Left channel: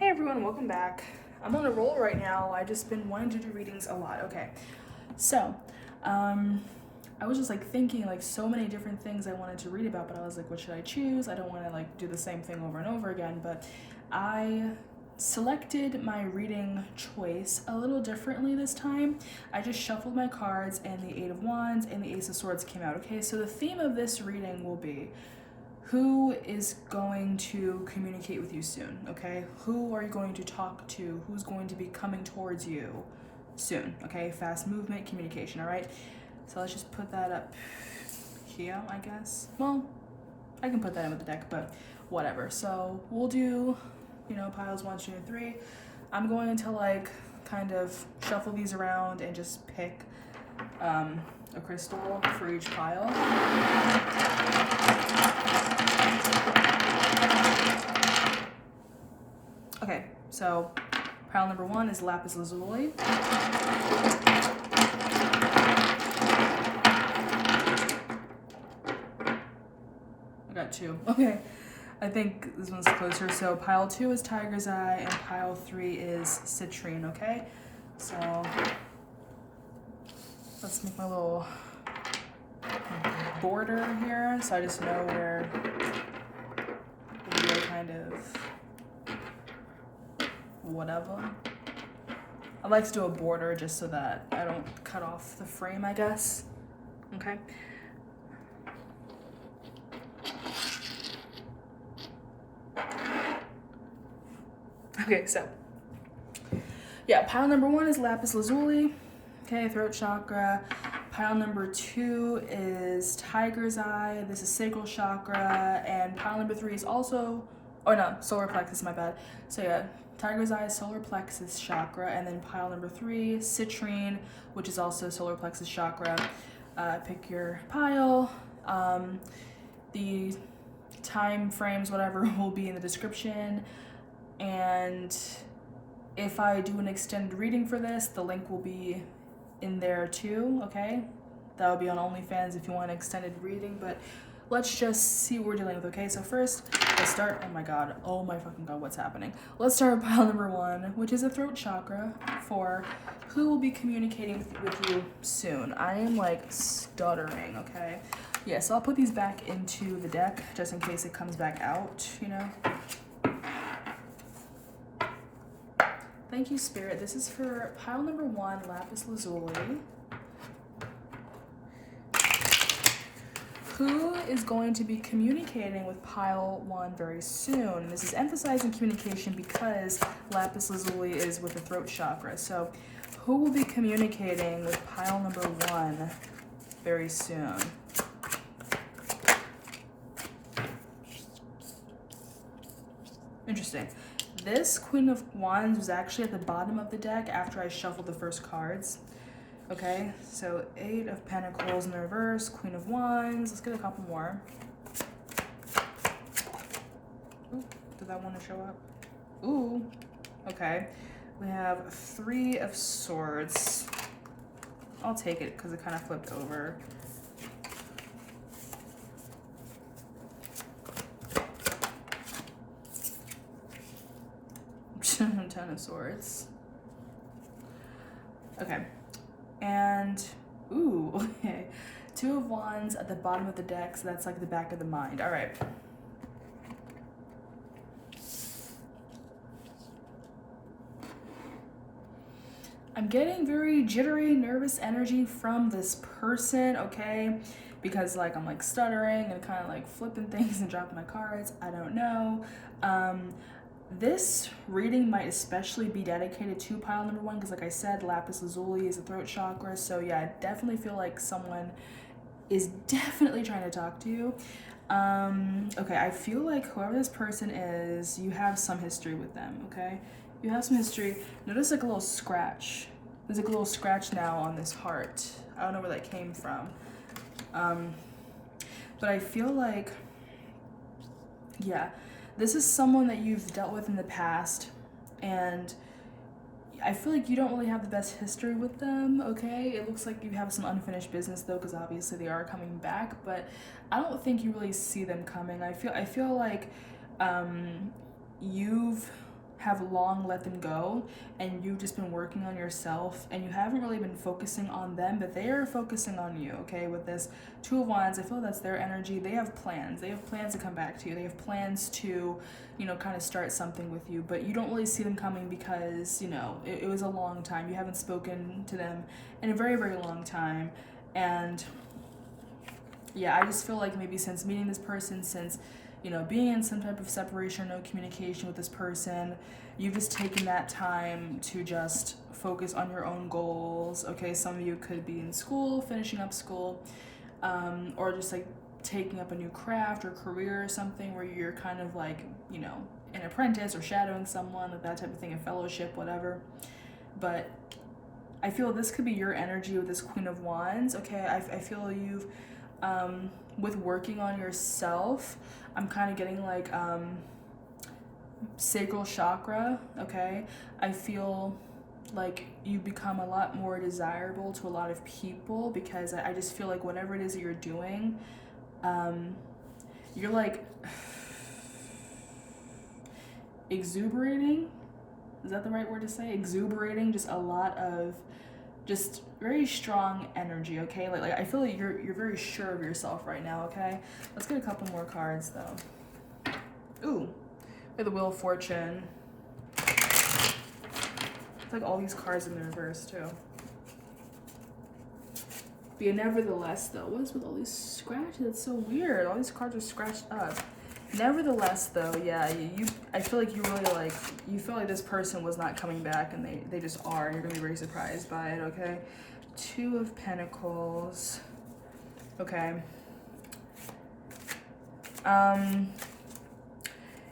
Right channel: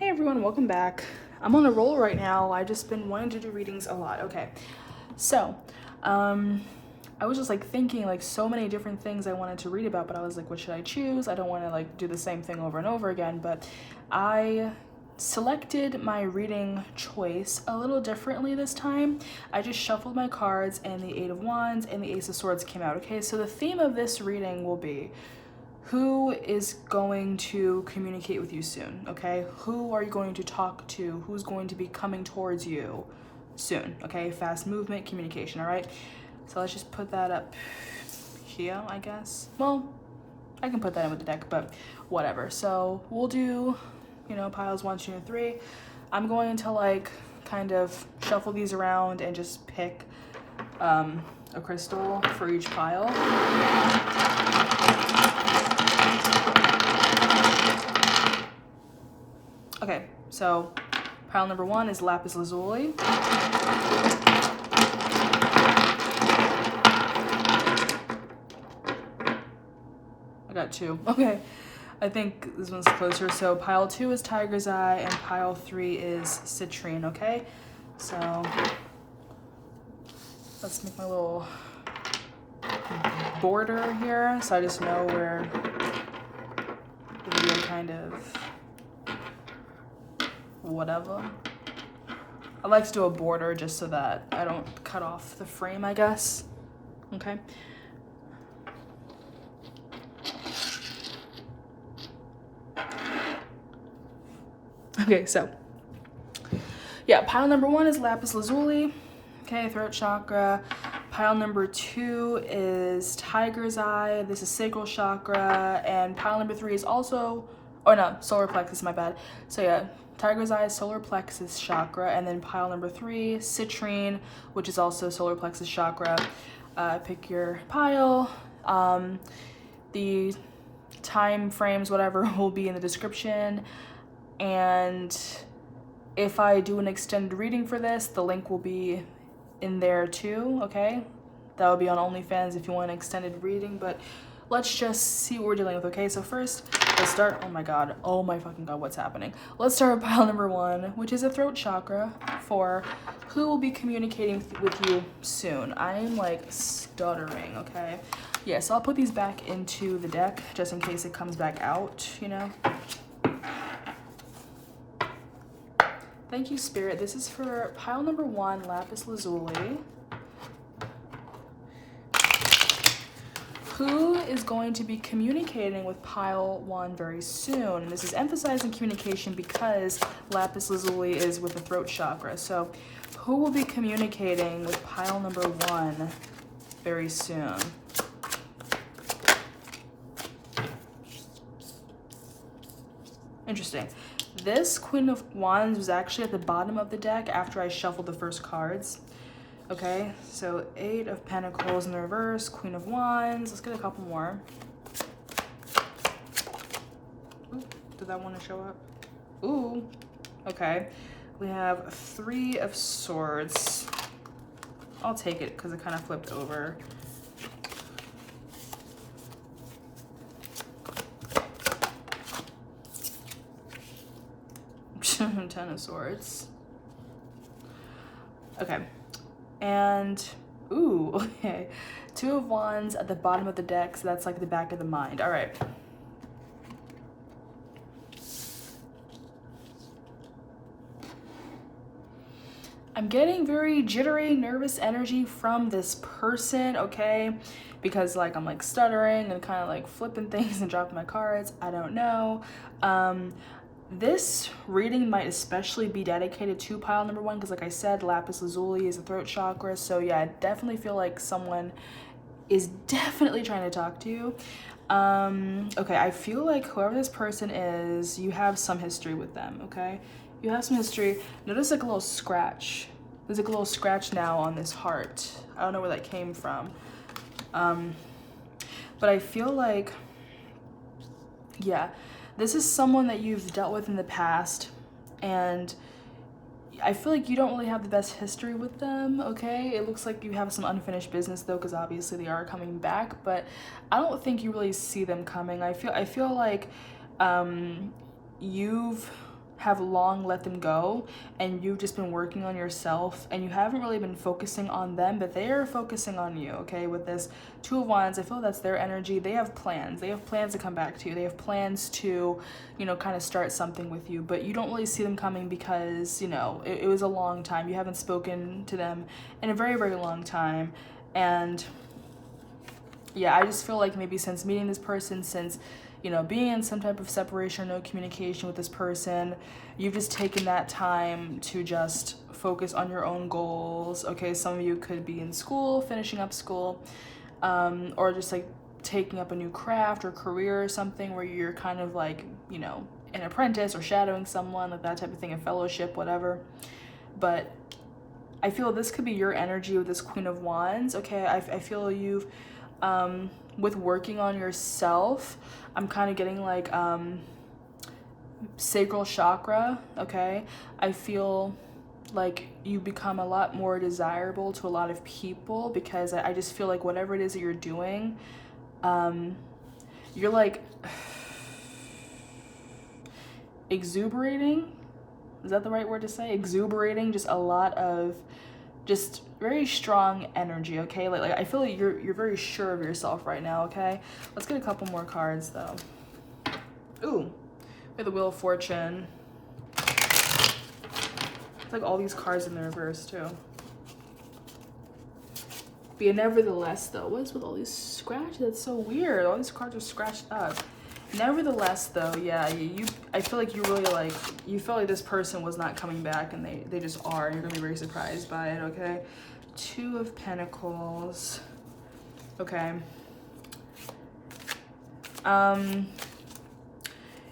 Hey everyone, welcome back. I'm on a roll right now. I've just been wanting to do readings a lot. Okay, so I was just like thinking like so many different things I wanted to read about, but I was like, what should I choose? I don't want to like do the same thing over and over again, but I selected my reading choice a little differently this time. I just shuffled my cards and the Eight of Wands and the Ace of Swords came out. Okay, so the theme of this reading will be who is going to communicate with you soon, okay? Who are you going to talk to? Who's going to be coming towards you soon, okay? Fast movement, communication, all right? So let's just put that up here, I guess. Well, I can put that in with the deck, but whatever. So we'll do, piles 1, 2, and 3. I'm going to like kind of shuffle these around and just pick a crystal for each pile. Okay, so pile number 1 is lapis lazuli. I got 2. Okay, I think this one's closer. So pile 2 is tiger's eye and pile 3 is citrine, okay? So let's make my little border here so I just know where the video kind of whatever. I like to do a border just so that I don't cut off the frame, I guess. Okay. Okay, so yeah, pile number 1 is lapis lazuli, okay, throat chakra. Pile number 2 is tiger's eye. This is sacral chakra, and pile number 3 is also, oh no, solar plexus, my bad. So yeah, tiger's eye, solar plexus chakra, and then pile number 3, citrine, which is also solar plexus chakra. Pick your pile. The time frames, whatever, will be in the description. And if I do an extended reading for this, the link will be in there too, okay? That will be on OnlyFans if you want an extended reading, but let's just see what we're dealing with, okay? So first, let's start, oh my fucking god, what's happening? Let's start with pile number 1, which is a throat chakra for who will be communicating with you soon. I am like stuttering, okay? Yeah, so I'll put these back into the deck just in case it comes back out, Thank you, Spirit. This is for pile number 1, lapis lazuli. Who is going to be communicating with pile 1 very soon? This is emphasizing communication because lapis lazuli is with the throat chakra. So who will be communicating with pile number 1 very soon? Interesting. This Queen of Wands was actually at the bottom of the deck after I shuffled the first cards. Okay, so 8 of Pentacles in the reverse, Queen of Wands. Let's get a couple more. Ooh, did that want to show up? Ooh, okay. We have 3 of Swords. I'll take it because it kind of flipped over. Ten of Swords. Okay. And, ooh, okay. 2 of Wands at the bottom of the deck, so that's like the back of the mind. All right. I'm getting very jittery, nervous energy from this person, okay? Because like I'm like stuttering and kind of like flipping things and dropping my cards. I don't know. This reading might especially be dedicated to pile number 1 because like I said, lapis lazuli is a throat chakra. So yeah, I definitely feel like someone is definitely trying to talk to you. Okay, I feel like whoever this person is, you have some history with them, okay? You have some history. Notice like a little scratch. There's like a little scratch now on this heart. I don't know where that came from. But I feel like, yeah, this is someone that you've dealt with in the past, and I feel like you don't really have the best history with them, okay? It looks like you have some unfinished business though, because obviously they are coming back, but I don't think you really see them coming. I feel like you've have long let them go, and you've just been working on yourself, and you haven't really been focusing on them, but they are focusing on you, okay? With this Two of Wands, I feel that's their energy. They have plans. They have plans to come back to you. They have plans to, you know, kind of start something with you, but you don't really see them coming because, you know, it was a long time. You haven't spoken to them in a very, very long time. And yeah, I just feel like maybe since meeting this person, since, you know, being in some type of separation, no communication with this person, you've just taken that time to just focus on your own goals. Okay, some of you could be in school, finishing up school, or just like taking up a new craft or career or something where you're kind of like, you know, an apprentice or shadowing someone, like that type of thing, a fellowship, whatever. But I feel this could be your energy with this Queen of Wands. Okay, I feel you've, with working on yourself, I'm kind of getting like sacral chakra, okay? I feel like you become a lot more desirable to a lot of people because I just feel like whatever it is that you're doing, you're like exuberating. Is that the right word to say? Exuberating, just a lot of just very strong energy, okay? Like I feel like you're very sure of yourself right now, okay? Let's get a couple more cards though. Ooh, we have the Wheel of Fortune. It's like all these cards in the reverse too. But yeah, nevertheless though, what is with all these scratches? That's so weird. All these cards are scratched up. Nevertheless though, yeah, I feel like you really like, you feel like this person was not coming back and they just are, and you're gonna be very surprised by it, okay? Two of Pentacles. Okay.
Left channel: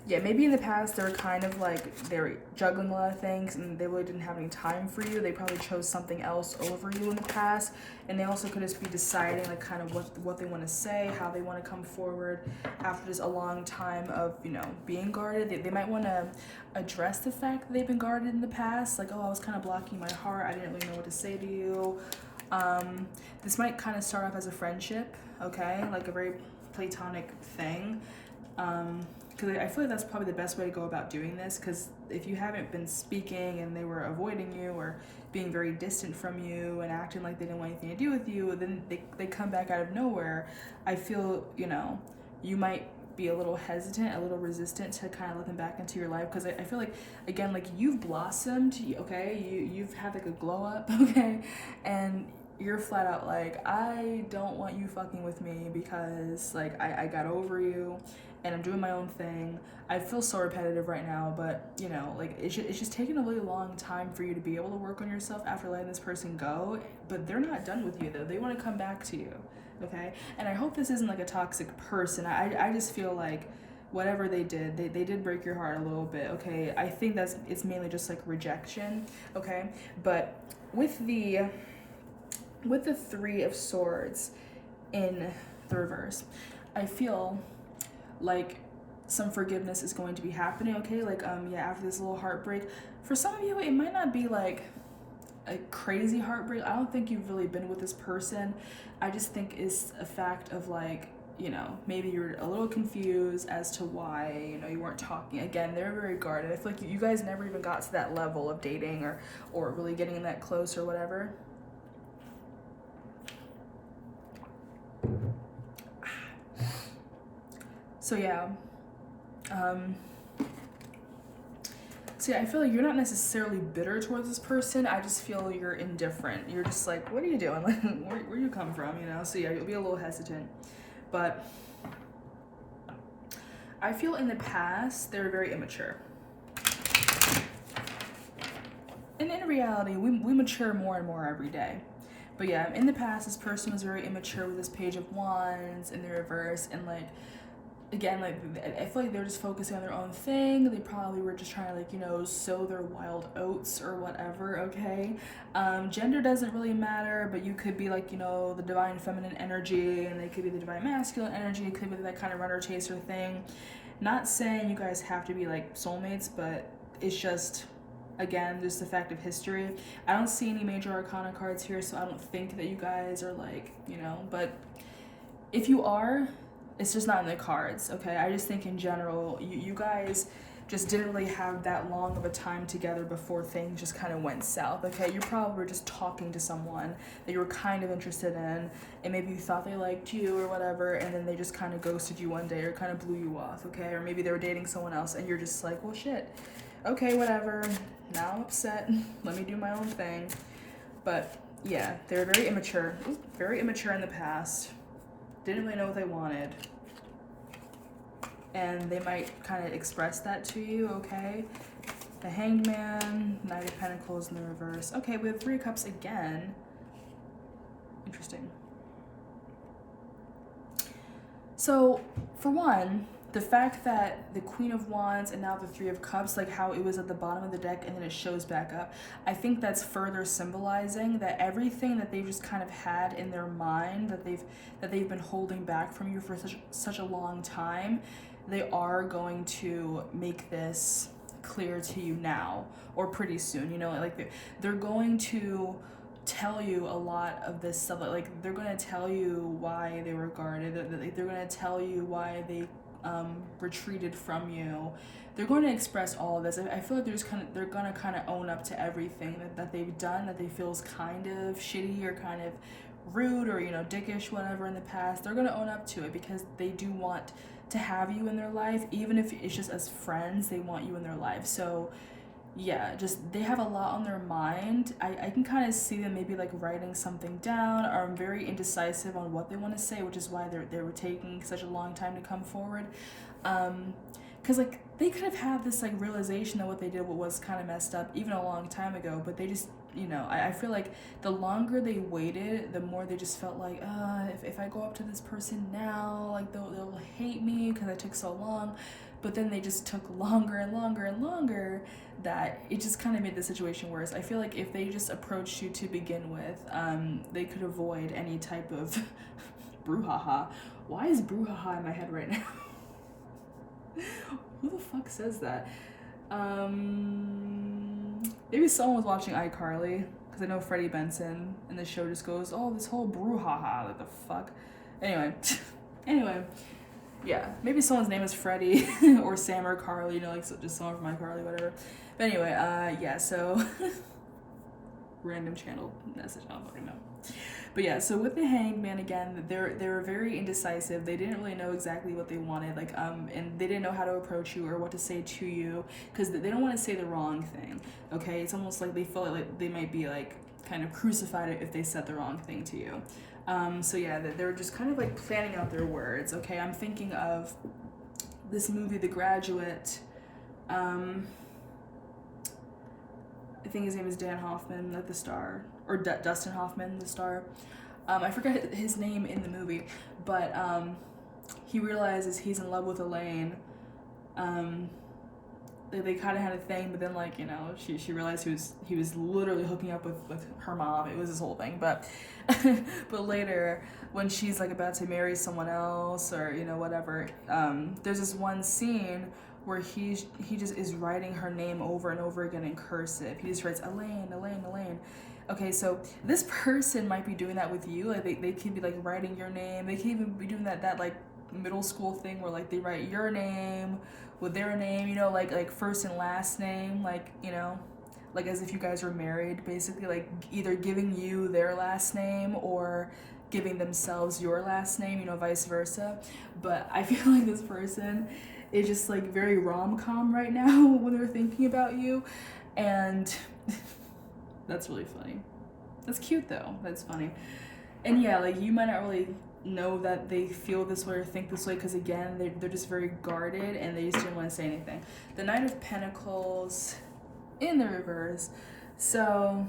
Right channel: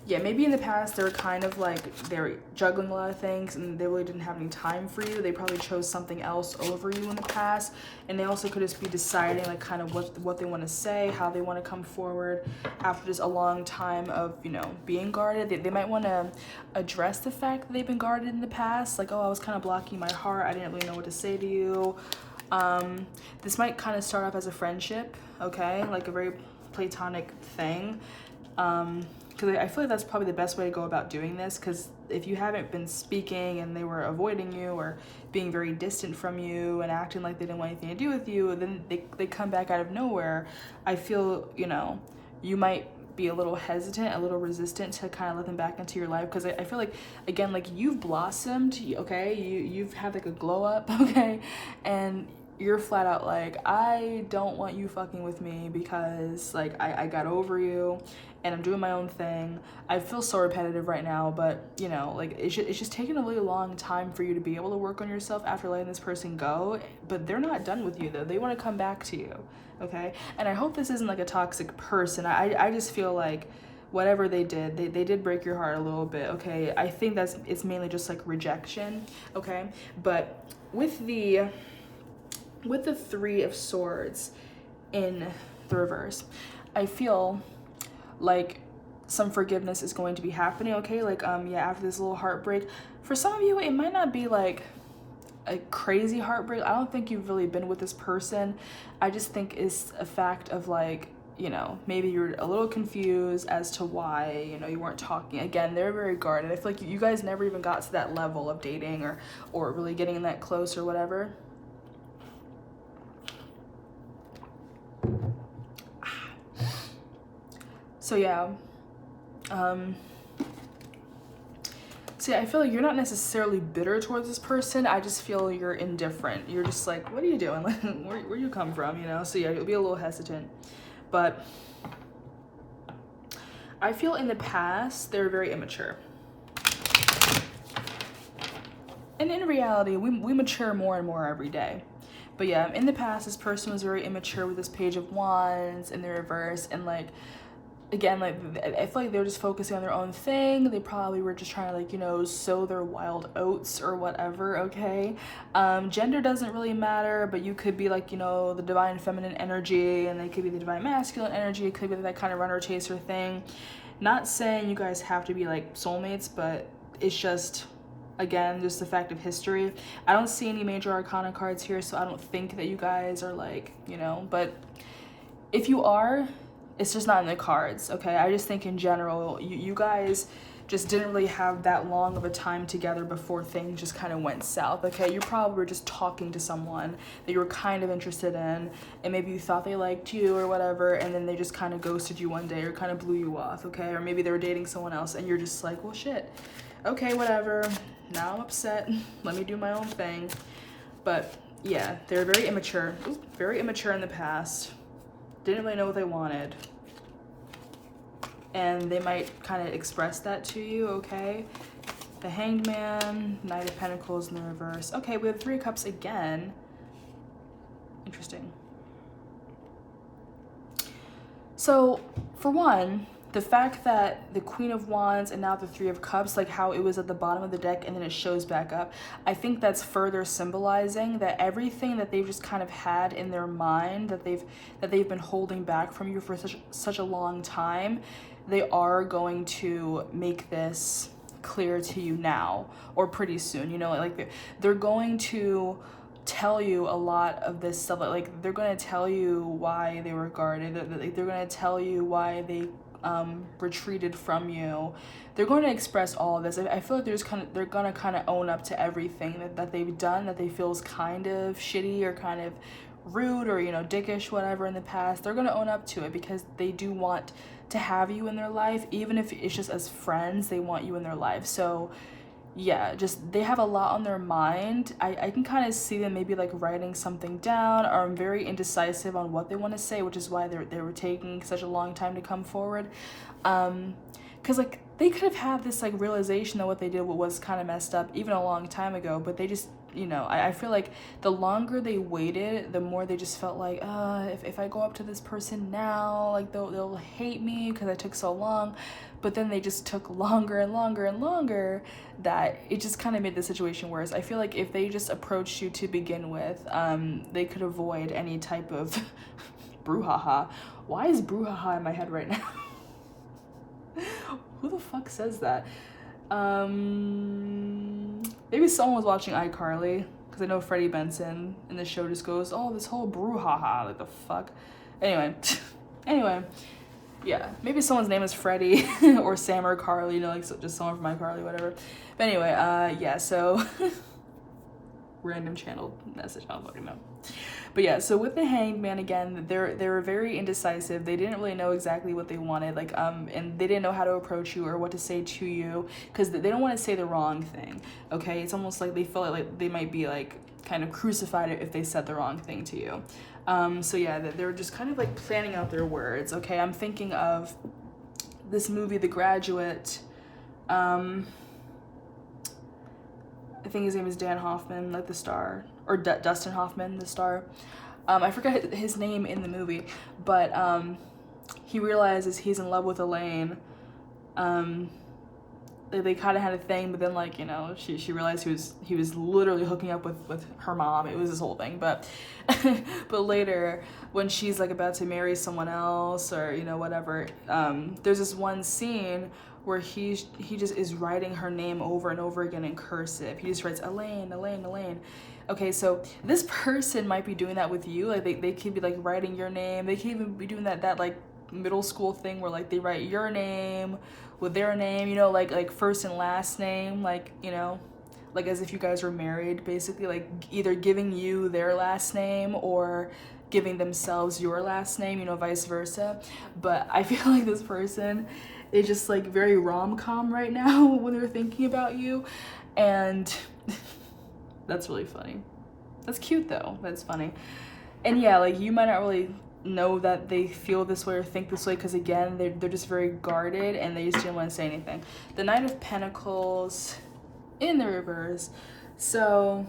Yeah, maybe in the past they were kind of like, they were juggling a lot of things and they really didn't have any time for you. They probably chose something else over you in the past. And they also could just be deciding like kind of what they want to say, how they want to come forward after just a long time of, you know, being guarded. They might want to address the fact that they've been guarded in the past. Like, oh, I was kind of blocking my heart. I didn't really know what to say to you. This might kind of start off as a friendship, okay? Like a very platonic thing. Because I feel like that's probably the best way to go about doing this, because if you haven't been speaking and they were avoiding you or being very distant from you and acting like they didn't want anything to do with you, then they come back out of nowhere. I feel, you know, you might be a little hesitant, a little resistant to kind of let them back into your life, because I feel like, again, like you've blossomed, okay? You've had like a glow up, okay? And you're flat out like, I don't want you fucking with me because like I got over you and I'm doing my own thing. I feel so repetitive right now, but you know, like it's just taking a really long time for you to be able to work on yourself after letting this person go. But they're not done with you though. They want to come back to you, okay? And I hope this isn't like a toxic person. I just feel like whatever they did, they did break your heart a little bit, okay? I think it's mainly just like rejection, okay? But with the Three of Swords in the reverse, I feel like some forgiveness is going to be happening, okay? Like, yeah, after this little heartbreak. For some of you, it might not be like a crazy heartbreak. I don't think you've really been with this person. I just think it's a fact of like, you know, maybe you're a little confused as to why, you know, you weren't talking. Again, they're very guarded. I feel like you guys never even got to that level of dating or really getting that close or whatever. So yeah, I feel like you're not necessarily bitter towards this person. I just feel you're indifferent. You're just like, what are you doing? Like, where you come from, you know? So yeah, you'll be a little hesitant. But I feel in the past, they were very immature. And in reality, we mature more and more every day. But yeah, in the past, this person was very immature with this Page of Wands in the reverse, and like, again, like I feel like they're just focusing on their own thing. They probably were just trying to like, you know, sow their wild oats or whatever, okay? Gender doesn't really matter, but you could be like, you know, the divine feminine energy, and they could be the divine masculine energy. It could be that kind of runner chaser thing. Not saying you guys have to be like soulmates, but it's just, again, just the fact of history. I don't see any major arcana cards here, so I don't think that you guys are like, you know, but if you are, it's just not in the cards, okay? I just think in general, you guys just didn't really have that long of a time together before things just kind of went south, okay? You probably were just talking to someone that you were kind of interested in, and maybe you thought they liked you or whatever, and then they just kind of ghosted you one day or kind of blew you off, okay? Or maybe they were dating someone else, and you're just like, well, shit. Okay, whatever. Now I'm upset. Let me do my own thing. But yeah, they're very immature. Very immature in the past. Didn't really know what they wanted. And they might kind of express that to you, okay? The Hanged Man, Knight of Pentacles in the reverse. Okay, we have 3 of Cups again. Interesting. So, for one, the fact that the Queen of Wands and now the 3 of Cups, like how it was at the bottom of the deck and then it shows back up, I think that's further symbolizing that everything that they've just kind of had in their mind that they've been holding back from you for such a long time, they are going to make this clear to you now or pretty soon. You know, like they're going to tell you a lot of this stuff. Like they're going to tell you why they were guarded. They're going to tell you why they retreated from you. They're going to express all of this. I feel like they're gonna kind of own up to everything that they've done that they feel is kind of shitty or kind of rude or, you know, dickish, whatever in the past. They're gonna own up to it because they do want to have you in their life. Even if it's just as friends, they want you in their life. So yeah, just they have a lot on their mind. I can kind of see them maybe like writing something down, or I'm very indecisive on what they want to say, which is why they were taking such a long time to come forward. Because like they could have had this like realization that what they did was kind of messed up even a long time ago, but they just, you know, I feel like the longer they waited, the more they just felt like, if I go up to this person now, like they'll hate me because I took so long. But then they just took longer and longer and longer, that it just kind of made the situation worse. I feel like if they just approached you to begin with, they could avoid any type of brouhaha. Why is brouhaha in my head right now? Who the fuck says that? Maybe someone was watching iCarly, because I know Freddie Benson in the show just goes, oh, this whole brouhaha, like the fuck. Anyway. Yeah, maybe someone's name is Freddie or Sam or Carly, you know, like just someone from iCarly, whatever. But anyway, yeah, so random channel message, I don't fucking know. But yeah, so with the Hanged Man again, they were very indecisive. They didn't really know exactly what they wanted, like and they didn't know how to approach you or what to say to you, because they don't want to say the wrong thing. Okay, it's almost like they feel like they might be like kind of crucified if they said the wrong thing to you. So yeah, they're just kind of like planning out their words. Okay, I'm thinking of this movie, The Graduate. I think his name is Dan Hoffman, like the star, or Dustin Hoffman, the star. I forget his name in the movie, but he realizes he's in love with Elaine. They kind of had a thing, but then, like, you know, she realized he was literally hooking up with her mom. It was this whole thing, but but later when she's like about to marry someone else or, you know, whatever, there's this one scene where he just is writing her name over and over again in cursive. He just writes Elaine, Elaine, Elaine. Okay, so this person might be doing that with you. Like they could be like writing your name. They could even be doing that like middle school thing where like they write your name with their name, you know, like first and last name, like, you know, like as if you guys were married, basically, like either giving you their last name or giving themselves your last name, you know, vice versa. But I feel like this person is just like very rom-com right now when they're thinking about you, and that's really funny. That's cute though. That's funny. And yeah, like you might not really know that they feel this way or think this way, because again, they're just very guarded and they just didn't want to say anything. The Knight of Pentacles in the reverse. So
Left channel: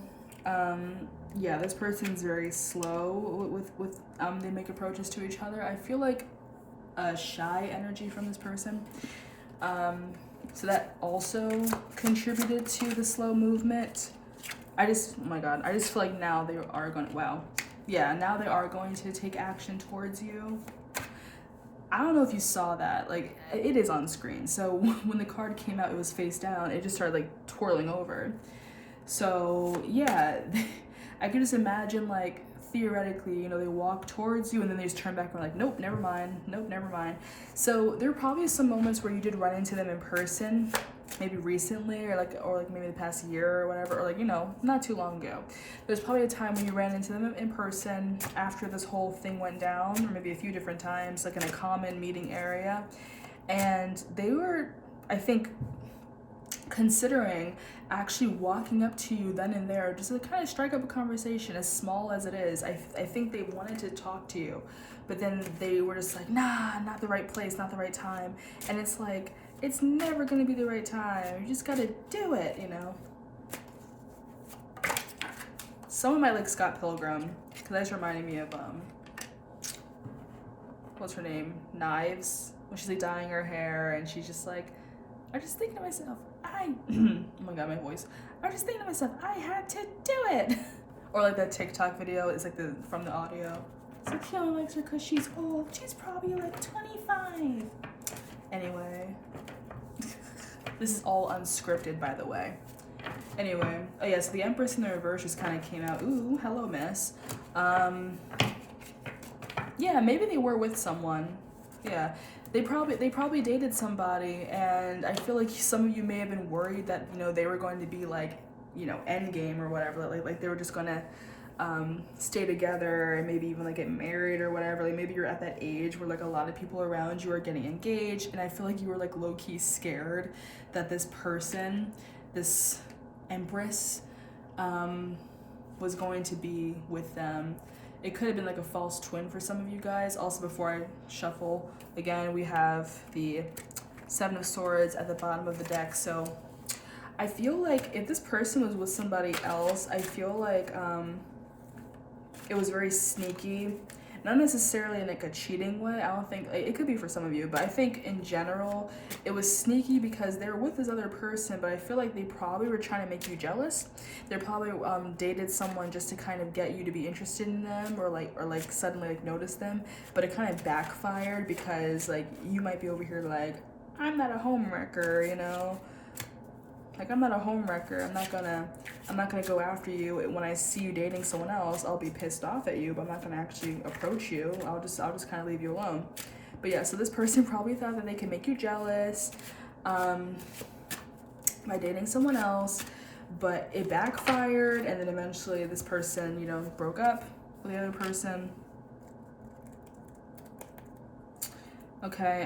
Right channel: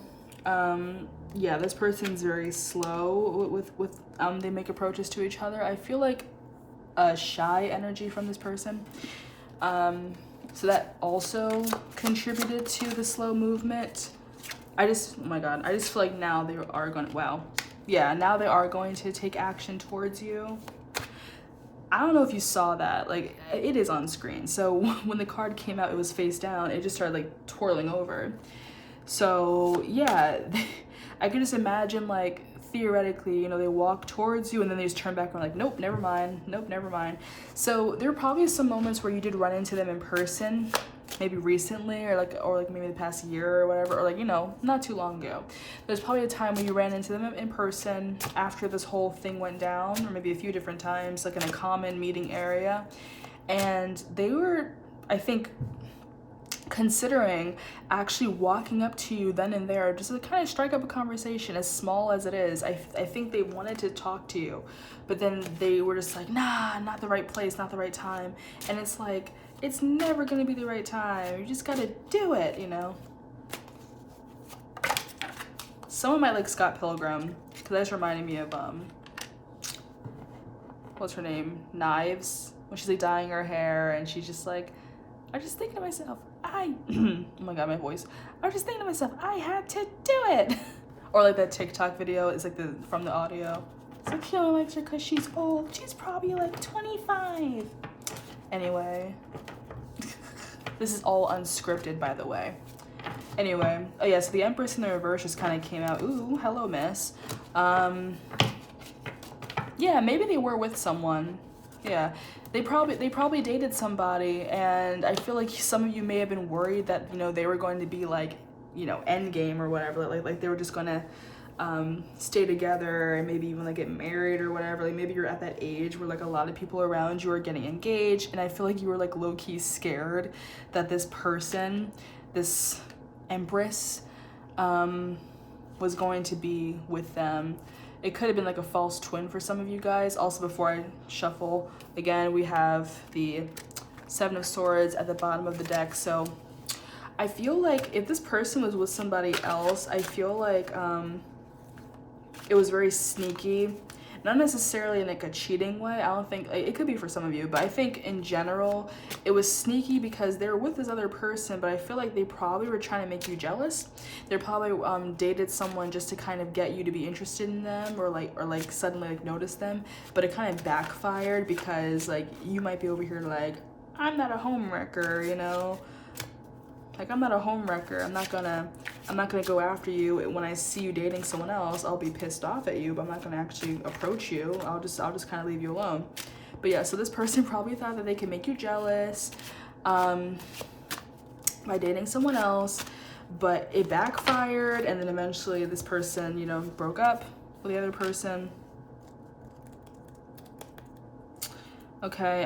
yeah, this person's very slow with they make approaches to each other. I feel like a shy energy from this person, so that also contributed to the slow movement. Oh my god, I just feel like now they are going to, wow. Yeah, now they are going to take action towards you. I don't know if you saw that. Like, it is on screen. So when the card came out, it was face down. It just started, like, twirling over. So, yeah, I can just imagine, like, theoretically, you know, they walk towards you and then they just turn back and like, nope, never mind. Nope, never mind. So there are probably some moments where you did run into them in person, maybe recently or like maybe the past year or whatever, or like, you know, not too long ago. There's probably a time when you ran into them in person after this whole thing went down, or maybe a few different times, like in a common meeting area. And they were, I think, considering actually walking up to you then and there just to kind of strike up a conversation, as small as it is. I think they wanted to talk to you, but then they were just like, nah, not the right place, not the right time. And it's like, it's never gonna be the right time. You just gotta do it, you know? Someone might like Scott Pilgrim, because that just reminded me of, what's her name? Knives, when she's like dyeing her hair and she's just like, I was just thinking to myself, oh my god, my voice. I was just thinking to myself, I had to do it. Or like that TikTok video, it's like from the audio. It's like, he only likes her because she's old. She's probably like 25. Anyway. This is all unscripted, by the way. Anyway, oh yeah, so the Empress in the reverse just kind of came out. Ooh, hello, miss. Yeah, maybe they were with someone. Yeah. They probably dated somebody, and I feel like some of you may have been worried that, you know, they were going to be like, you know, endgame or whatever, like they were just gonna stay together and maybe even like get married or whatever. Like maybe you're at that age where like a lot of people around you are getting engaged, and I feel like you were like low-key scared that this person, this Empress, was going to be with them. It could have been like a false twin for some of you guys. Also, before I shuffle, again, we have the Seven of Swords at the bottom of the deck. So I feel like if this person was with somebody else, I feel like it was very sneaky. Not necessarily in like a cheating way. I don't think, it could be for some of you, but I think in general, it was sneaky because they were with this other person, but I feel like they probably were trying to make you jealous. They probably dated someone just to kind of get you to be interested in them, or like suddenly like notice them, but it kind of backfired because like you might be over here like, I'm not a homewrecker, you know? Like, I'm not a homewrecker. I'm not gonna go after you. When I see you dating someone else, I'll be pissed off at you, but I'm not gonna actually approach you. I'll just kind of leave you alone. But yeah, so this person probably thought that they could make you jealous by dating someone else, but it backfired, and then eventually this person, you know, broke up with the other person. Okay,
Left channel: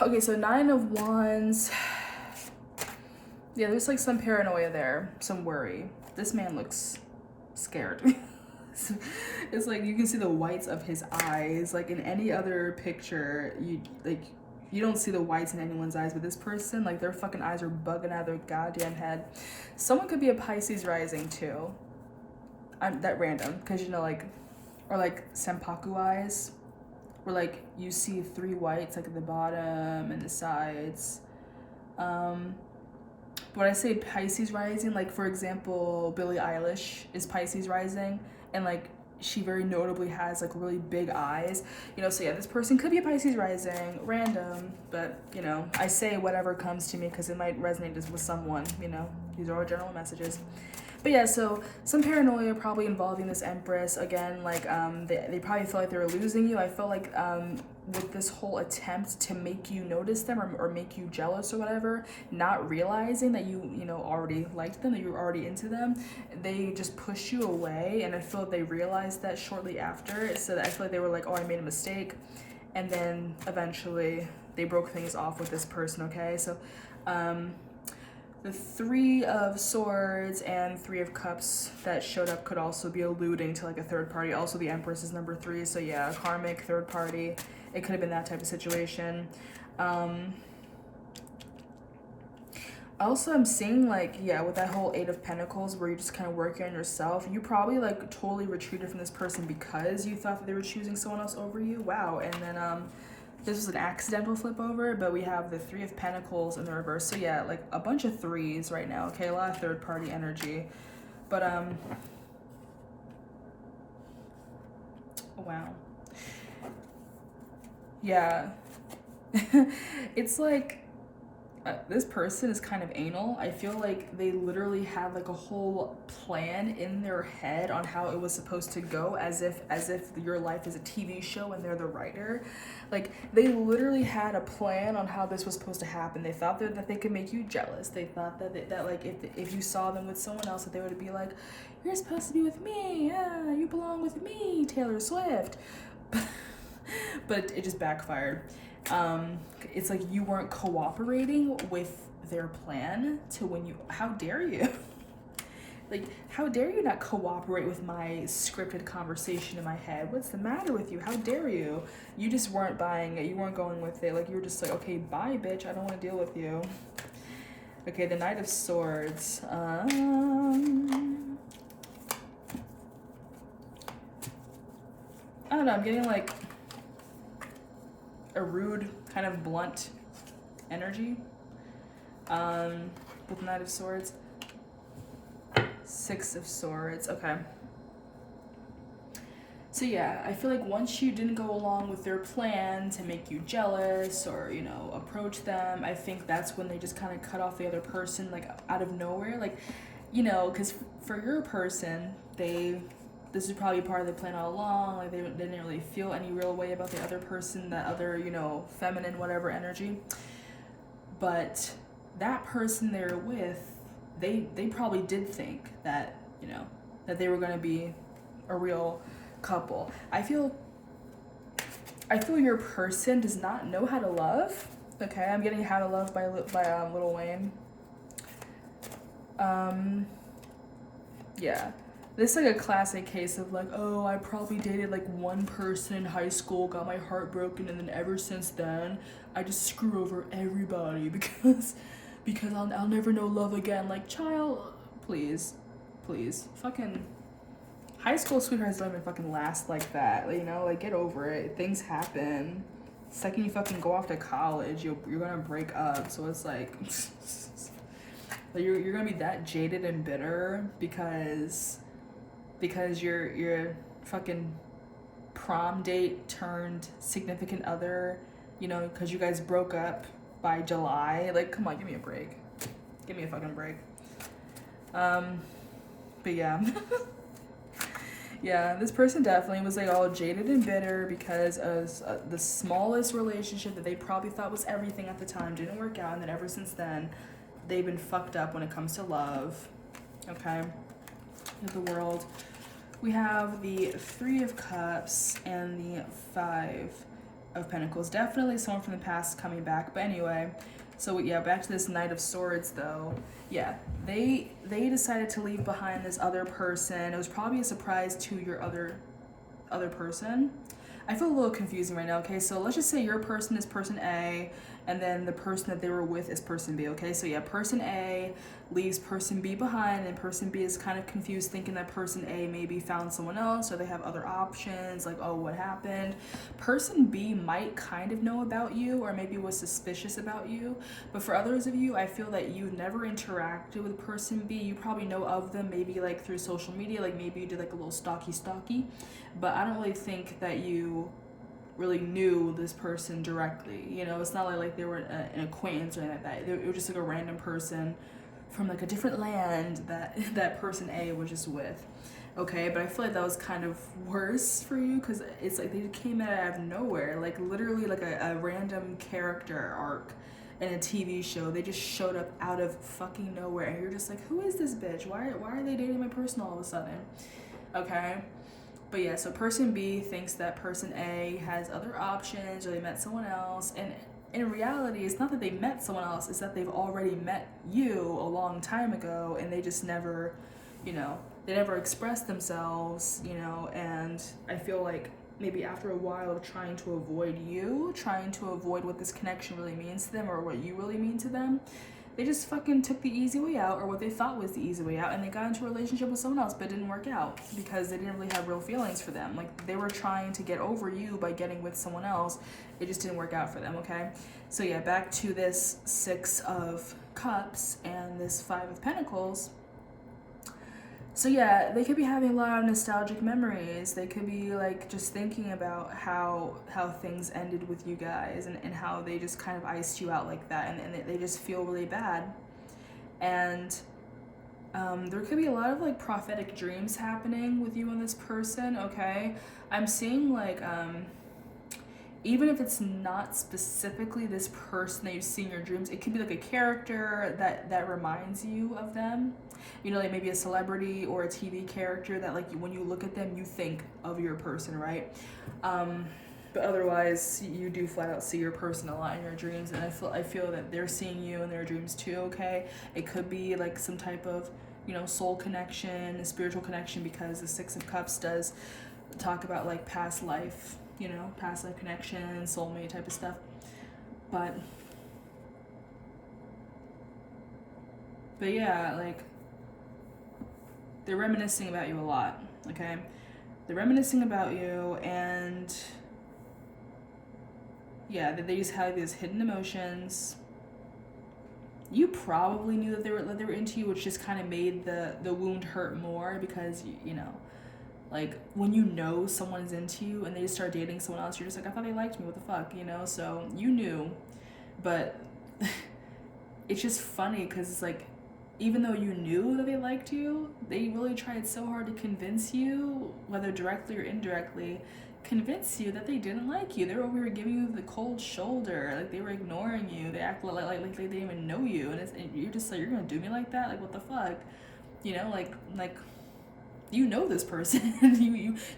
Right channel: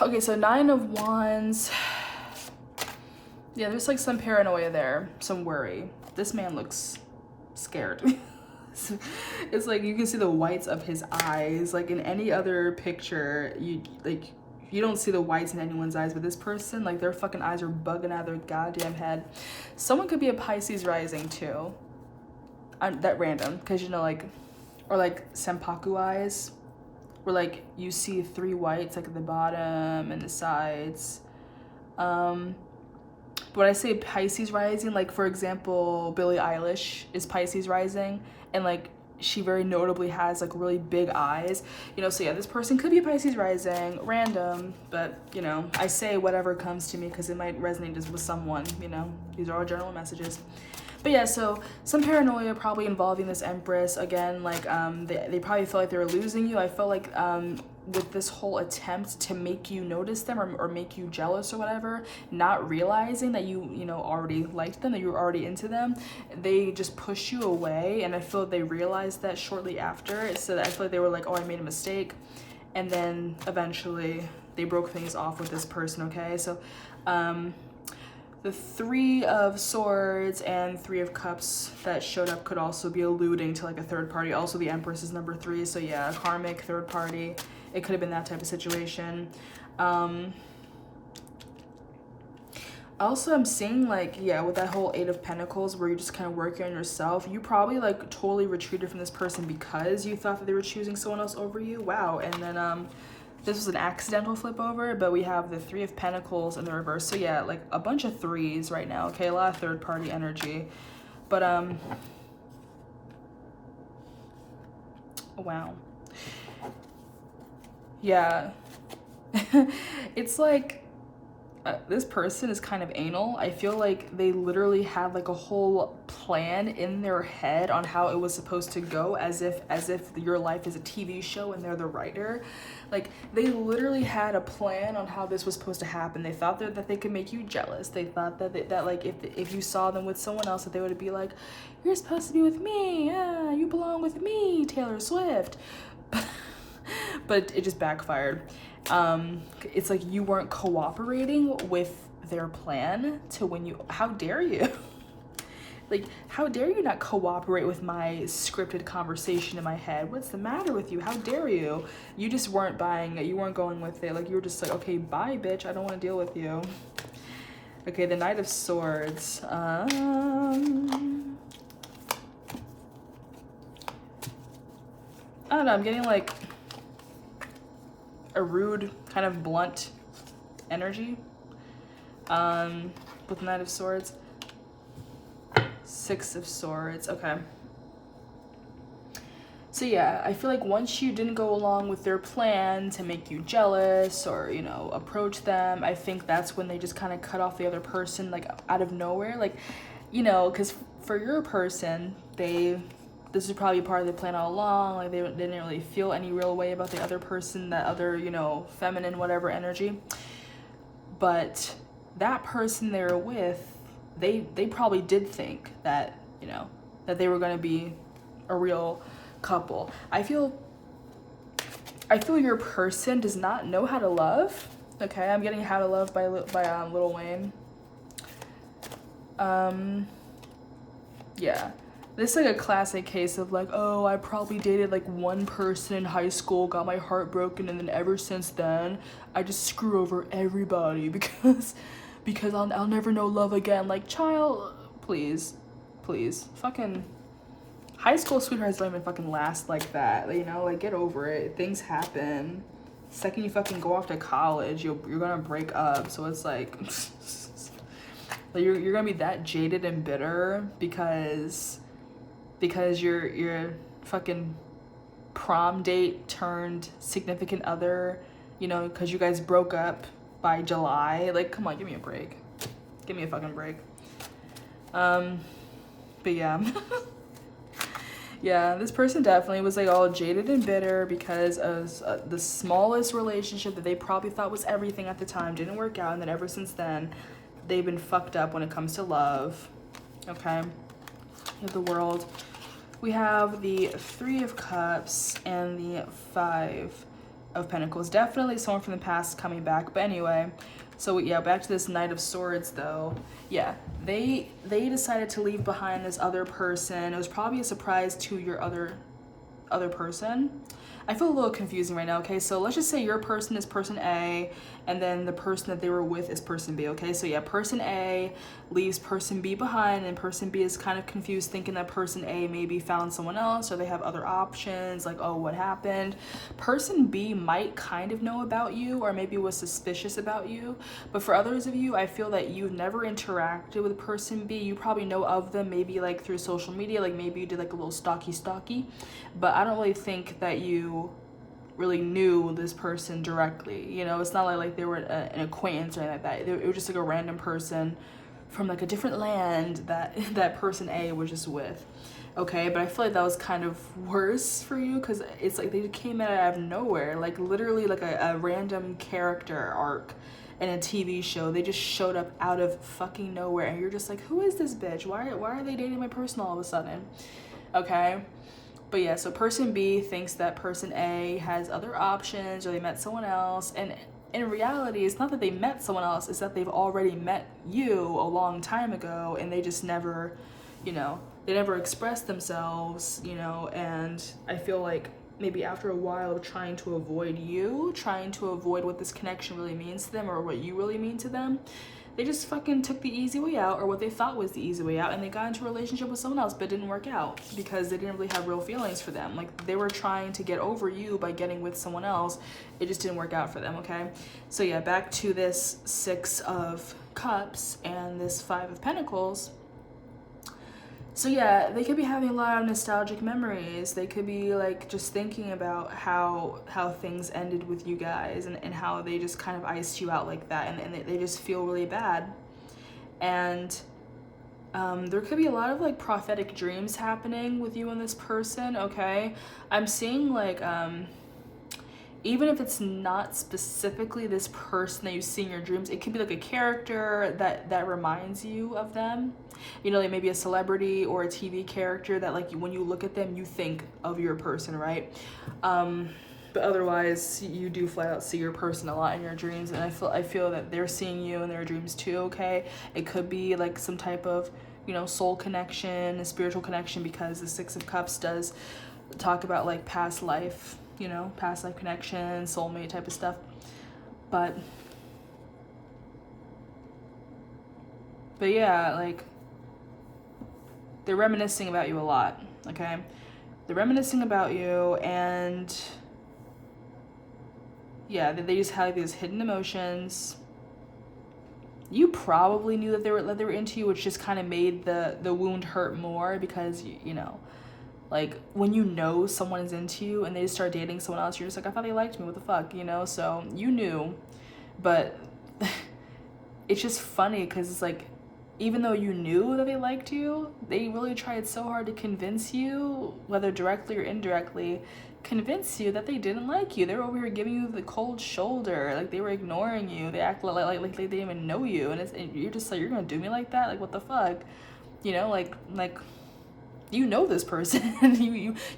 Okay, so Nine of Wands. Yeah, there's like some paranoia there, some worry. This man looks scared. It's like you can see the whites of his eyes. Like in any other picture, you don't see the whites in anyone's eyes, but this person, like their fucking eyes are bugging out of their goddamn head. Someone could be a Pisces rising too. That random, because you know, like, or like senpaku eyes, where like you see 3 whites like at the bottom and the sides. But when I say Pisces rising, like for example, Billie Eilish is Pisces rising, and like she very notably has like really big eyes, you know. So yeah, this person could be a Pisces rising, random, but you know, I say whatever comes to me because it might resonate just with someone, you know. These are all general messages. But yeah, so some paranoia probably involving this Empress. Again, like they probably felt like they were losing you. I felt like with this whole attempt to make you notice them or make you jealous or whatever, not realizing that you know, already liked them, that you were already into them, they just pushed you away. And I feel like they realized that shortly after. So that I feel like they were like, oh, I made a mistake. And then eventually they broke things off with this person, okay? So the 3 of Swords and 3 of Cups that showed up could also be alluding to like a third party. Also, the Empress is number 3, so yeah, a karmic third party. It could have been that type of situation. Also, I'm seeing like, yeah, with that whole 8 of Pentacles where you're just kind of working on yourself, you probably like totally retreated from this person because you thought that they were choosing someone else over you. Wow. And then this was an accidental flip over, but we have the 3 of Pentacles in the reverse. So yeah, like a bunch of 3s right now. Okay, a lot of third party energy. But wow. Yeah. It's like this person is kind of anal. I feel like they literally had like a whole plan in their head on how it was supposed to go, as if your life is a TV show and they're the writer. Like, they literally had a plan on how this was supposed to happen. They thought that they could make you jealous. They thought that like if you saw them with someone else, that they would be like, you're supposed to be with me, yeah, you belong with me, Taylor Swift. But it just backfired. It's like you weren't cooperating with their plan to when you, how dare you? Like, how dare you not cooperate with my scripted conversation in my head? What's the matter with you? How dare you? You just weren't buying it. You weren't going with it. Like, you were just like, okay, bye, bitch. I don't want to deal with you. Okay, the Knight of Swords. I don't know. I'm getting like a rude, kind of blunt energy with Knight of Swords. Six of Swords. Okay. So yeah, I feel like once you didn't go along with their plan to make you jealous or, you know, approach them, I think that's when they just kind of cut off the other person, like, out of nowhere. Like, you know, because for your person, this is probably part of the plan all along. Like, they didn't really feel any real way about the other person, that other, you know, feminine whatever energy. But that person they were with, they probably did think that, you know, that they were going to be a real couple. I feel your person does not know how to love. Okay, I'm getting How to Love by Lil Wayne. Yeah. This is like a classic case of like, oh, I probably dated like one person in high school, got my heart broken, and then ever since then, I just screw over everybody because I'll never know love again. Like, child, please, fucking high school sweethearts don't even fucking last like that. You know, like, get over it. Things happen. Second you fucking go off to college, you're gonna break up. So it's like, you're gonna be that jaded and bitter because your fucking prom date turned significant other, you know, because you guys broke up by July. Like, come on, give me a break. Give me a fucking break. But yeah. Yeah, this person definitely was like all jaded and bitter because of the smallest relationship that they probably thought was everything at the time didn't work out, and then ever since then, they've been fucked up when it comes to love. Okay. Of the World. We have the Three of Cups and the Five of Pentacles. Definitely someone from the past coming back. But anyway, so yeah, back to this Knight of Swords though. Yeah, they decided to leave behind this other person. It was probably a surprise to your other person. I feel a little confusing right now, okay? So let's just say your person is person A, and then the person that they were with is person B, okay? So yeah, person A leaves person B behind, and person B is kind of confused, thinking that person A maybe found someone else, or they have other options, like, oh, what happened? Person B might kind of know about you, or maybe was suspicious about you, but for others of you, I feel that you've never interacted with person B. You probably know of them, maybe like through social media, like maybe you did like a little stalky, but I don't really think that you really knew this person directly. You know, it's not like they were an acquaintance or anything like that. It was just like a random person from like a different land that person A was just with. Okay, but I feel like that was kind of worse for you because it's like they came out of nowhere, like literally like a random character arc in a TV show. They just showed up out of fucking nowhere, and you're just like, who is this bitch? Why are they dating my person all of a sudden? Okay. But yeah, so person B thinks that person A has other options, or they met someone else, and in reality, it's not that they met someone else, it's that they've already met you a long time ago, and they just never, you know, they never expressed themselves, you know, and I feel like maybe after a while of trying to avoid you, trying to avoid what this connection really means to them, or what you really mean to them, they just fucking took the easy way out, or what they thought was the easy way out, and they got into a relationship with someone else, but it didn't work out because they didn't really have real feelings for them. Like, they were trying to get over you by getting with someone else. It just didn't work out for them, okay? So yeah, back to this Six of Cups and this Five of Pentacles. So yeah, they could be having a lot of nostalgic memories. They could be like just thinking about how things ended with you guys, and how they just kind of iced you out like that, and they just feel really bad. And there could be a lot of like prophetic dreams happening with you and this person, okay? I'm seeing like even if it's not specifically this person that you see in your dreams, it could be like a character that reminds you of them. You know, like maybe a celebrity or a TV character that like when you look at them, you think of your person, right? But otherwise, you do flat out see your person a lot in your dreams, and I feel that they're seeing you in their dreams too. Okay, it could be like some type of, you know, soul connection, a spiritual connection, because the Six of Cups does talk about like past life, you know, past life connection, soulmate type of stuff. But yeah, like they're reminiscing about you a lot, okay? They're reminiscing about you, and yeah, they just have these hidden emotions. You probably knew that they were into you, which just kind of made the wound hurt more, because you know, like when you know someone's into you and they just start dating someone else, you're just like, I thought they liked me, what the fuck, you know? So you knew, but it's just funny because it's like, even though you knew that they liked you, they really tried so hard to convince you, whether directly or indirectly, convince you that they didn't like you. They were over here giving you the cold shoulder, like they were ignoring you. They act like they didn't even know you, and you're just like, you're gonna do me like that? Like what the fuck, you know? Like you know this person.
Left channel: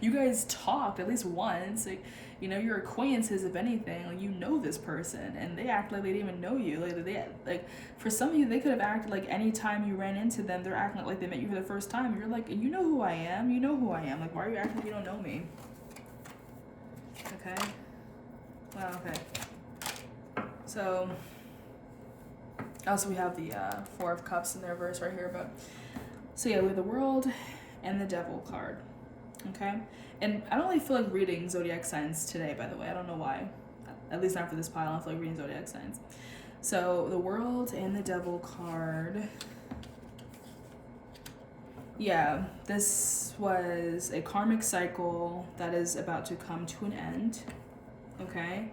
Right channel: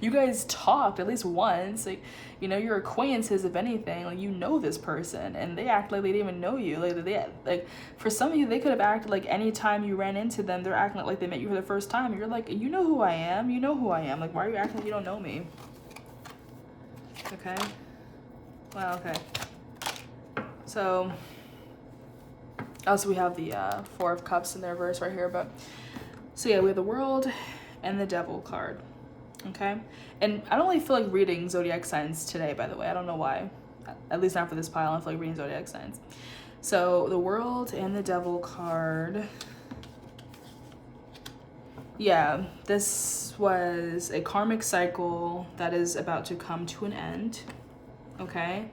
you guys talked at least once, like, you know, your acquaintances, if anything, like you know this person, and they act like they didn't even know you. Like for some of you, they could have acted like any time you ran into them, they're acting like they met you for the first time. You're like, you know who I am, like why are you acting like you don't know me? Okay, well, okay, so also we have the Four of Cups in their verse right here. But so yeah, we have the World and the Devil card, okay? And I don't really feel like reading zodiac signs today, by the way. I don't know why. At least not for this pile. I don't feel like reading zodiac signs. So the World and the Devil card. Yeah, this was a karmic cycle that is about to come to an end, okay?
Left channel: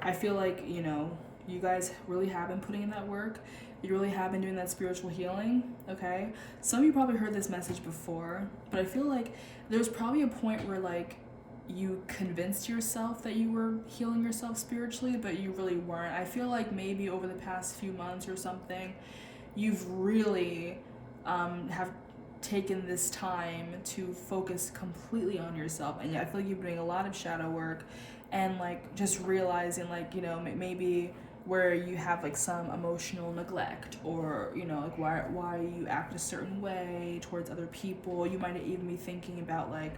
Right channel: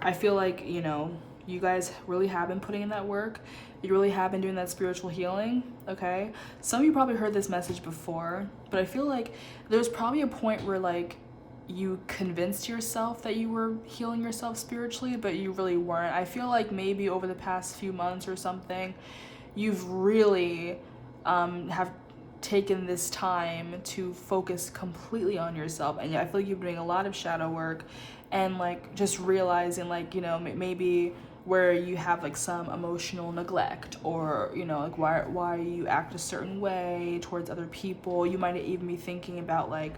I feel like, you know, you guys really have been putting in that work. You really have been doing that spiritual healing, okay? Some of you probably heard this message before, but I feel like there's probably a point where like you convinced yourself that you were healing yourself spiritually, but you really weren't. I feel like maybe over the past few months or something, you've really have taken this time to focus completely on yourself. And yeah, I feel like you've been doing a lot of shadow work, and like just realizing like, you know, maybe where you have like some emotional neglect, or you know, like why you act a certain way towards other people. You might even be thinking about like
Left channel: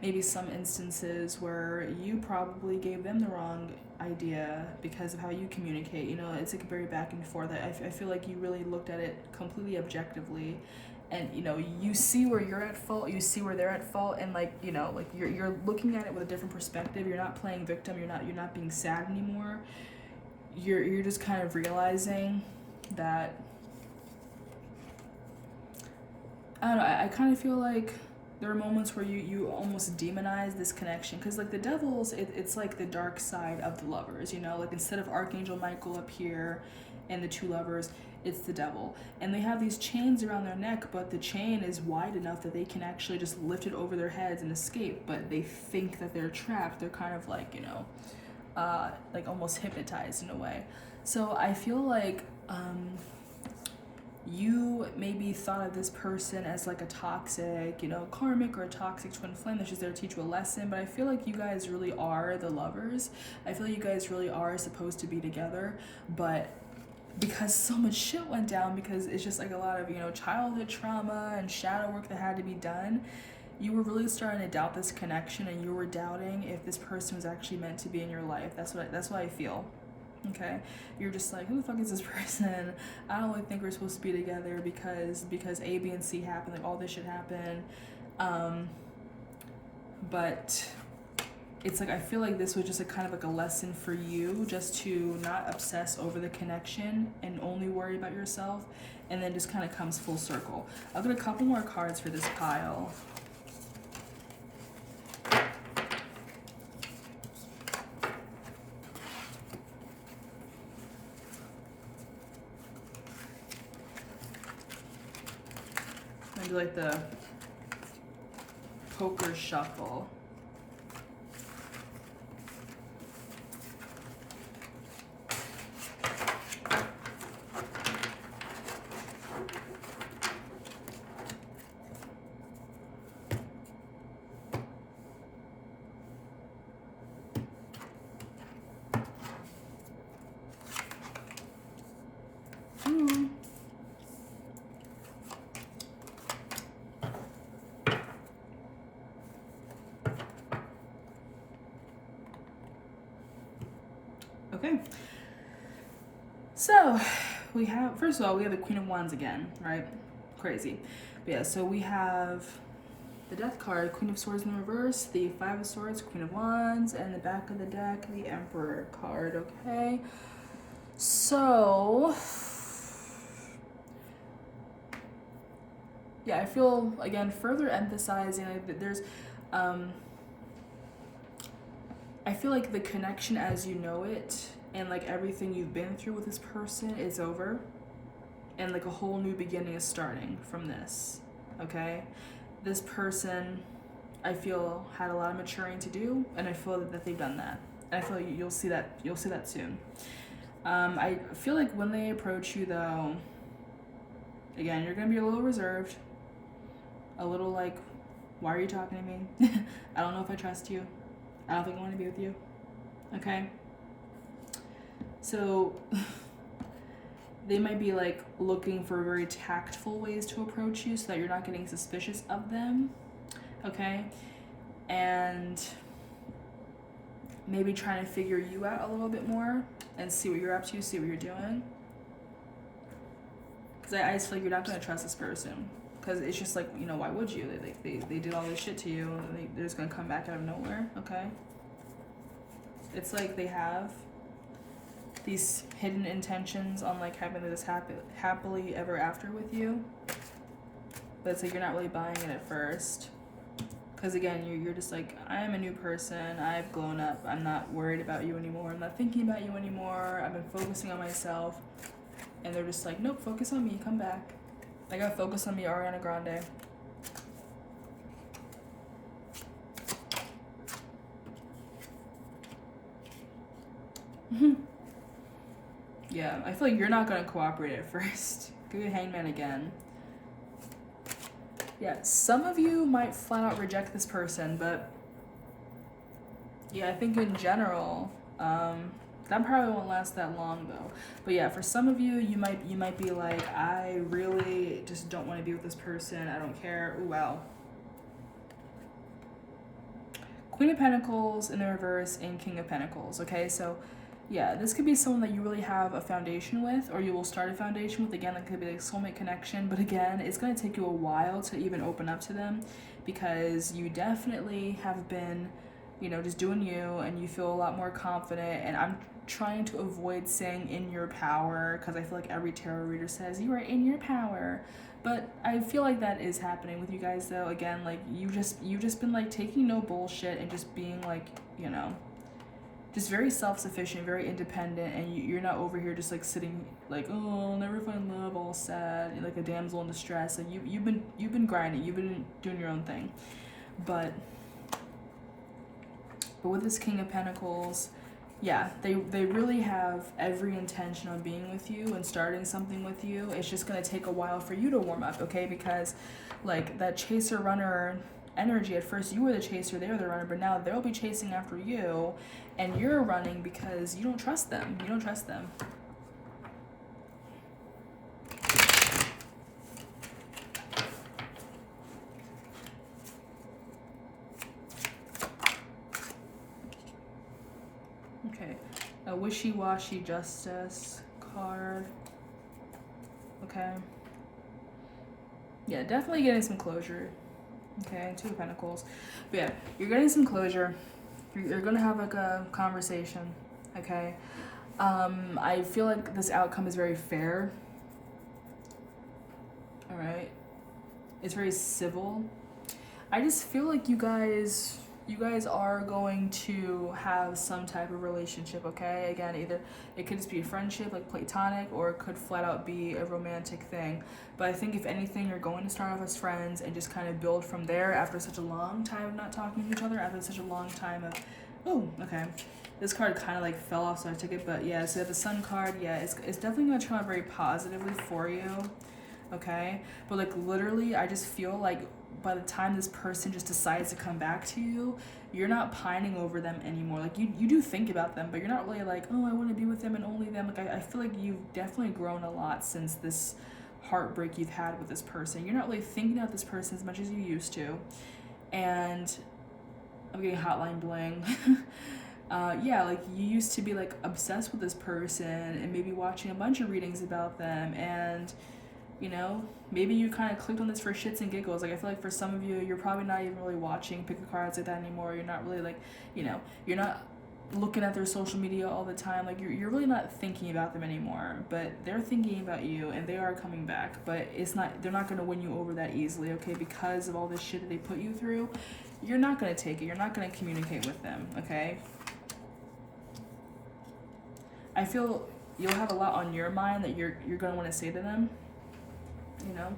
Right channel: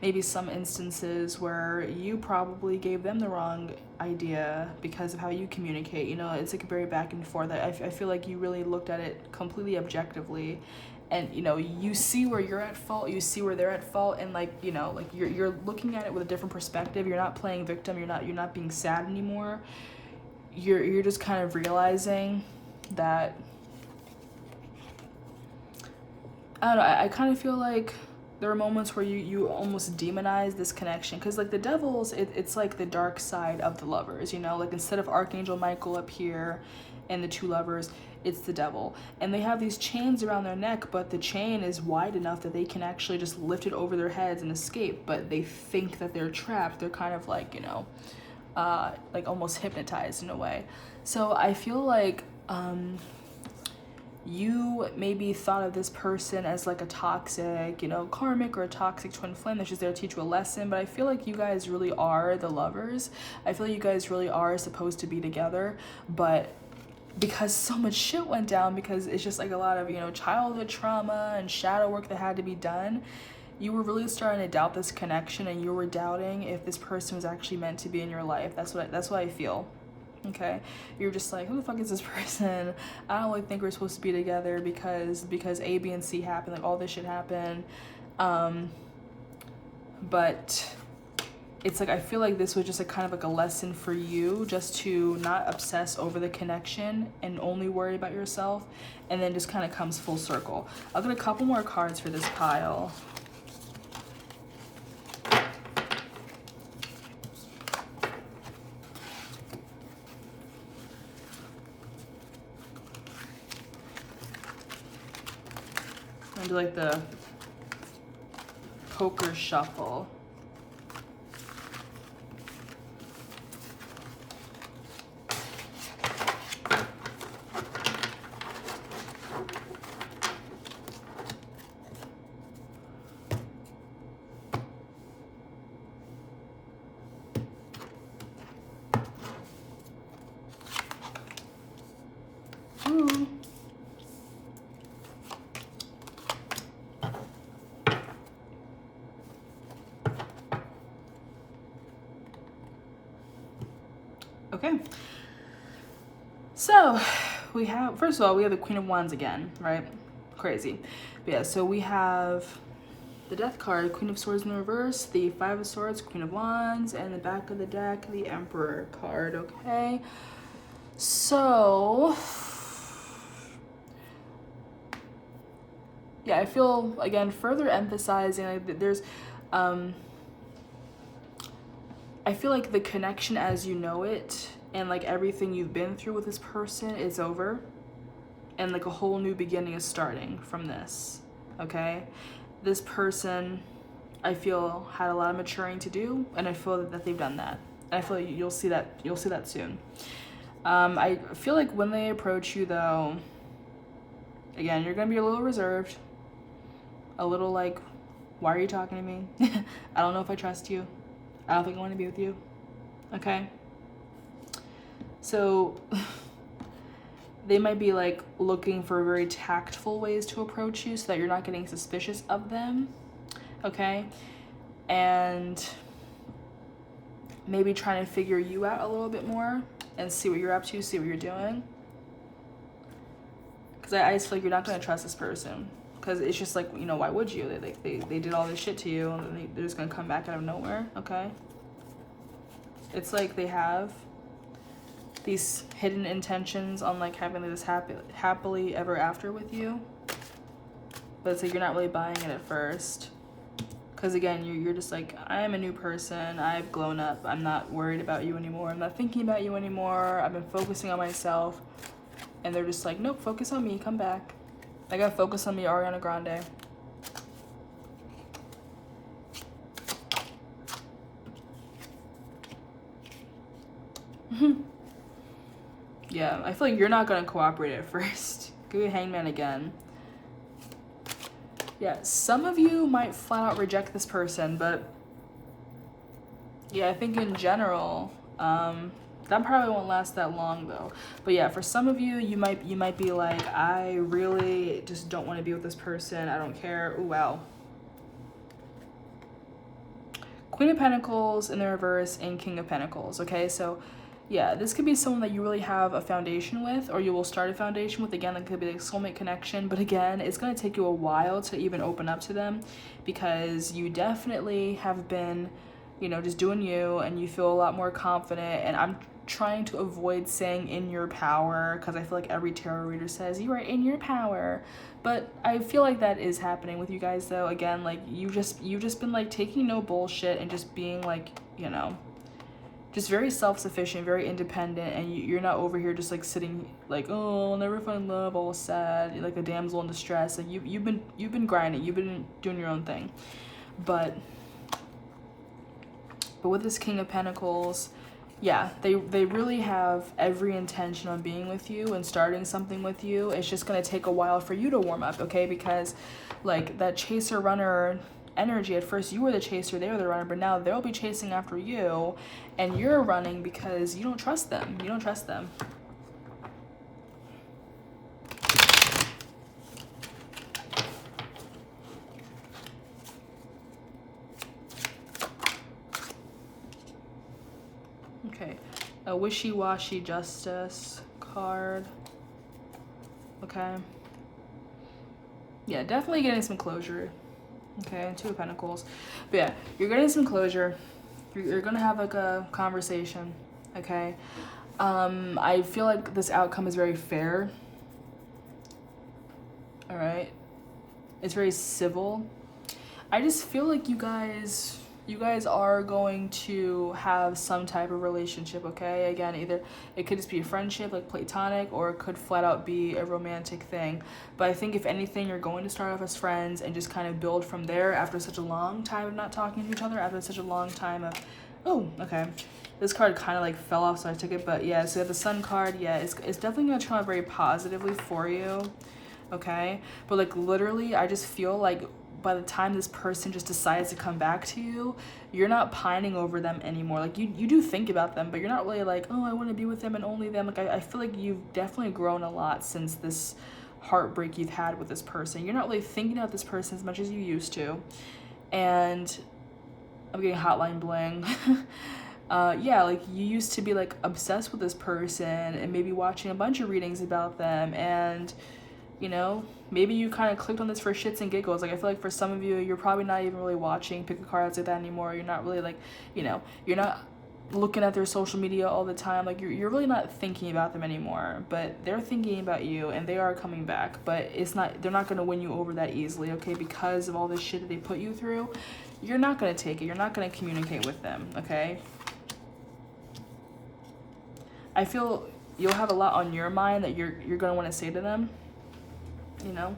maybe some instances where you probably gave them the wrong idea because of how you communicate. You know, it's like a very back and forth. I feel like you really looked at it completely objectively, and you know, you see where you're at fault, you see where they're at fault, and like, you know, like you're looking at it with a different perspective. You're not playing victim, you're not being sad anymore. You're just kind of realizing that, I don't know, I kind of feel like there are moments where you almost demonize this connection, because like the Devils, it's like the dark side of the lovers, you know, like instead of Archangel Michael up here and the two lovers, it's the devil. And they have these chains around their neck, but the chain is wide enough that they can actually just lift it over their heads and escape, but they think that they're trapped. They're kind of like, you know, like almost hypnotized in a way. So I feel like you maybe thought of this person as like a toxic, you know, karmic or a toxic twin flame that's just there to teach you a lesson. But I feel like you guys really are the lovers. I feel like you guys really are supposed to be together, but because so much shit went down, because it's just like a lot of, you know, childhood trauma and shadow work that had to be done, you were really starting to doubt this connection, and you were doubting if this person was actually meant to be in your life. That's what I feel. Okay, you're just like, who the fuck is this person? I don't really think we're supposed to be together because A, B, and C happened, like all this shit happened. But it's like I feel like this was just a kind of like a lesson for you, just to not obsess over the connection and only worry about yourself, and then just kind of comes full circle. I'll get a couple more cards for this pile. And do like the poker shuffle. Ooh. Okay, so we have, first of all, we have the Queen of Wands again, right? Crazy. But yeah, so we have the Death card, Queen of Swords in reverse, the Five of Swords, Queen of Wands, and the back of the deck, the Emperor card, okay? So, yeah, I feel, again, further emphasizing that there's, I feel like the connection as you know it and like everything you've been through with this person is over, and like a whole new beginning is starting from this, okay? This person, I feel, had a lot of maturing to do, and I feel that they've done that. And I feel like you'll see that soon. I feel like when they approach you though, again, you're gonna be a little reserved, a little like, why are you talking to me? I don't know if I trust you. I don't think I want to be with you, okay? So they might be like looking for very tactful ways to approach you so that you're not getting suspicious of them, okay? And maybe trying to figure you out a little bit more and see what you're up to, see what you're doing. Because I just feel like you're not going to trust this person. Because it's just like, you know, why would you? They did all this shit to you, and they're just going to come back out of nowhere, okay? It's like they have these hidden intentions on like having this happily ever after with you. But it's like you're not really buying it at first. Because again, you're just like, I am a new person. I've grown up. I'm not worried about you anymore. I'm not thinking about you anymore. I've been focusing on myself. And they're just like, nope, focus on me. Come back. I gotta focus on me, Ariana Grande. Yeah, I feel like you're not gonna cooperate at first. Give me a Hangman again. Yeah, some of you might flat out reject this person, but yeah, I think in general, that probably won't last that long though. But yeah, for some of you, you might be like, I really just don't want to be with this person. I don't care. Ooh, wow. Queen of Pentacles in the reverse and King of Pentacles. Okay, so yeah, this could be someone that you really have a foundation with, or you will start a foundation with. Again, that could be a soulmate connection, but again, it's going to take you a while to even open up to them, because you definitely have been, you know, just doing you, and you feel a lot more confident. And I'm trying to avoid saying in your power, because I feel like every tarot reader says you are in your power, but I feel like that is happening with you guys though. Again, like you've just been like taking no bullshit and just being like, you know, just very self-sufficient, very independent, and you're not over here just like sitting like, oh, I'll never find love, all sad, like a damsel in distress. Like you've been grinding, you've been doing your own thing, but with this King of Pentacles, yeah, they really have every intention on being with you and starting something with you. It's just gonna take a while for you to warm up, okay? Because like that chaser runner energy, at first you were the chaser, they were the runner, but now they'll be chasing after you, and you're running because you don't trust them. You don't trust them. Okay, a wishy-washy justice card. Okay. Yeah, definitely getting some closure. Okay, Two of Pentacles. But yeah, you're getting some closure You're gonna have like a conversation, okay? I feel like this outcome is very fair. All right, it's very civil. I just feel like you guys are going to have some type of relationship, okay? Again, either it could just be a friendship, like platonic, or it could flat out be a romantic thing. But I think if anything, you're going to start off as friends and just kind of build from there after such a long time of not talking to each other, after such a long time of, oh, okay. This card kind of like fell off, so I took it, but yeah, so you have the Sun card. Yeah, it's definitely going to turn out very positively for you, okay? But like literally, I just feel like by the time this person just decides to come back to you, you're not pining over them anymore. Like you do think about them, but you're not really like, oh, I want to be with them and only them. Like I feel like you've definitely grown a lot since this heartbreak you've had with this person. You're not really thinking about this person as much as you used to. And I'm getting hotline bling. Yeah, like you used to be like obsessed with this person and maybe watching a bunch of readings about them, and you know, maybe you kind of clicked on this for shits and giggles. Like I feel like for some of you, you're probably not even really watching pick a cards like that anymore. You're not really like, you know, you're not looking at their social media all the time. Like you're really not thinking about them anymore, but they're thinking about you and they are coming back, but they're not going to win you over that easily, okay? Because of all this shit that they put you through, you're not going to take it. You're not going to communicate with them, okay? I feel you'll have a lot on your mind that you're going to want to say to them. You know,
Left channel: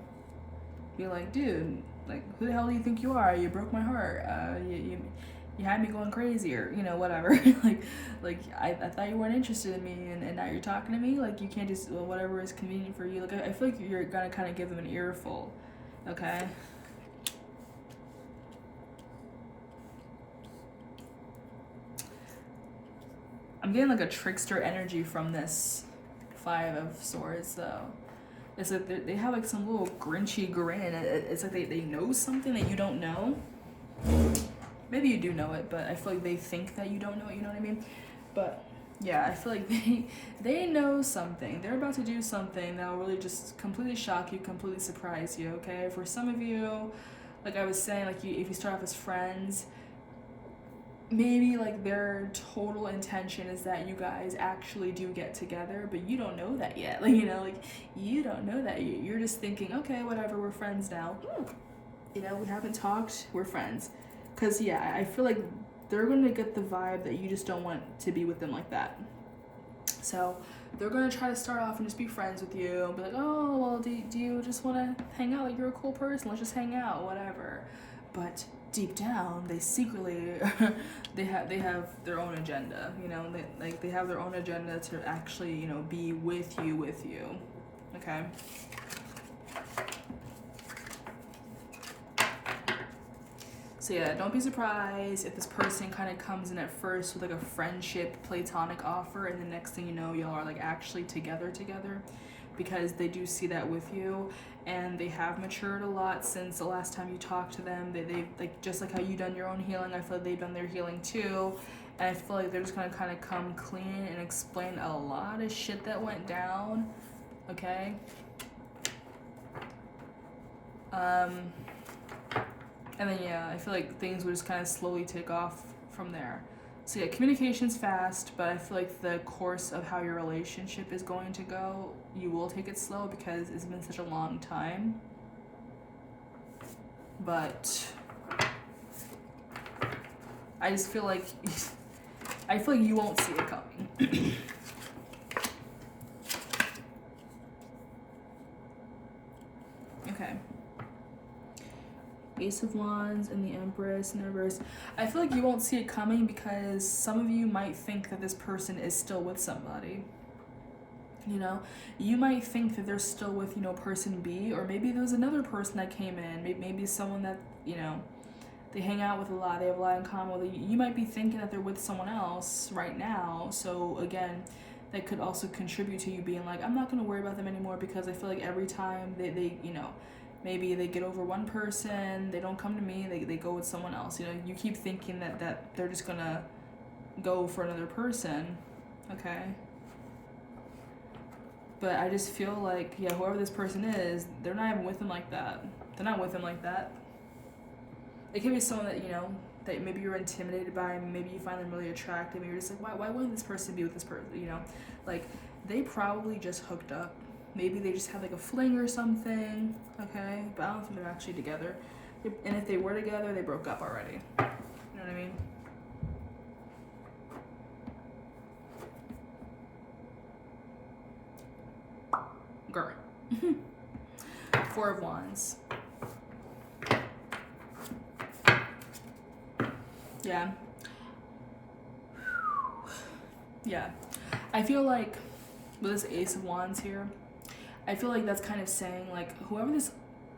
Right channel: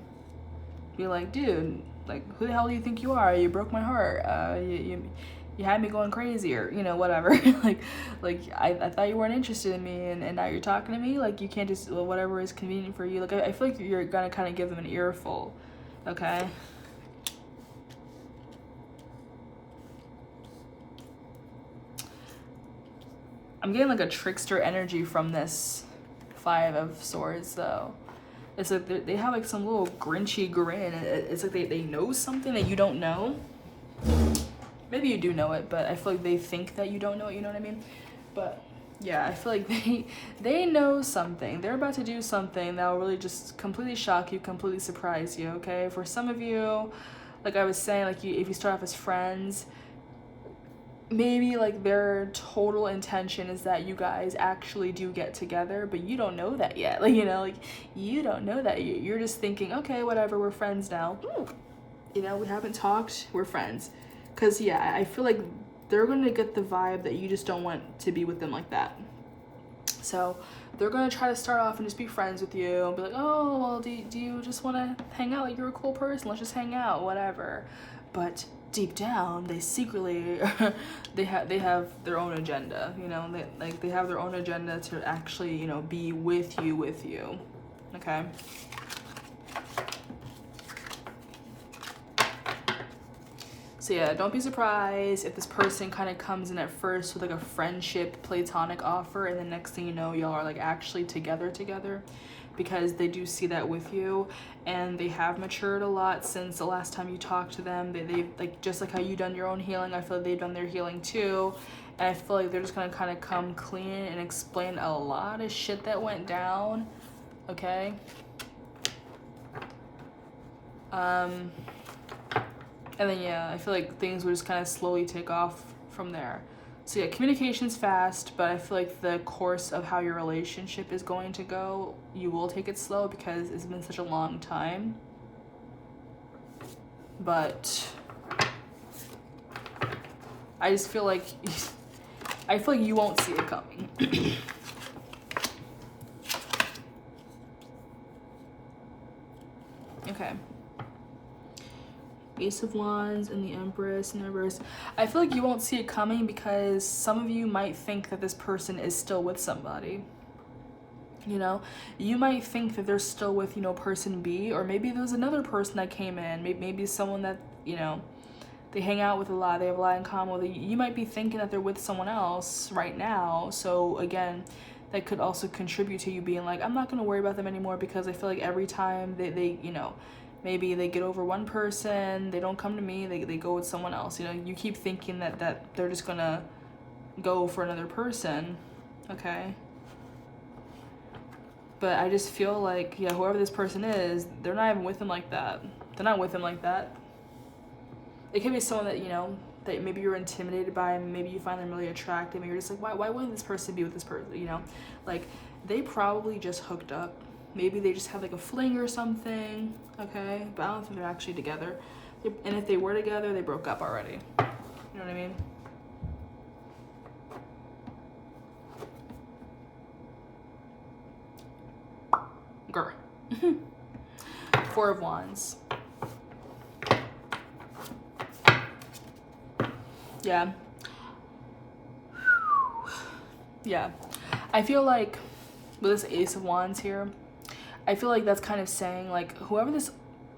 be like, dude, like, who the hell do you think you are? You broke my heart. You had me going crazy, or you know, whatever. like I thought you weren't interested in me, and now you're talking to me. Like you can't just whatever is convenient for you. Like I feel like you're gonna kind of give them an earful, okay? I'm getting like a trickster energy from this Five of Swords, though. It's like they have like some little grinchy grin. It's like they know something that you don't know. Maybe you do know it, but I feel like they think that you don't know it, you know what I mean? But yeah, I feel like they know something. They're about to do something that will really just completely shock you, completely surprise you, okay? For some of you, like I was saying, like if you start off as friends, maybe like their total intention is that you guys actually do get together, but you don't know that yet. Like, you know, like you don't know that. You're just thinking, okay, whatever, we're friends now. You know, we haven't talked, we're friends. Because yeah, I feel like they're going to get the vibe that you just don't want to be with them like that. So they're going to try to start off and just be friends with you and be like, oh, well, do you just want to hang out? Like, you're a cool person, let's just hang out, whatever. But deep down, they secretly they have their own agenda, you know. They have their own agenda to actually, you know, be with you, okay? So yeah, don't be surprised if this person kind of comes in at first with like a friendship platonic offer, and the next thing you know, y'all are like actually together, because they do see that with you, and they have matured a lot since the last time you talked to them. They like, just like how you done your own healing, I feel like they've done their healing too, and I feel like they're just gonna kind of come clean and explain a lot of shit that went down, okay? And then yeah, I feel like things will just kind of slowly take off from there. So yeah, communication's fast, but I feel like the course of how your relationship is going to go, you will take it slow because it's been such a long time. But I just feel like you won't see it coming. Okay. Ace of Wands and the Empress and the Reverse. I feel like you won't see it coming because some of you might think that this person is still with somebody. You know, you might think that they're still with, you know, person B, or maybe there's another person that came in, maybe someone that, you know, they hang out with a lot, they have a lot in common with. You might be thinking that they're with someone else right now. So again, that could also contribute to you being like, I'm not going to worry about them anymore, because I feel like every time they you know, maybe they get over one person, they don't come to me, they go with someone else. You know, you keep thinking that they're just gonna go for another person, okay? But I just feel like, yeah, whoever this person is, they're not even with him like that. They're not with him like that. It could be someone that, you know, that maybe you're intimidated by, maybe you find them really attractive, and you're just like, why wouldn't this person be with this person, you know? Like, they probably just hooked up. Maybe they just had like a fling or something, okay? But I don't think they're actually together. And if they were together, they broke up already. You know what I mean? Girl. Four of Wands. Yeah. Yeah. I feel like with this Ace of Wands here, I feel like that's kind of saying like whoever this,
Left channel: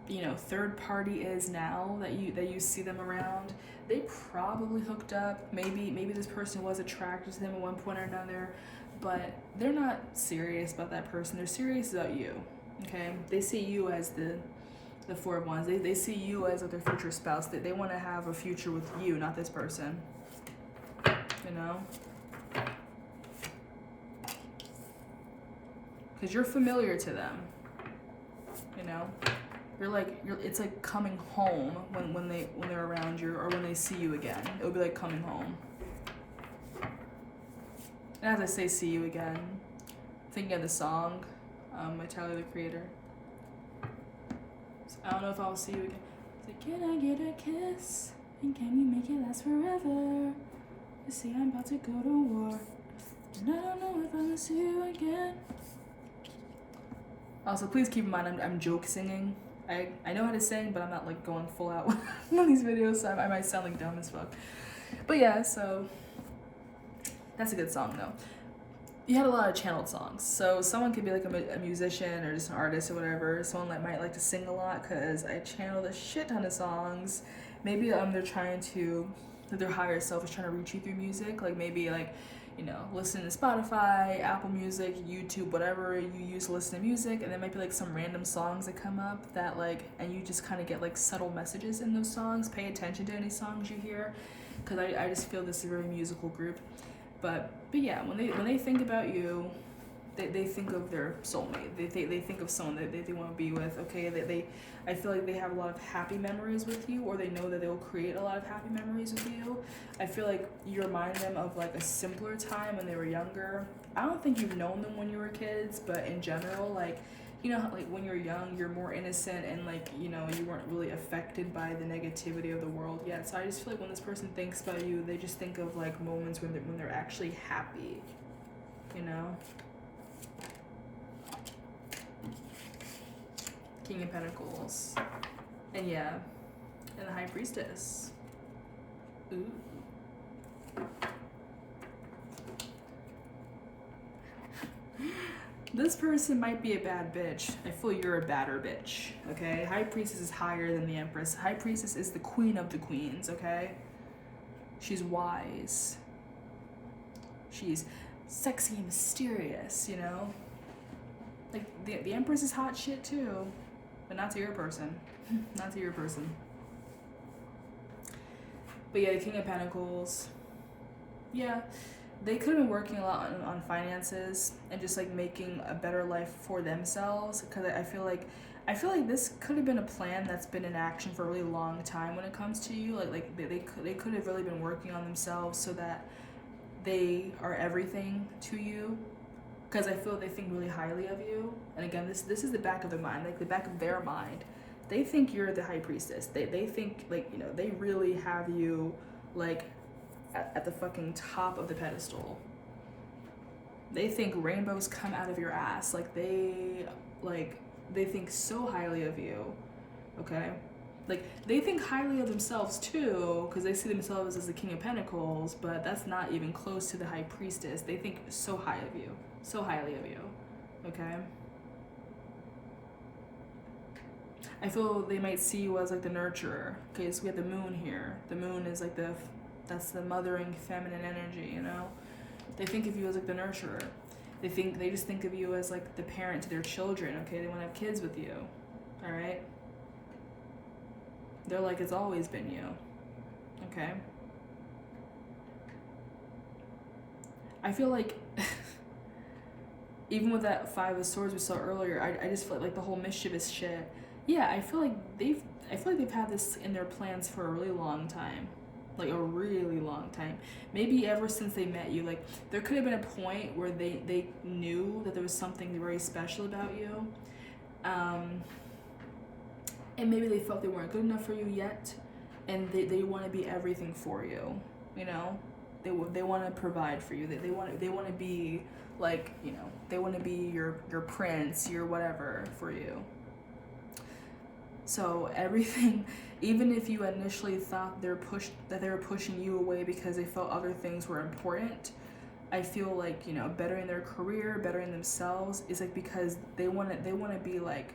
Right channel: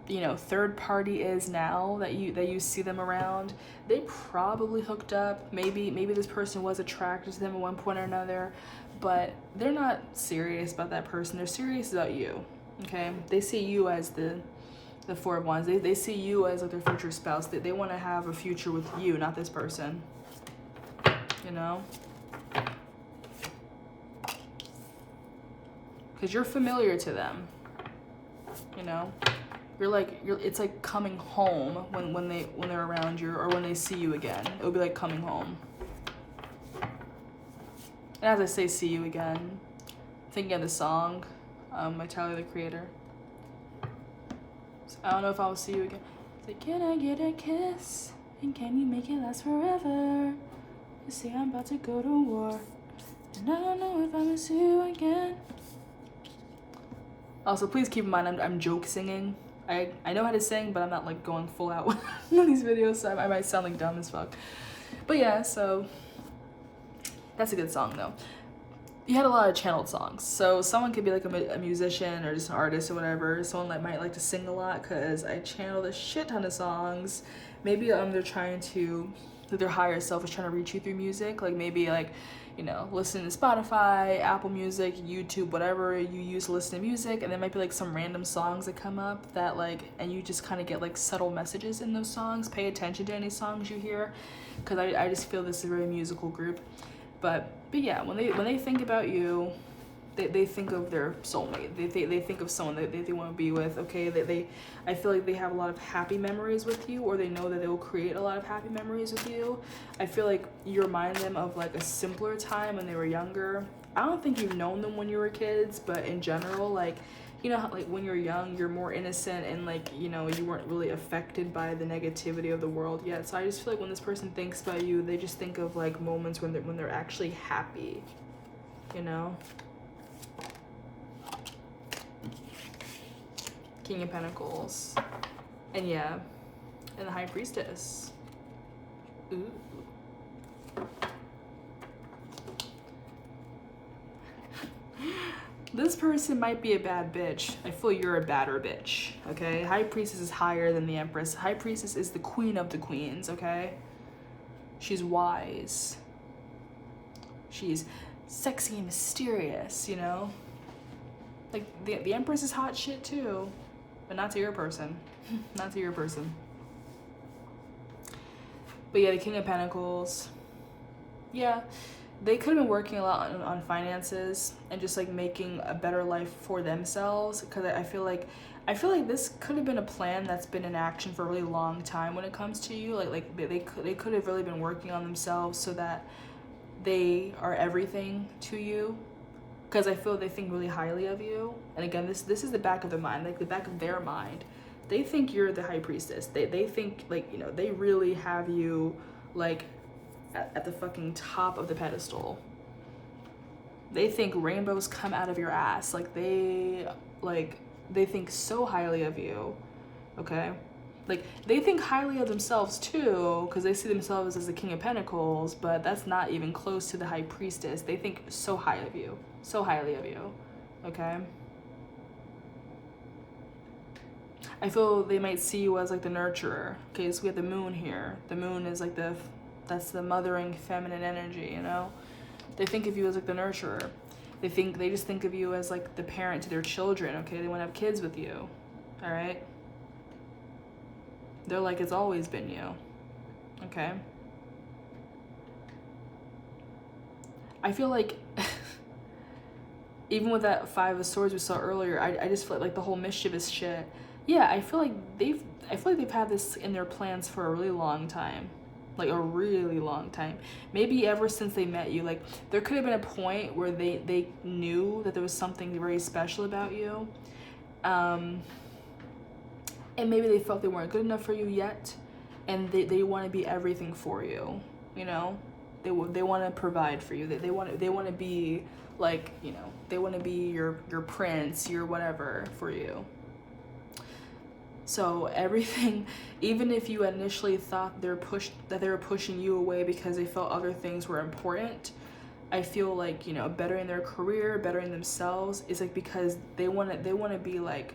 you know, third party is now that you see them around, they probably hooked up. Maybe this person was attracted to them at one point or another, but they're not serious about that person. They're serious about you. Okay? They see you as the Four of Wands. They see you as like their future spouse. They want to have a future with you, not this person. You know? Because you're familiar to them. You know? It's like coming home when they're around you, or when they see you again. It'll be like coming home. And as I say see you again, thinking of the song, by Tyler, the Creator. So I don't know if I'll see you again. It's like, can I get a kiss? And can you make it last forever? You say I'm about to go to war, and I don't know if I'm gonna see you again. Also, please keep in mind, I'm joke singing. I know how to sing, but I'm not like going full out on these videos, so I might sound like dumb as fuck. But yeah, so that's a good song though. You had a lot of channeled songs, so someone could be like a musician or just an artist or whatever. Someone that might like to sing a lot, because I channeled a shit ton of songs. Maybe they're trying to, that their higher self is trying to reach you through music. Like maybe like, you know, listen to Spotify, Apple Music, YouTube, whatever you use to listen to music, and there might be like some random songs that come up that like, and you just kind of get like subtle messages in those songs. Pay attention to any songs you hear, because I just feel this is a very musical group. But yeah, when they think about you, they think of their soulmate. They think of someone that they want to be with. Okay, I feel like they have a lot of happy memories with you, or they know that they will create a lot of happy memories with you. I feel like you remind them of like a simpler time when they were younger. I don't think you've known them when you were kids, but in general, like, you know, like when you're young, you're more innocent, and like, you know, you weren't really affected by the negativity of the world yet. So I just feel like when this person thinks about you, they just think of like moments when they're actually happy, you know. King of Pentacles, and yeah, and the High Priestess. Ooh. This person might be a bad bitch. I feel you're a badder bitch, okay? High Priestess is higher than the Empress. High Priestess is the queen of the queens, okay? She's wise. She's sexy and mysterious, you know? Like, the Empress is hot shit too, but not to your person. Not to your person. But yeah, the King of Pentacles. Yeah. They could have been working a lot on finances and just like making a better life for themselves, because I feel like this could have been a plan that's been in action for a really long time when it comes to you. Like they could have really been working on themselves so that they are everything to you, because I feel they think really highly of you. And again, this is the back of their mind, like the back of their mind. They think you're the High Priestess. They think like, you know, they really have you like at the fucking top of the pedestal. They think rainbows come out of your ass. Like they think so highly of you, okay? Like they think highly of themselves too, because they see themselves as the King of Pentacles, but that's not even close to the High Priestess. They think so high of you, so highly of you, okay? I feel they might see you as like the nurturer. Okay, so we have the moon here. The moon is like that's the mothering feminine energy, you know? They think of you as like the nurturer. They just think of you as like the parent to their children, okay? They want to have kids with you, all right? They're like, it's always been you, okay? I feel like, even with that Five of Swords we saw earlier, I just feel like the whole mischievous shit. Yeah, I feel like they've had this in their plans for a really long time. like a really long time. Maybe ever since they met you. Like, there could have been a point where they knew that there was something very special about you. And maybe they felt they weren't good enough for you yet, and they want to be everything for you, you know? They want to provide for you. They want to be, like, you know, they want to be your prince, your whatever for you. So everything, even if you initially thought they were pushing you away because they felt other things were important, I feel like, you know, bettering their career, bettering themselves is like because they want to be like,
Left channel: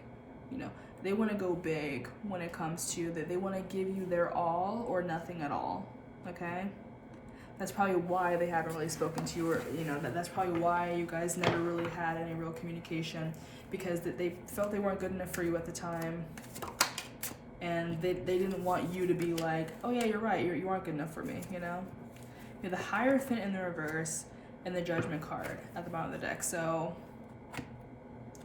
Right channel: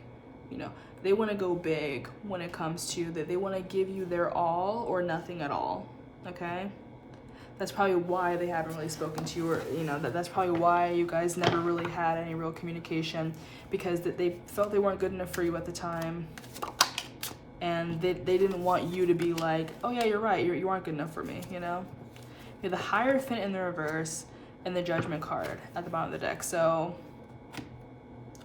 you know, they want to go big when it comes to that. They want to give you their all or nothing at all. Okay? That's probably why they haven't really spoken to you, or, you know, that's probably why you guys never really had any real communication, because they felt they weren't good enough for you at the time. And they didn't want you to be like, oh yeah, you're right, you aren't good enough for me, you know? You have the Hierophant in the reverse and the Judgment card at the bottom of the deck. So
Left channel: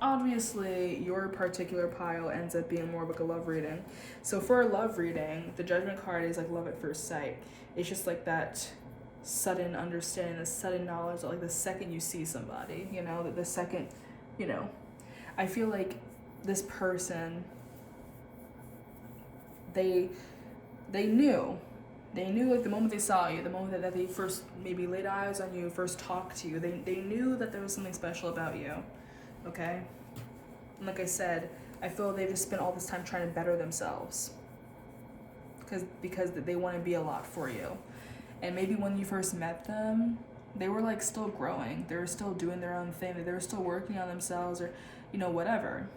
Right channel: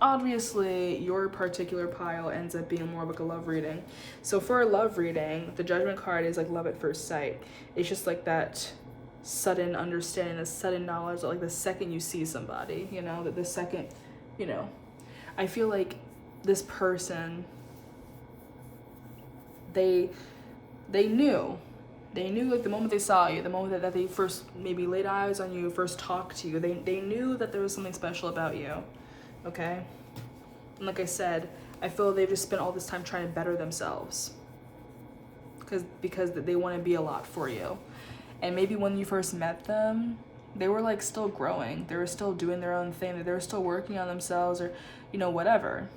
obviously your particular pile ends up being more of like a love reading. So for a love reading, the Judgment card is like love at first sight. It's just like that sudden understanding, the sudden knowledge, like the second you see somebody, you know, that the second, you know, I feel like this person, they knew like the moment they saw you, the moment that they first maybe laid eyes on you, first talked to you, they knew that there was something special about you, okay? And like I said, I feel they've just spent all this time trying to better themselves because they want to be a lot for you. And maybe when you first met them, they were like still growing, they were still doing their own thing, they were still working on themselves, or, you know, whatever.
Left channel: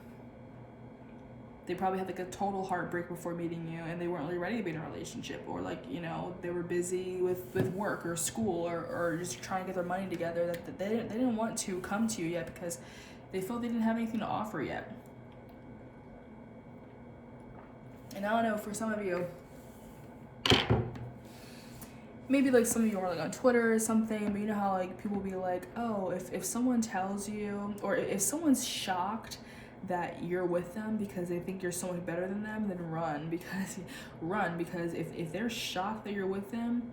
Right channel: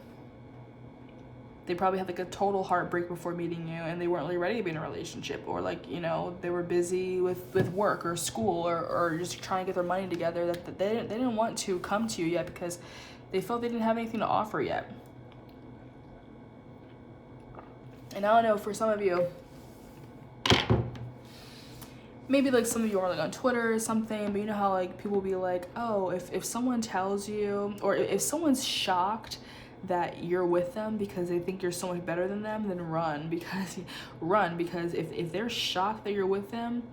They probably had like a total heartbreak before meeting you, and they weren't really ready to be in a relationship, or like, you know, they were busy with work or school, or just trying to get their money together, that they didn't want to come to you yet because they felt they didn't have anything to offer yet. And I don't know, for some of you, maybe like some of you are like on Twitter or something, but you know how like people will be like, oh, if someone tells you, or if someone's shocked that you're with them because they think you're so much better than them, then run, because if they're shocked that you're with them,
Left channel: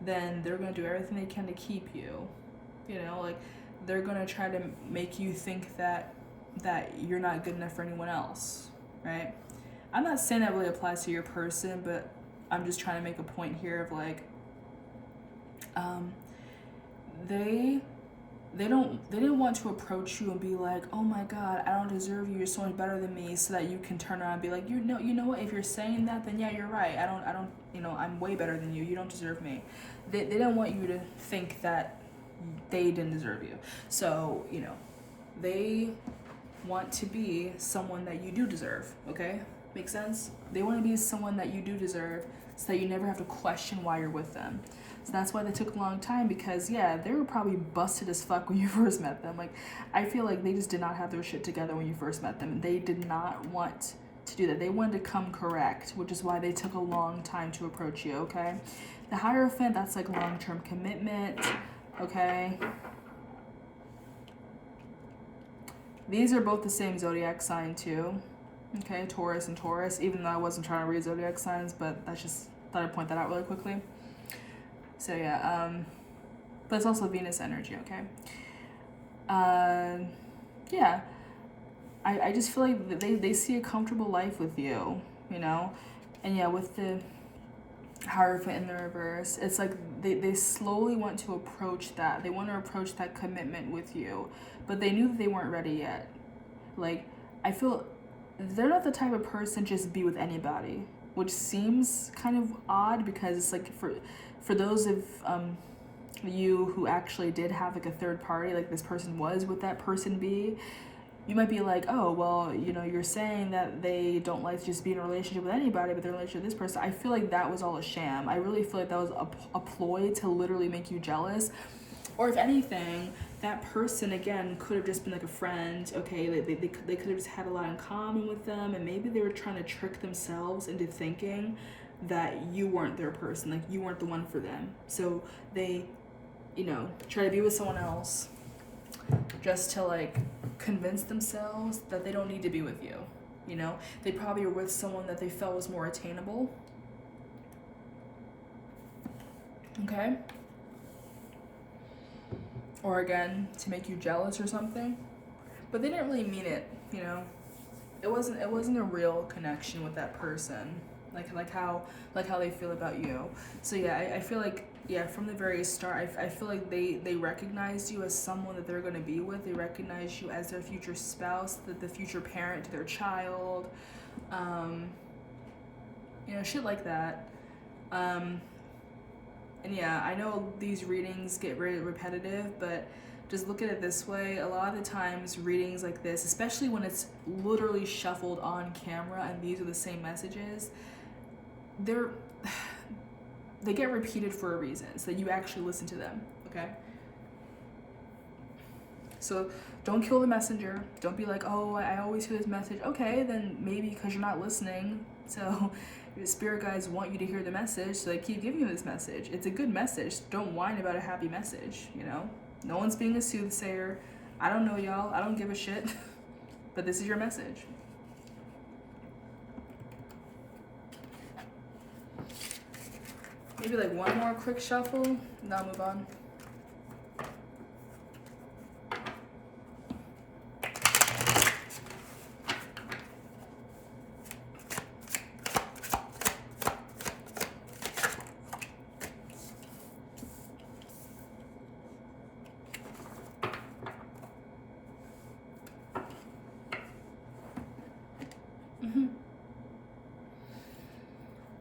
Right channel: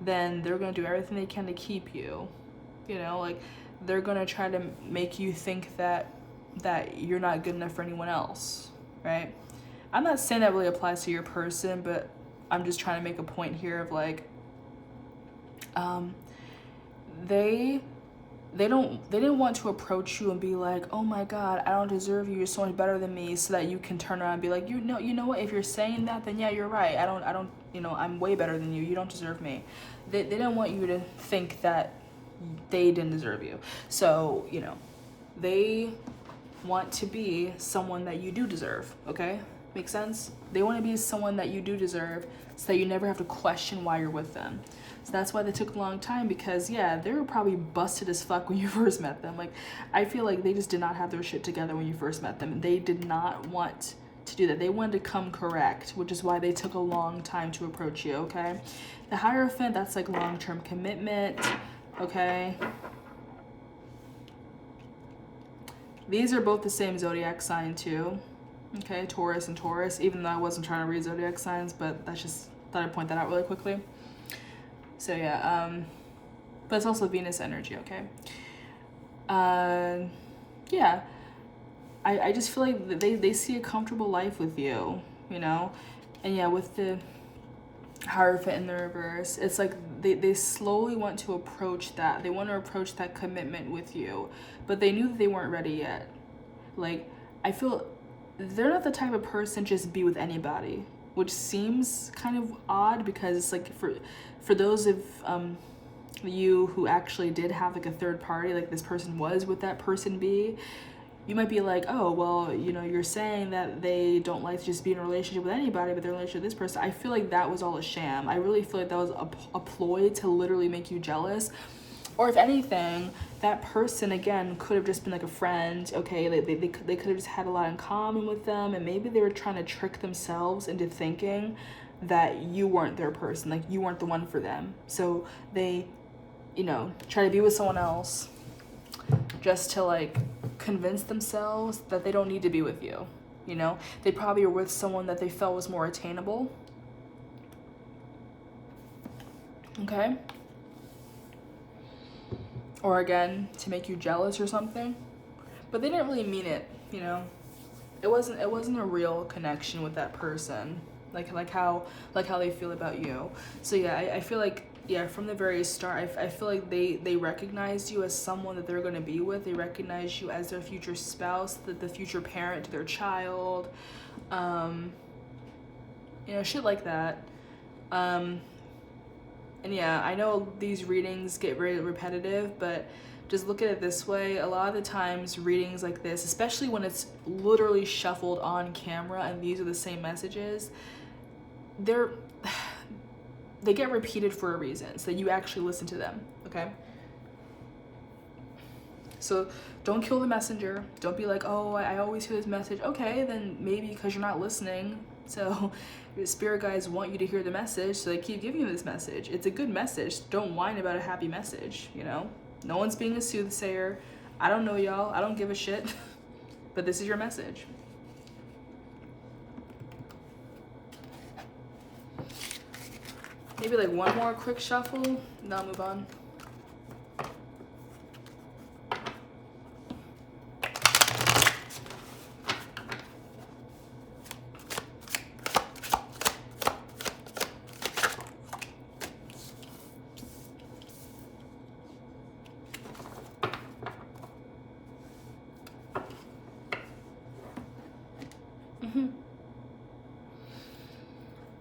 then they're going to do everything they can to keep you, you know, like they're going to try to make you think that you're not good enough for anyone else, right? I'm not saying that really applies to your person, but I'm just trying to make a point here of like, they didn't want to approach you and be like, oh my God, I don't deserve you, you're so much better than me, so that you can turn around and be like, you know what, if you're saying that, then yeah, you're right, I don't, you know, I'm way better than you, you don't deserve me. They didn't want you to think that they didn't deserve you. So, you know, they want to be someone that you do deserve, okay? Make sense? They want to be someone that you do deserve, so that you never have to question why you're with them. So that's why they took a long time, because yeah, they were probably busted as fuck when you first met them. Like, I feel like they just did not have their shit together when you first met them. They did not want to do that. They wanted to come correct, which is why they took a long time to approach you, okay? The Hierophant, that's like long-term commitment, okay? These are both the same zodiac sign too, okay? Taurus and Taurus, even though I wasn't trying to read zodiac signs, but that's just, thought I'd point that out really quickly. So yeah, but it's also Venus energy, okay? Yeah, I just feel like they see a comfortable life with you, you know? And yeah, with the Hierophant in the reverse, it's like they slowly want to approach that. They want to approach that commitment with you, but they knew that they weren't ready yet. Like, I feel they're not the type of person to just be with anybody, which seems kind of odd, because it's like for those of you who actually did have like a third party, like this person was with that person B, you might be like, oh, well, you know, you're saying that they don't like to just be in a relationship with anybody, but they're in a relationship with this person. I feel like that was all a sham. I really feel like that was a ploy to literally make you jealous. Or if anything, that person, again, could have just been like a friend, okay? They could have just had a lot in common with them, and maybe they were trying to trick themselves into thinking that you weren't their person, like you weren't the one for them. So they, you know, try to be with someone else just to like convince themselves that they don't need to be with you, you know? They probably were with someone that they felt was more attainable. Okay? Or again, to make you jealous or something. But they didn't really mean it, you know? It wasn't a real connection with that person. Like how they feel about you. So yeah, I feel like, yeah, from the very start, I feel like they recognized you as someone that they're going to be with. They recognize you as their future spouse, the future parent to their child, you know, shit like that. And yeah, I know these readings get very repetitive, but just look at it this way. A lot of the times readings like this, especially when it's literally shuffled on camera and these are the same messages, they get repeated for a reason, so that you actually listen to them, okay? So don't kill the messenger. Don't be like, oh, I always hear this message. Okay, then maybe because you're not listening. So your spirit guides want you to hear the message, so they keep giving you this message. It's a good message. Don't whine about a happy message, you know? No one's being a soothsayer. I don't know y'all. I don't give a shit. But this is your message. Maybe like one more quick shuffle, and then I'll move on.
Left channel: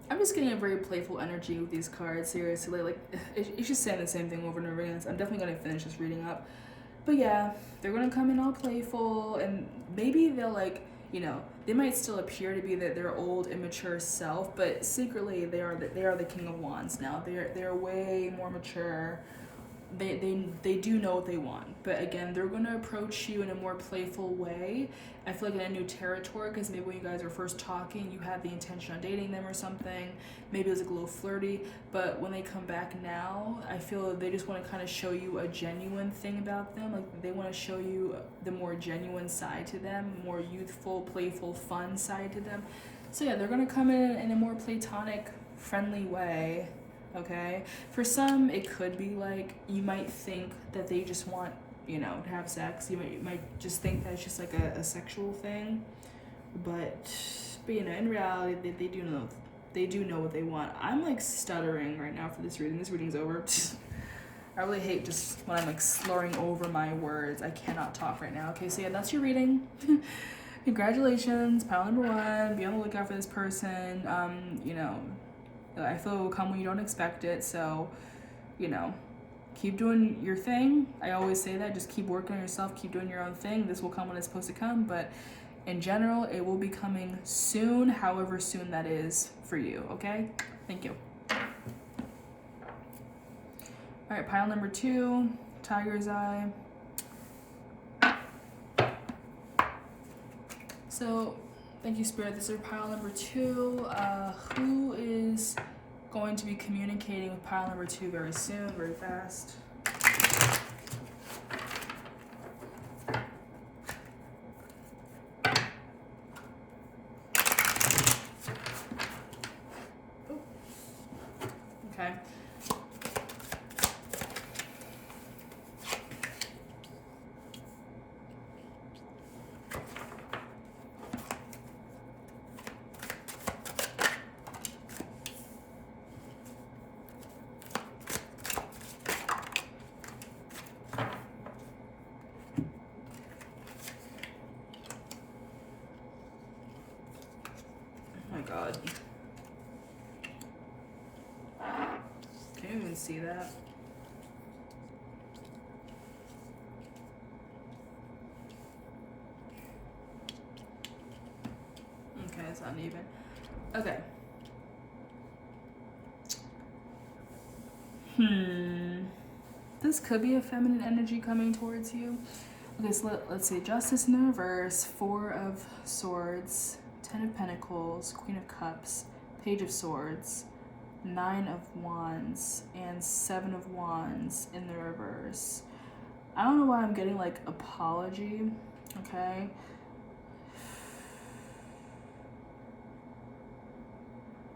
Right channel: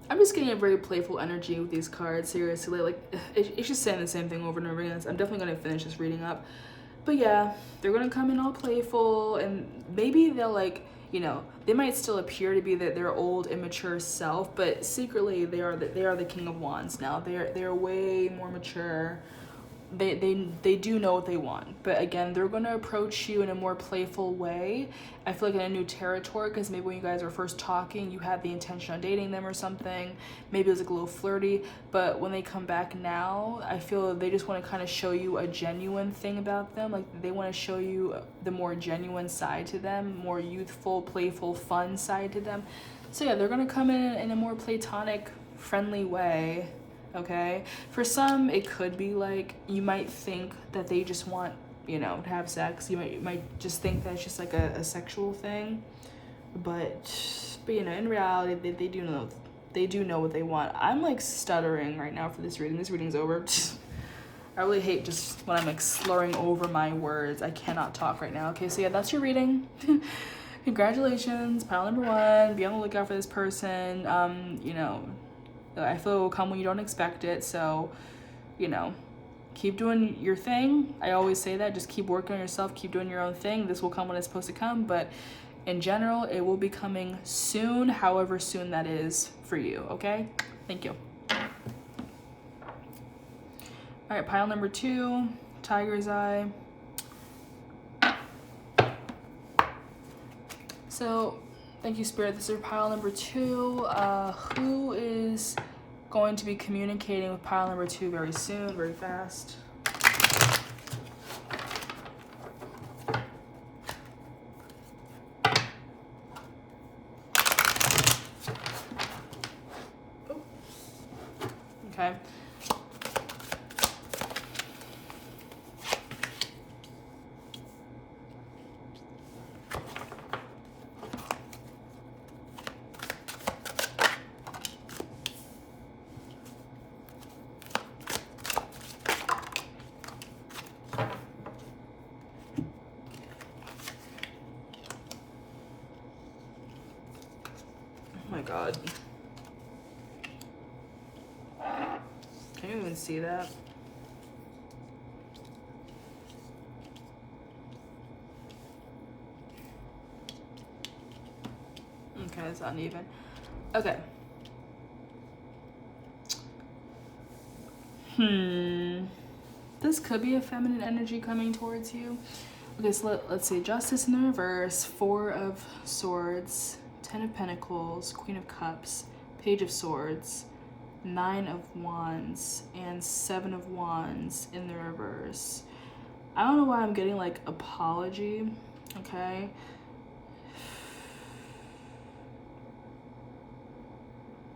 I'm just getting a very playful energy with these cards, seriously. Like, it's just saying the same thing over and over again. I'm definitely going to finish this reading up. But yeah, they're going to come in all playful, and maybe they'll, like, you know, they might still appear to be their old, immature self, but secretly they are the King of Wands now. They're way more mature. They do know what they want, but again, they're going to approach you in a more playful way. I feel like in a new territory, because maybe when you guys are first talking, you had the intention on dating them or something. Maybe it was like a little flirty, but when they come back now, I feel they just want to kind of show you a genuine thing about them. Like, they want to show you the more genuine side to them, more youthful, playful, fun side to them. So yeah, they're going to come in a more platonic, friendly way. Okay, for some it could be like, you might think that they just want, you know, to have sex. You might just think that it's just like a sexual thing, but you know, in reality, they do know what they want. I'm like stuttering right now for this reading. This reading's over. I really hate just when I'm like slurring over my words. I cannot talk right now. Okay, so yeah, that's your reading. Congratulations, pile number 1. Be on the lookout for this person. You know, I feel it will come when you don't expect it. So, you know, keep doing your thing. I always say that. Just keep working on yourself. Keep doing your own thing. This will come when it's supposed to come. But in general, it will be coming soon, however soon that is for you. Okay? Thank you. All right, pile number 2, Tiger's Eye. So, thank you, Spirit. This is pile number 2. Who is going to be communicating with pile number 2 very soon, very fast? Okay. Oh my God. Can you even see that? Okay, it's uneven. Okay. This could be a feminine energy coming towards you. Okay, so let's see. Justice in the reverse, 4 of Swords, 10 of Pentacles, Queen of Cups, Page of Swords, 9 of Wands, and 7 of Wands in the reverse. I don't know why I'm getting like apology, okay?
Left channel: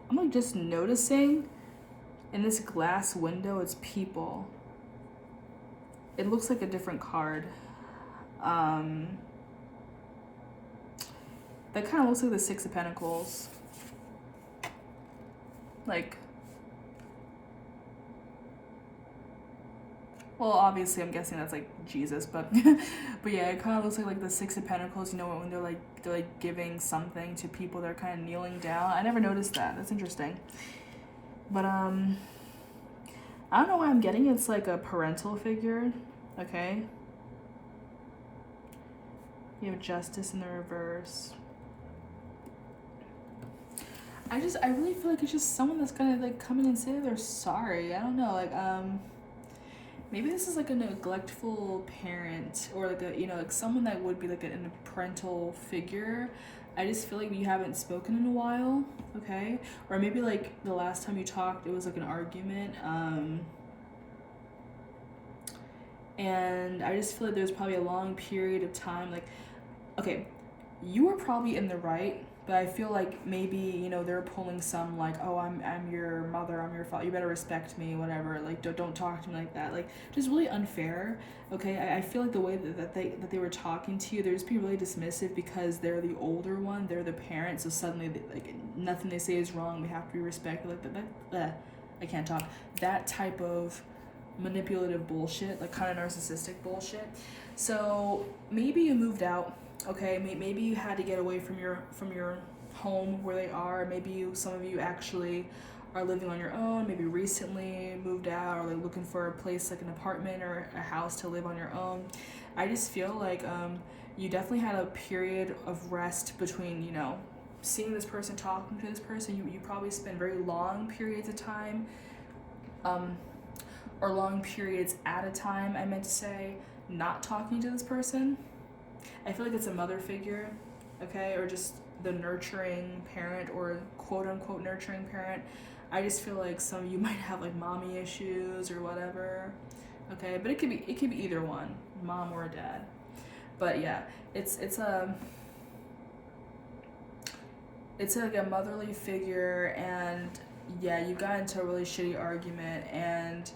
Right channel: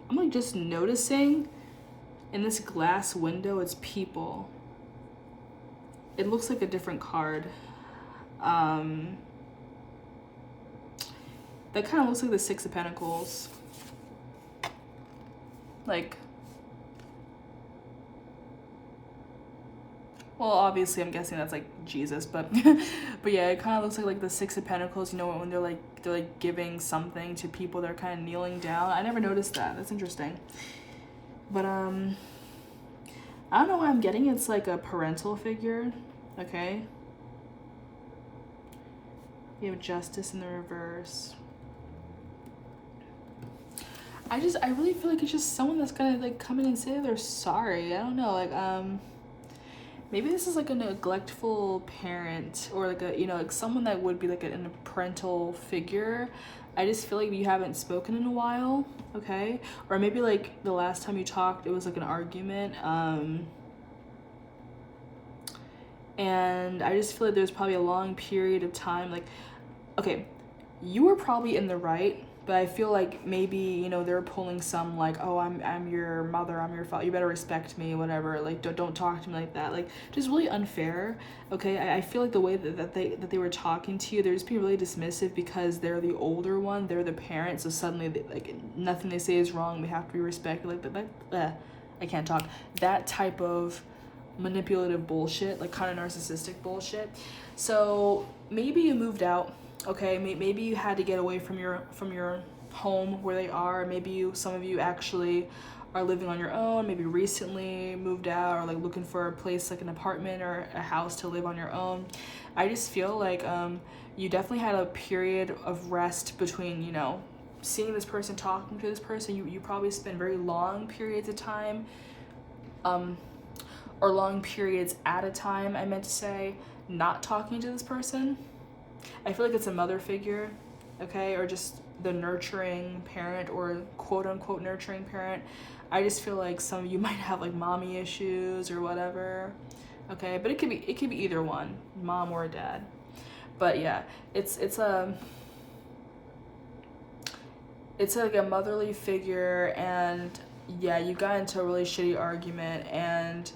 I'm like just noticing In this glass window, it's people. It looks like a different card. That kind of looks like the Six of Pentacles. Like, well, obviously I'm guessing that's like Jesus, but but yeah, it kind of looks like the Six of Pentacles, you know, when they're like giving something to people, they're kind of kneeling down. I never noticed that. That's interesting. But I don't know why I'm getting it's like a parental figure. Okay. You have Justice in the reverse. I really feel like it's just someone that's gonna like come in and say they're sorry. I don't know, like maybe this is like a neglectful parent, or like a, you know, like someone that would be like a parental figure. I just feel like you haven't spoken in a while, okay? Or maybe like the last time you talked, it was like an argument. And I just feel like there's probably a long period of time, like, okay, you were probably in the right, but I feel like maybe, you know, they're pulling some like, oh, I'm your mother, I'm your father, you better respect me, whatever, like don't talk to me like that, like just really unfair. Okay, I feel like the way that they were talking to you, they're just being really dismissive because they're the older one, they're the parent, so suddenly they, like nothing they say is wrong, they have to be respected, like I can't talk, that type of manipulative bullshit, like kind of narcissistic bullshit. So maybe you moved out. Okay, maybe you had to get away from your home where they are. Maybe some of you actually are living on your own, maybe recently moved out, or like looking for a place like an apartment or a house to live on your own. I just feel like you definitely had a period of rest between, you know, seeing this person, talking to this person. You probably spend very long periods of time, or long periods at a time, I meant to say, not talking to this person. I feel like it's a mother figure, okay, or just the nurturing parent, or quote unquote nurturing parent. I just feel like some of you might have like mommy issues or whatever, okay, but it could be either one, mom or dad. But yeah, it's like a motherly figure, and yeah, you got into a really shitty argument, and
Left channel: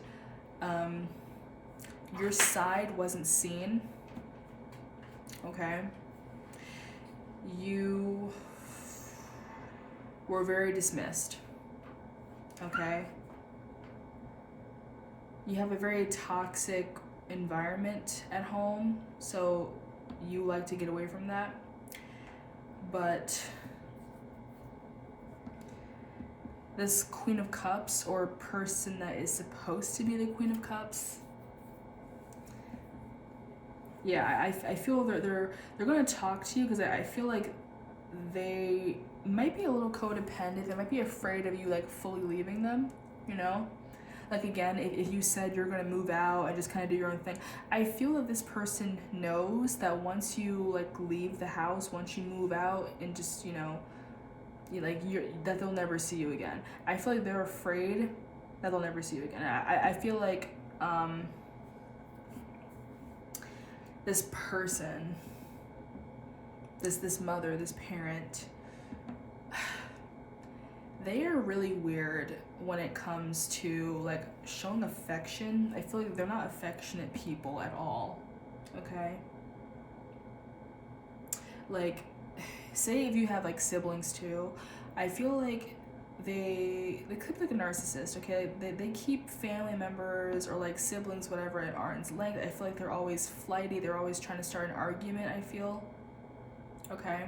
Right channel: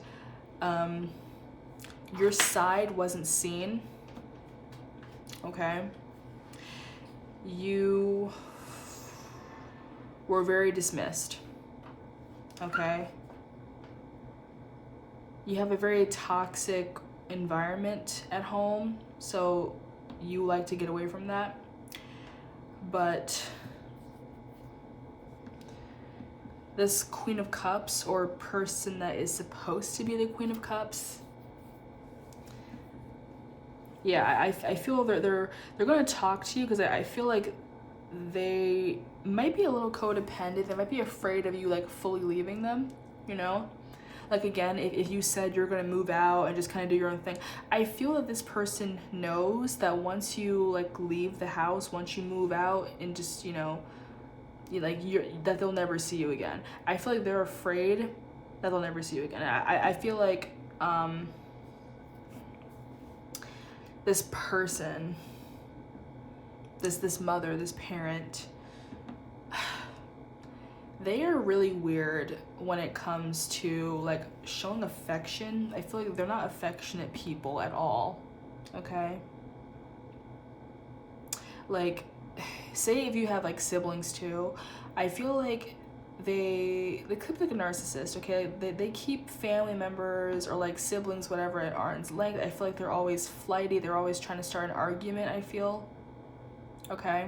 your side wasn't seen. Okay, you were very dismissed. Okay, you have a very toxic environment at home, so you like to get away from that. But this Queen of Cups, or person that is supposed to be the Queen of Cups, yeah, I feel they're going to talk to you, because I feel like they might be a little codependent. They might be afraid of you like fully leaving them, you know? Like again, if you said you're going to move out and just kind of do your own thing, I feel that this person knows that once you like leave the house, once you move out and just, you know, that they'll never see you again. I feel like they're afraid that they'll never see you again. I feel like this person, this mother, this parent, they are really weird when it comes to like showing affection. I feel like they're not affectionate people at all, okay? Like, say if you have like siblings too, I feel like they could be like a narcissist, okay? They keep family members or like siblings, whatever, at arm's length. I feel like they're always flighty. They're always trying to start an argument, I feel. Okay?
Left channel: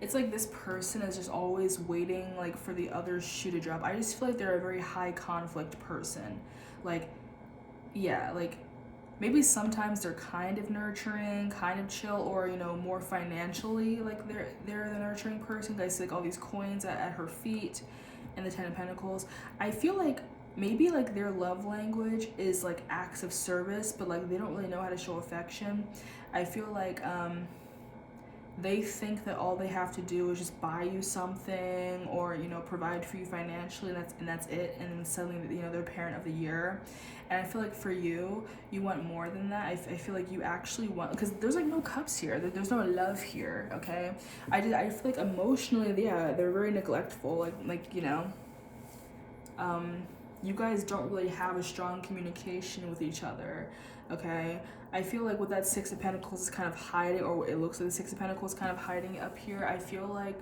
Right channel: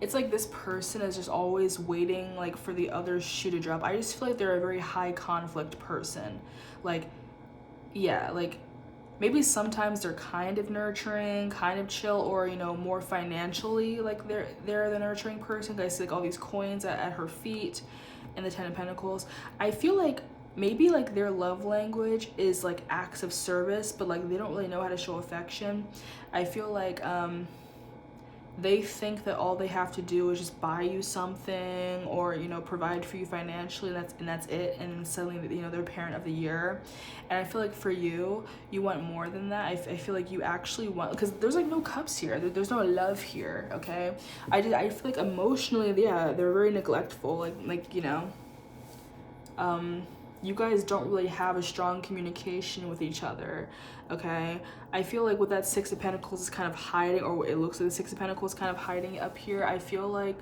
It's like this person is just always waiting like for the other shoe to drop. I just feel like they're a very high conflict person. Like, yeah, like maybe sometimes they're kind of nurturing, kind of chill, or, you know, more financially, like they're the nurturing person. I see like all these coins at her feet and the Ten of Pentacles. I feel like maybe like their love language is like acts of service, but like they don't really know how to show affection. I feel like they think that all they have to do is just buy you something, or, you know, provide for you financially, and that's it. And then suddenly, you know, they're parent of the year. And I feel like for you, you want more than that. I feel like you actually want, because there's like no cups here. There's no love here, okay? I feel like emotionally, yeah, they're very neglectful. Like you know, You guys don't really have a strong communication with each other, okay? I feel like with that Six of Pentacles is kind of hiding, or it looks like the Six of Pentacles kind of hiding up here. I feel like,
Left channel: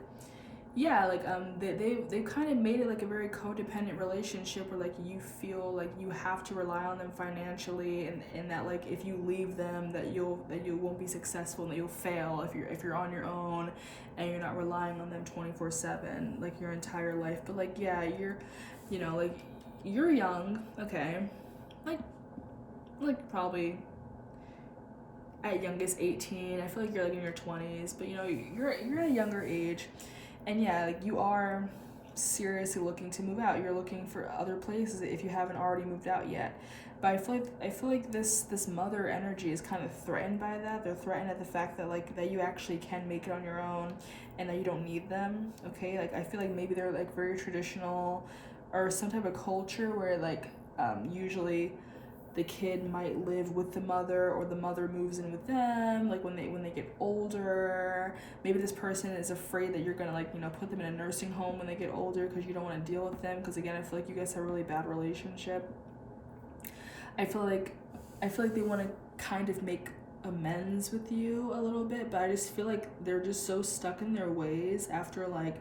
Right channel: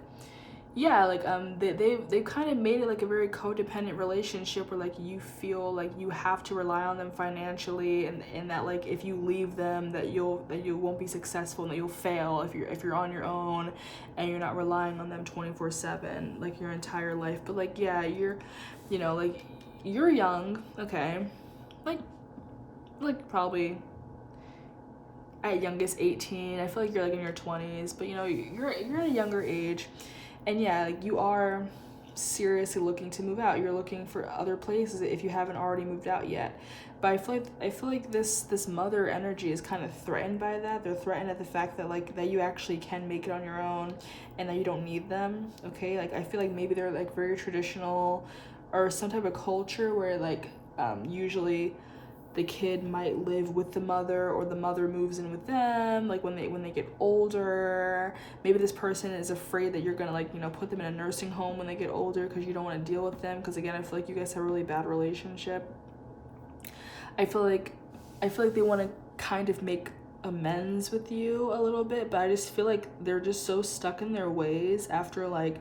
yeah, like they've kind of made it like a very codependent relationship where like you feel like you have to rely on them financially, and that like if you leave them that you won't be successful, and that you'll fail if you're on your own and you're not relying on them 24/7 like your entire life. But like, yeah, you're, you know, like you're young, okay, like probably at youngest 18. I feel like you're like in your 20s, but you know, you're at a younger age. And yeah, like you are seriously looking to move out. You're looking for other places if you haven't already moved out yet. But I feel like this mother energy is kind of threatened by that. They're threatened at the fact that like that you actually can make it on your own and that you don't need them. Okay, like I feel like maybe they're like very traditional or some type of culture where like usually the kid might live with the mother, or the mother moves in with them like when they get older. Maybe this person is afraid that you're gonna like, you know, put them in a nursing home when they get older because you don't want to deal with them, because again I feel like you guys have a really bad relationship. I feel like they want to kind of make amends with you a little bit, but I just feel like they're just so stuck in their ways after like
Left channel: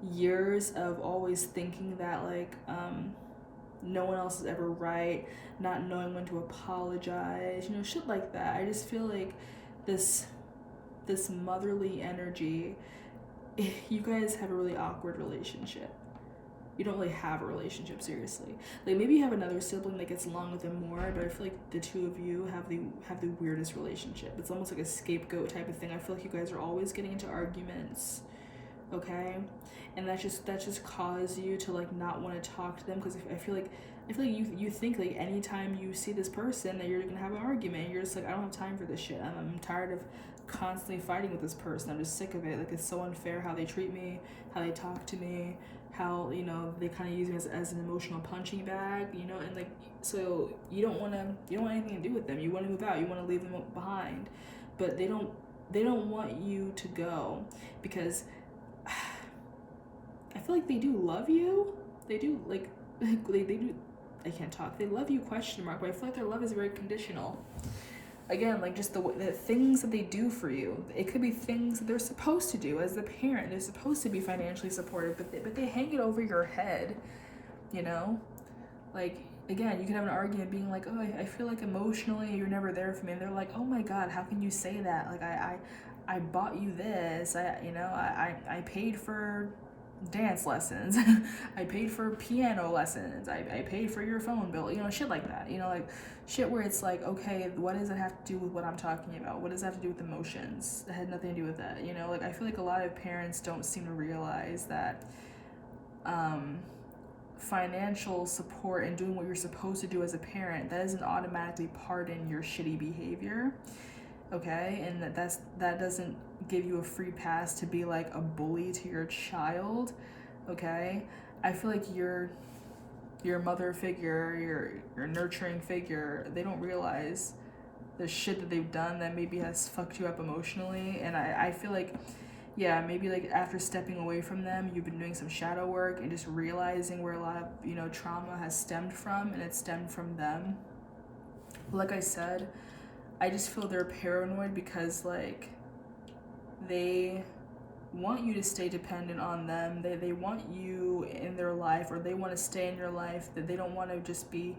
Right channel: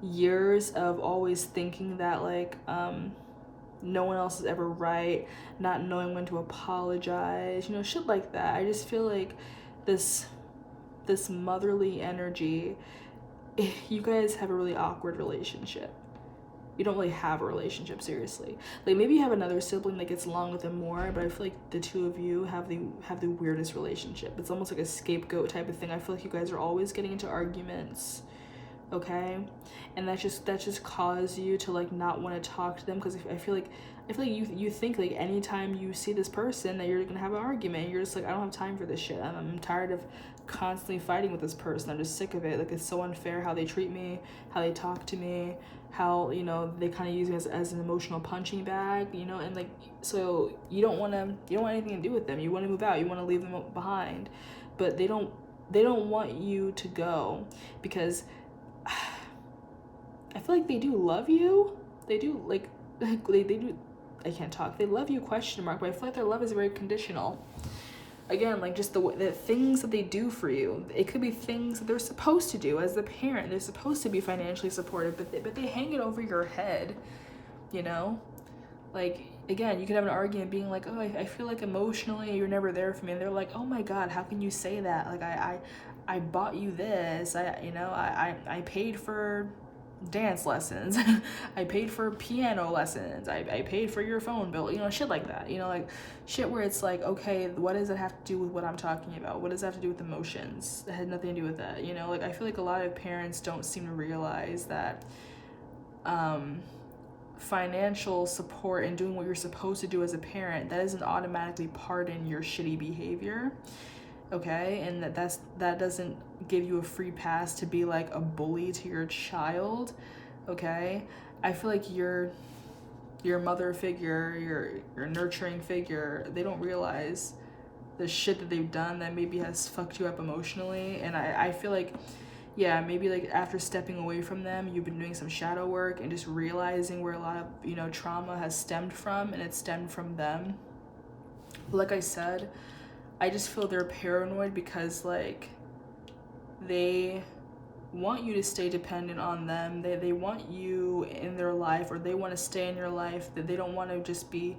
years of always thinking that like no one else is ever right, not knowing when to apologize, you know, shit like that. I just feel like this motherly energy, you guys have a really awkward relationship. You don't really have a relationship, seriously. Like maybe you have another sibling that gets along with them more, but I feel like the two of you have the weirdest relationship. It's almost like a scapegoat type of thing. I feel like you guys are always getting into arguments, okay? And that just causes you to like not want to talk to them, because I feel like you think like anytime you see this person that you're gonna have an argument. You're just like, I don't have time for this shit. I'm tired of constantly fighting with this person. I'm just sick of it. Like it's so unfair how they treat me, how they talk to me, how, you know, they kind of use me as an emotional punching bag, you know. And like, so you don't want anything to do with them. You want to move out, you want to leave them behind, but they don't want you to go, because I feel like they do love you. They do, like they do, I can't talk. They love you, question mark, but I feel like their love is very conditional. Again, like just the things that they do for you. It could be things that they're supposed to do as the parent. They're supposed to be financially supportive, but they hang it over your head, you know? Like, again, you could have an argument being like, oh, I feel like emotionally you're never there for me. And they're like, oh my God, how can you say that? Like, I bought you this. I paid for dance lessons. I paid for piano lessons. I paid for your phone bill, you know, shit like that, you know, like shit where it's like, okay, what does it have to do with what I'm talking about? What does that have to do with emotions? It had nothing to do with that, you know. Like I feel like a lot of parents don't seem to realize that financial support and doing what you're supposed to do as a parent, that doesn't automatically pardon your shitty behavior, okay? And that doesn't give you a free pass to be like a bully to your child, okay? I feel like your mother figure, your nurturing figure, they don't realize the shit that they've done that maybe has fucked you up emotionally. And I feel like, yeah, maybe like after stepping away from them, you've been doing some shadow work and just realizing where a lot of, you know, trauma has stemmed from, and it stemmed from them. Like I said, I just feel they're paranoid because like they want you to stay dependent on them. They want you in their life, or they want to stay in your life, that they don't want to just be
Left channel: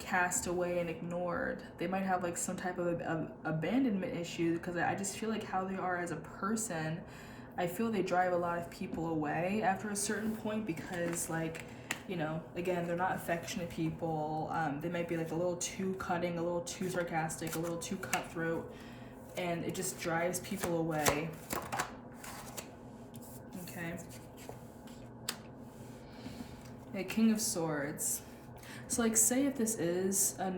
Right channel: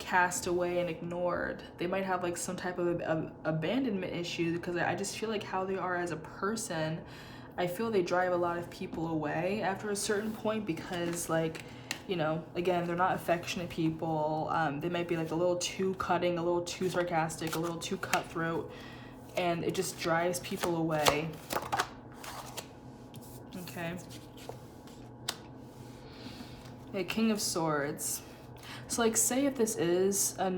cast away and ignored. They might have like some type of abandonment issue, because I just feel like how they are as a person, I feel they drive a lot of people away after a certain point, because like, you know, again, they're not affectionate people. They might be like a little too cutting, a little too sarcastic, a little too cutthroat, and it just drives people away. Okay. The King of Swords. So like, say if this is a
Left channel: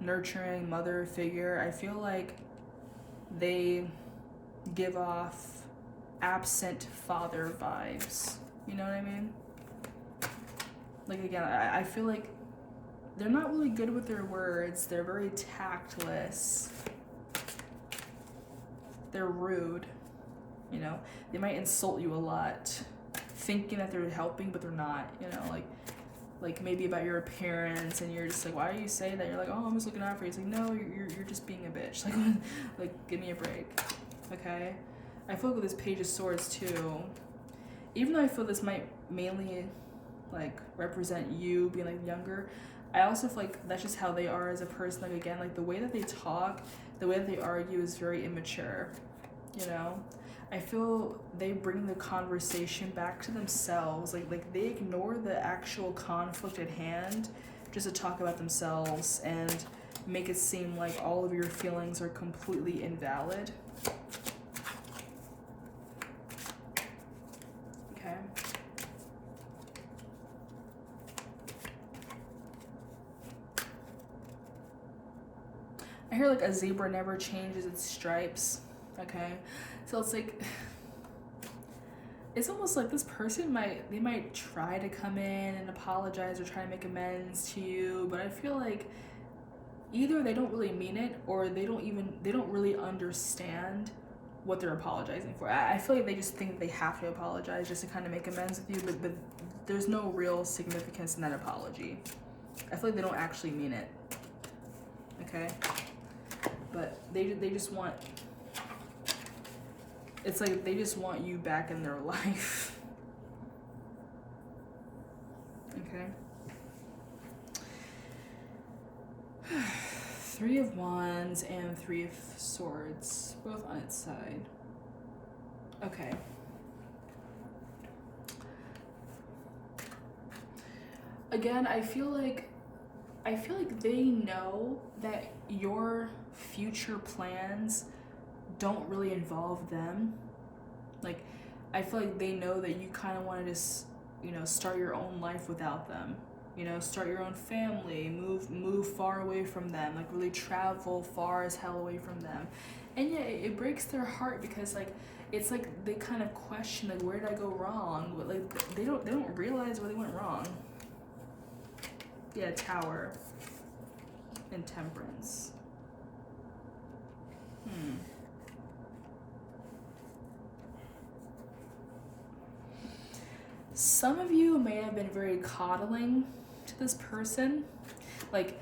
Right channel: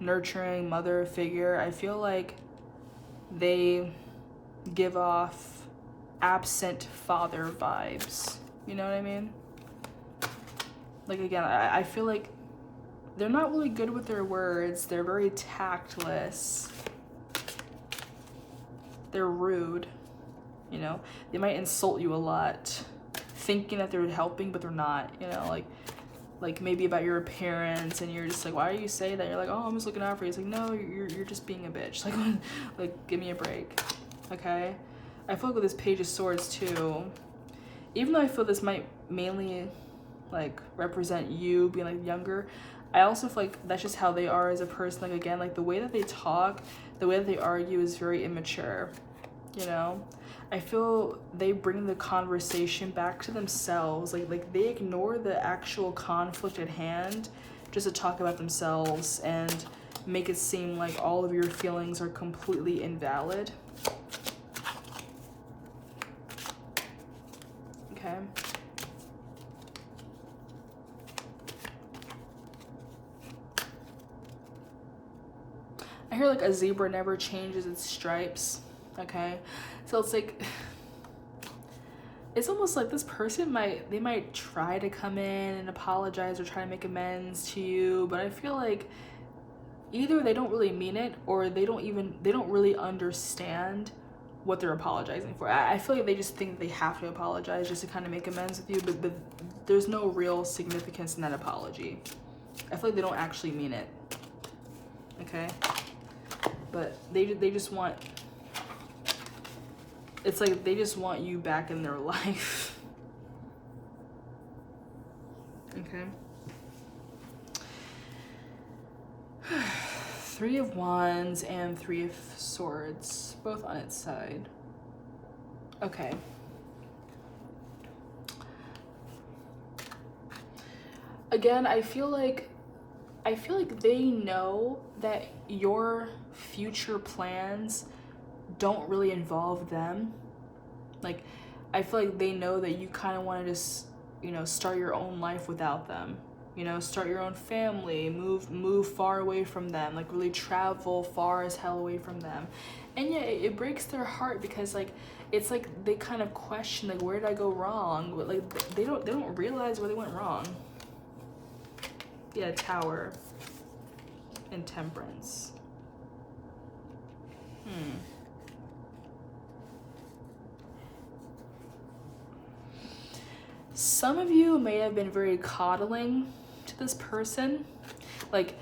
nurturing mother figure, I feel like they give off absent father vibes. You know what I mean? Like, again, I feel like they're not really good with their words. They're very tactless. They're rude. You know, they might insult you a lot, thinking that they're helping, but they're not, you know, like, like maybe about your appearance, and you're just like, why are you saying that? You're like, oh, I'm just looking out for you. It's like, no, you're just being a bitch. Like give me a break, okay? I feel like with this Page of Swords too, even though I feel this might mainly like represent you being like younger, I also feel like that's just how they are as a person. Like again, like the way that they talk, the way that they argue is very immature, you know? I feel they bring the conversation back to themselves. Like they ignore the actual conflict at hand just to talk about themselves and make it seem like all of your feelings are completely invalid. Okay. I hear like a zebra never changes its stripes. Okay. So it's like, it's almost like this person might try to come in and apologize or try to make amends to you, but I feel like either they don't really mean it, or they don't really understand what they're apologizing for. I feel like they just think they have to apologize just to kind of make amends with you, but there's no real significance in that apology. I feel like they don't actually mean it. Okay? But they just want, it's like they just want you back in their life. Okay. 3 of Wands and 3 of Swords, both on its side. Okay. Again, I feel like they know that your future plans don't really involve them. Like, I feel like they know that you kind of want to just, you know, start your own life without them. You know, start your own family, move far away from them, like really travel far as hell away from them. And yeah, it breaks their heart because like, it's like they kind of question like, where did I go wrong? But like, they don't realize where they went wrong. Yeah, Tower and Temperance. Some of you may have been very coddling to this person. Like,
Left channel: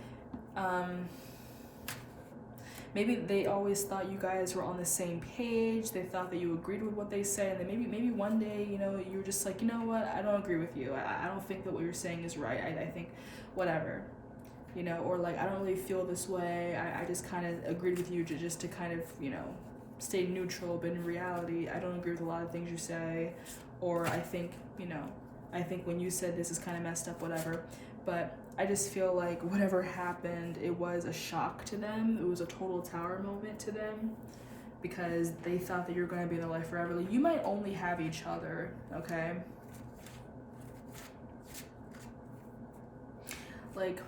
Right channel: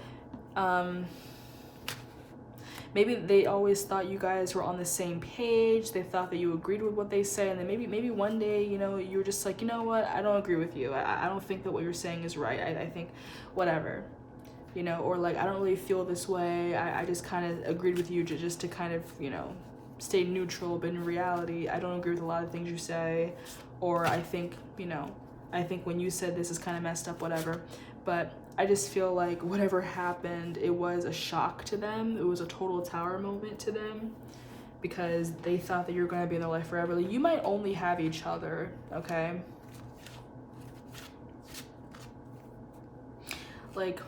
maybe they always thought you guys were on the same page. They thought that you agreed with what they say, and then maybe one day, you know, you were just like, you know what, I don't agree with you. I don't think that what you're saying is right. I think whatever, you know, or like, I don't really feel this way. I just kind of agreed with you just to kind of, you know, stay neutral, but in reality, I don't agree with a lot of things you say, or I think, you know, I think when you said this is kind of messed up, whatever. But I just feel like whatever happened, it was a shock to them. It was a total Tower moment to them because they thought that you're going to be in their life forever. Like, you might only have each other, okay? Like,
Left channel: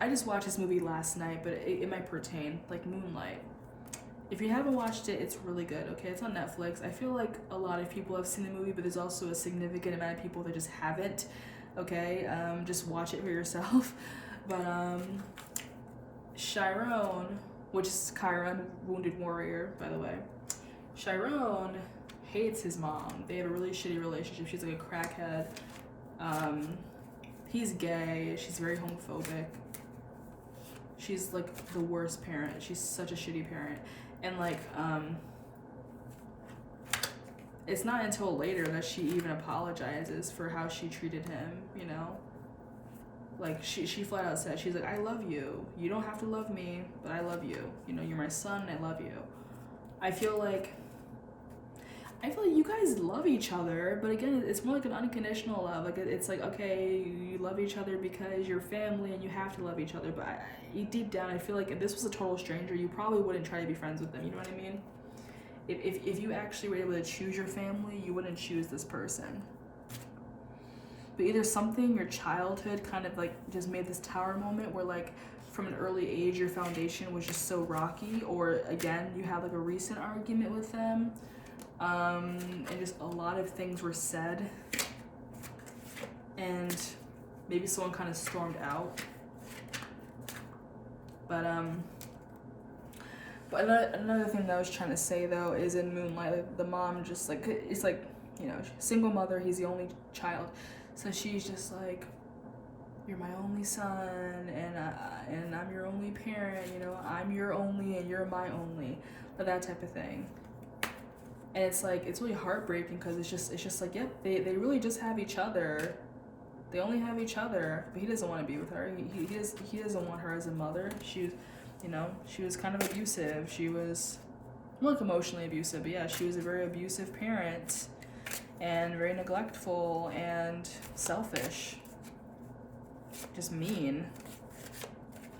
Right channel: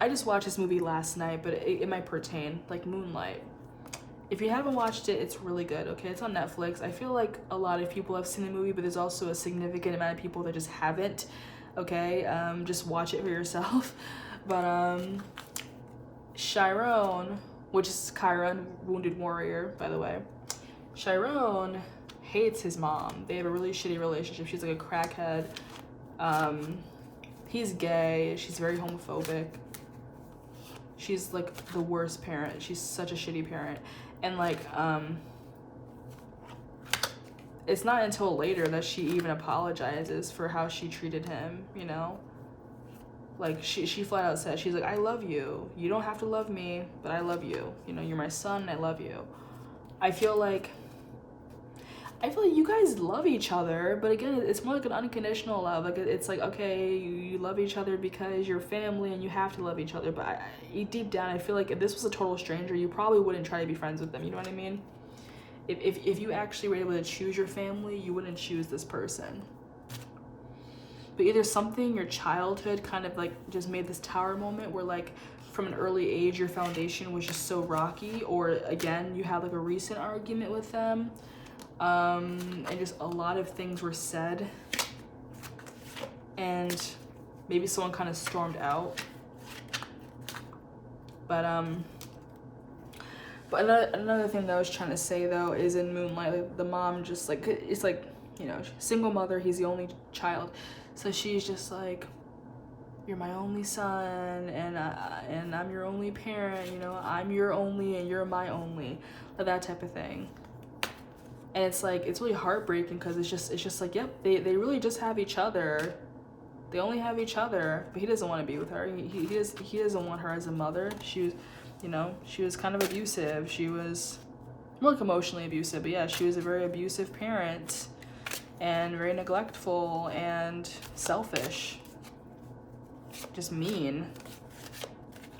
I just watched this movie last night, but it might pertain, like Moonlight. If you haven't watched it, it's really good, okay? It's on Netflix. I feel like a lot of people have seen the movie, but there's also a significant amount of people that just haven't, okay? Just watch it for yourself. But Chiron, which is Chiron, Wounded Warrior, by the way. Chiron hates his mom. They have a really shitty relationship. She's like a crackhead. He's gay. She's very homophobic. She's like the worst parent. She's such a shitty parent. And like, it's not until later that she even apologizes for how she treated him, you know? Like, she flat out said, she's like, I love you. You don't have to love me, but I love you. You know, you're my son, I love you. I feel like you guys love each other, but again, it's more like an unconditional love. Like, it's like, okay, you love each other because you're family and you have to love each other, but deep down, I feel like if this was a total stranger, you probably wouldn't try to be friends with them, you know what I mean? If you actually were able to choose your family, you wouldn't choose this person. But either something, your childhood kind of like just made this Tower moment where like from an early age, your foundation was just so rocky, or again, you had like a recent argument with them. And just a lot of things were said, and maybe someone kind of stormed out. But another thing that I was trying to say though is in Moonlight, like, the mom just like, it's like, you know, single mother, he's the only child, so she's just like, you're my only son, and I'm your only parent, you know, I'm your only and you're my only, like that type of thing. And it's like, it's really heartbreaking because it's just like, yep, they really just have each other. They only have each other, but he doesn't want to be with her. He doesn't want her as a mother. She was, you know, she was kind of abusive. She was, more like emotionally abusive, but yeah, she was a very abusive parent and very neglectful and selfish, just mean.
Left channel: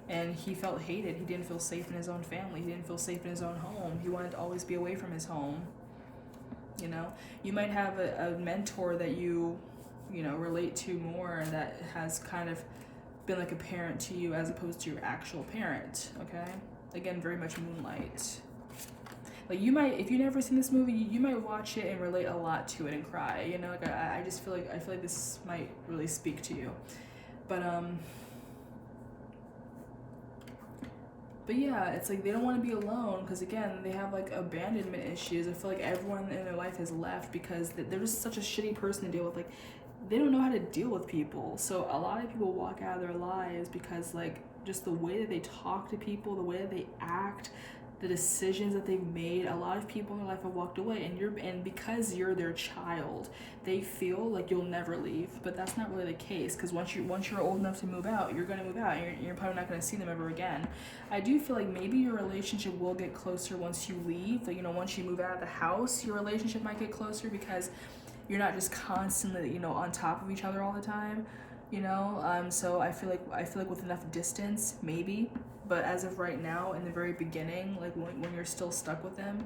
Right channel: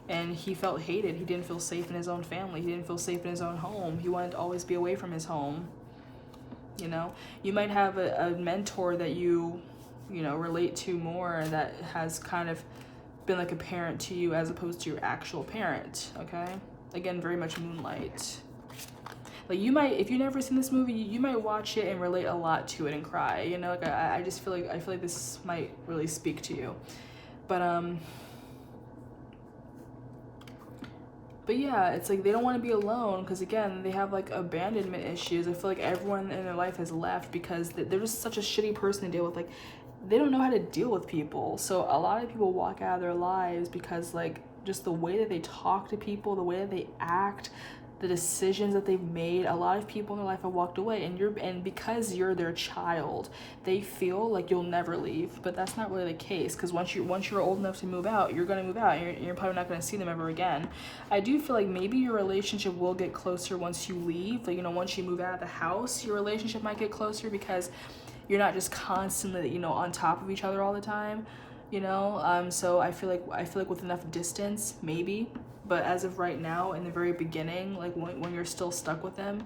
And he felt hated. He didn't feel safe in his own family. He didn't feel safe in his own home. He wanted to always be away from his home. You know, you might have a mentor that you know, relate to more, that has kind of been like a parent to you as opposed to your actual parent, okay? Again, very much Moonlight. Like, you might, if you've never seen this movie, you might watch it and relate a lot to it and cry, you know? Like, I just feel like this might really speak to you. But yeah, it's like they don't want to be alone because, again, they have like abandonment issues. I feel like everyone in their life has left because they're just such a shitty person to deal with. Like, they don't know how to deal with people. So a lot of people walk out of their lives because, like, just the way that they talk to people, the way that they act, the decisions that they've made. A lot of people in their life have walked away, and because you're their child, they feel like you'll never leave. But that's not really the case, because once you're old enough to move out, you're gonna move out, and you're probably not gonna see them ever again. I do feel like maybe your relationship will get closer once you leave. Like, you know, once you move out of the house, your relationship might get closer because you're not just constantly, you know, on top of each other all the time, you know. So I feel like with enough distance, maybe. But as of right now, in the very beginning, like when you're still stuck with them,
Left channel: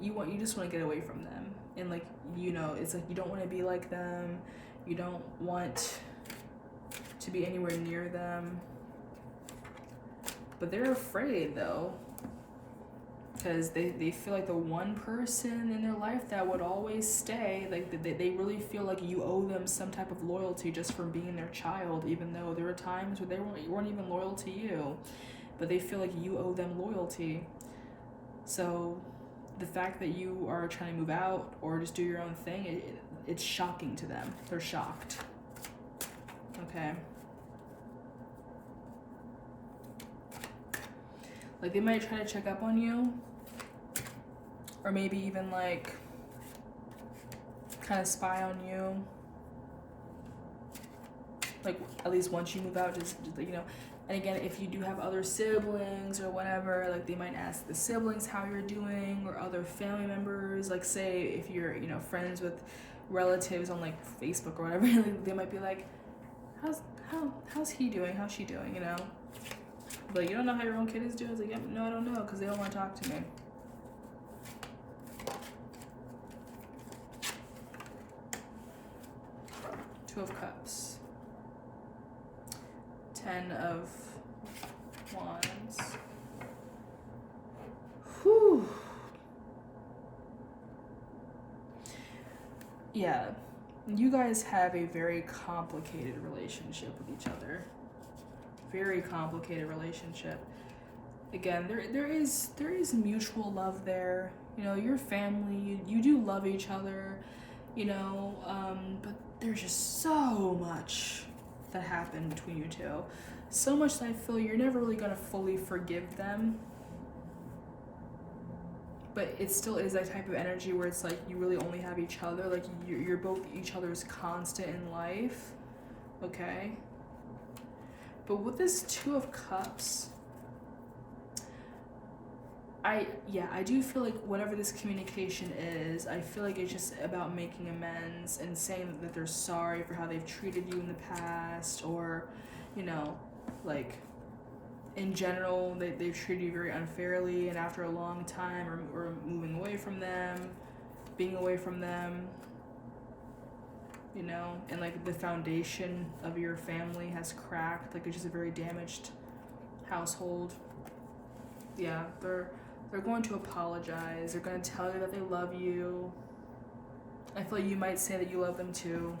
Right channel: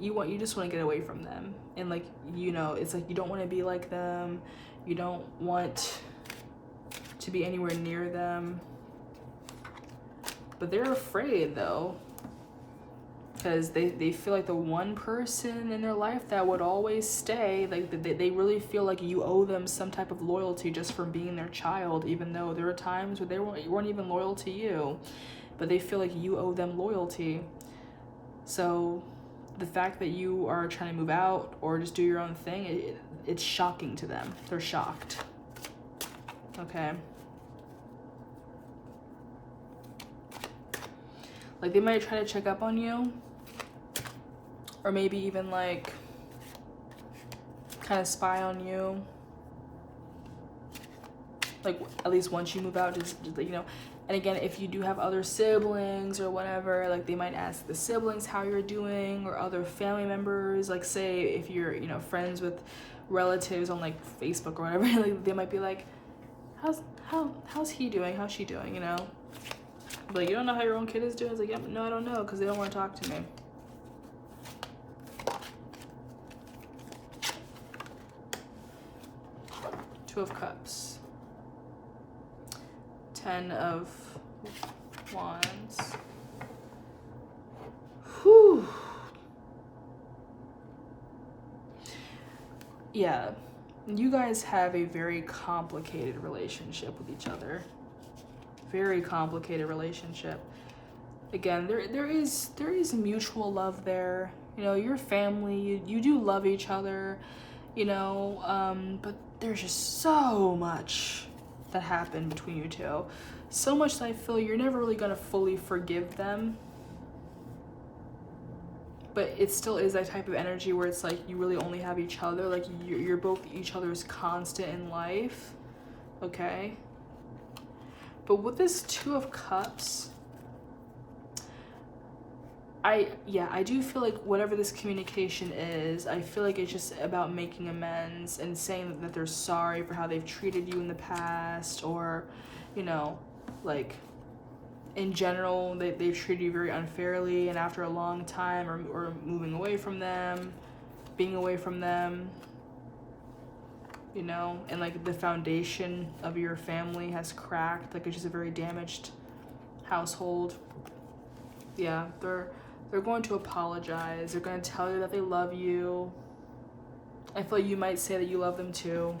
you just want to get away from them. And, like, you know, it's like you don't want to be like them. You don't want to be anywhere near them. But they're afraid, though, because they feel like the one person in their life that would always stay, like they really feel like you owe them some type of loyalty just for being their child, even though there are times where they weren't even loyal to you, but they feel like you owe them loyalty. So the fact that you are trying to move out or just do your own thing, it's shocking to them. They're shocked. Okay. Like, they might try to check up on you, or maybe even, like, kind of spy on you. Like, at least once you move out, just you know. And again, if you do have other siblings or whatever, like, they might ask the siblings how you're doing, or other family members. Like, say if you're, you know, friends with relatives on, like, Facebook or whatever, like, they might be like, how's he doing? How's she doing? You know. But you don't know how your own kid is doing? It's like, yeah, no, I don't know, because they don't want to talk to me. Two of Cups. 10 of Wands. Whew. Yeah, you guys have a very complicated relationship with each other. Very complicated relationship. Again, there is mutual love there. You know, your family, you do love each other, you know, but there's just so much that happened between you two. So much that I feel you're never really gonna fully forgive them. But it still is that type of energy where it's like you really only have each other. Like, you're both each other's constant in life. Okay? But with this Two of Cups, I do feel like whatever this communication is, I feel like it's just about making amends and saying that they're sorry for how they've treated you in the past, or, you know, like, in general, they've treated you very unfairly, and after a long time, or moving away from them, being away from them, you know, and, like, the foundation of your family has cracked. Like, it's just a very damaged household. Yeah, they're going to apologize. They're going to tell you that they love you. I feel like you might say that you love them too,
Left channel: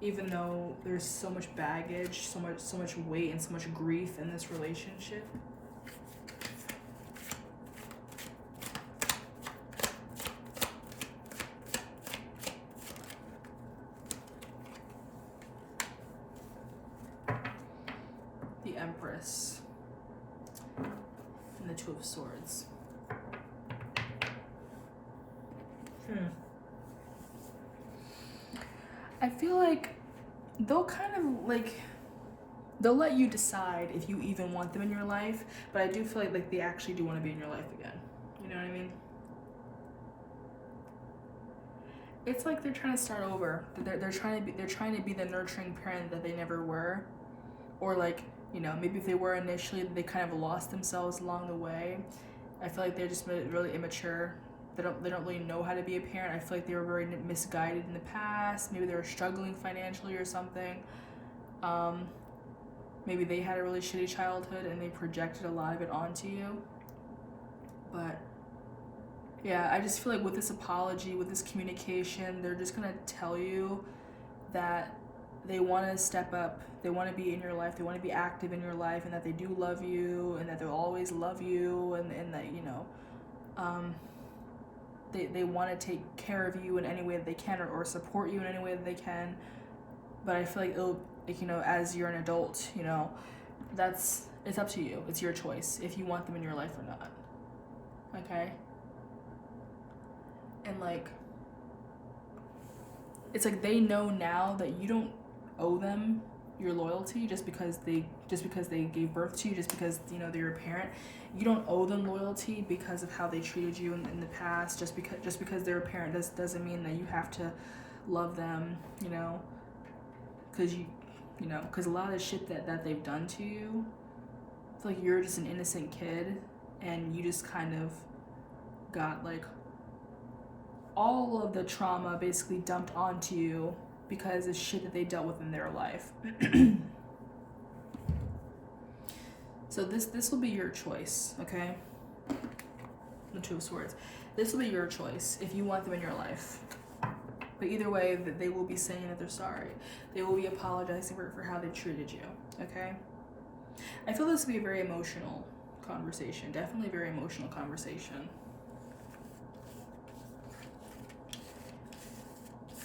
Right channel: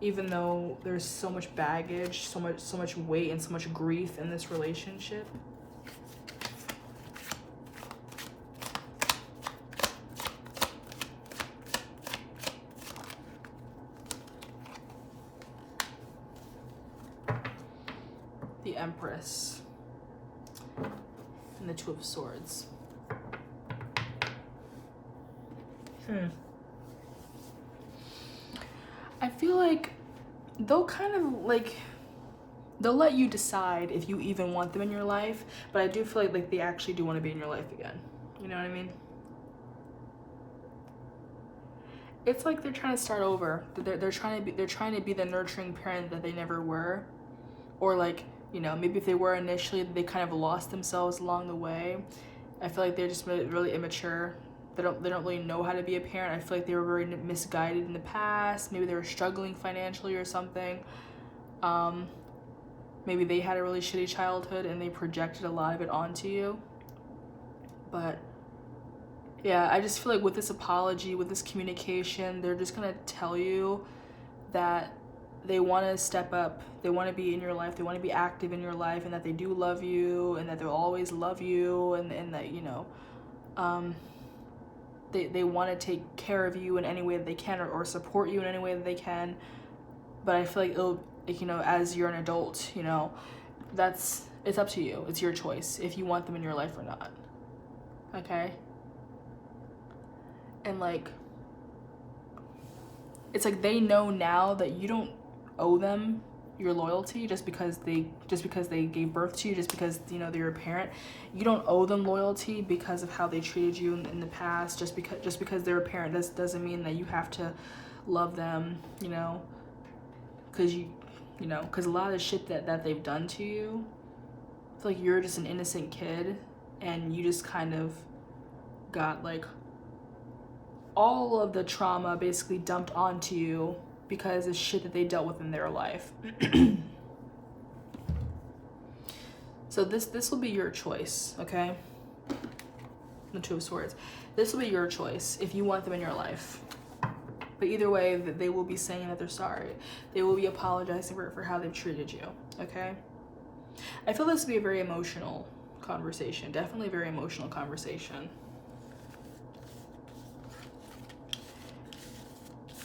even though there's so much baggage, so much weight, and so much grief in this relationship. Empress and the Two of Swords. I feel like they'll kind of like, they'll let you decide if you even want them in your life, but I do feel like they actually do want to be in your life again. You know what I mean? It's like they're trying to start over. They're trying to be the nurturing parent that they never were, or like, you know, maybe if they were initially, they kind of lost themselves along the way. I feel like they're just really immature. They don't really know how to be a parent. I feel like they were very misguided in the past. Maybe they were struggling financially or something. Maybe they had a really shitty childhood and they projected a lot of it onto you. But yeah, I just feel like with this apology, with this communication, they're just gonna tell you that they want to step up, they want to be in your life, they want to be active in your life, and that they do love you, and that they'll always love you, and that, you know, they want to take care of you in any way that they can, or support you in any way that they can. But I feel like it'll, like, you know, as you're an adult, you know, it's up to you. It's your choice if you want them in your life or not. Okay? And like, it's like they know now that you don't owe them your loyalty just because they gave birth to you, just because, you know, they're your parent. You don't owe them loyalty because of how they treated you in the past. Just because they're a parent doesn't mean that you have to love them, you know, because because a lot of the shit that they've done to you, it's like you're just an innocent kid and you just kind of got like all of the trauma basically dumped onto you because of shit that they dealt with in their life. So this will be your choice, okay? The Two of Swords. This will be your choice if you want them in your life. But either way, they will be saying that they're sorry. They will be apologizing for how they've treated you, okay? I feel this will be a very emotional conversation. Definitely a very emotional conversation.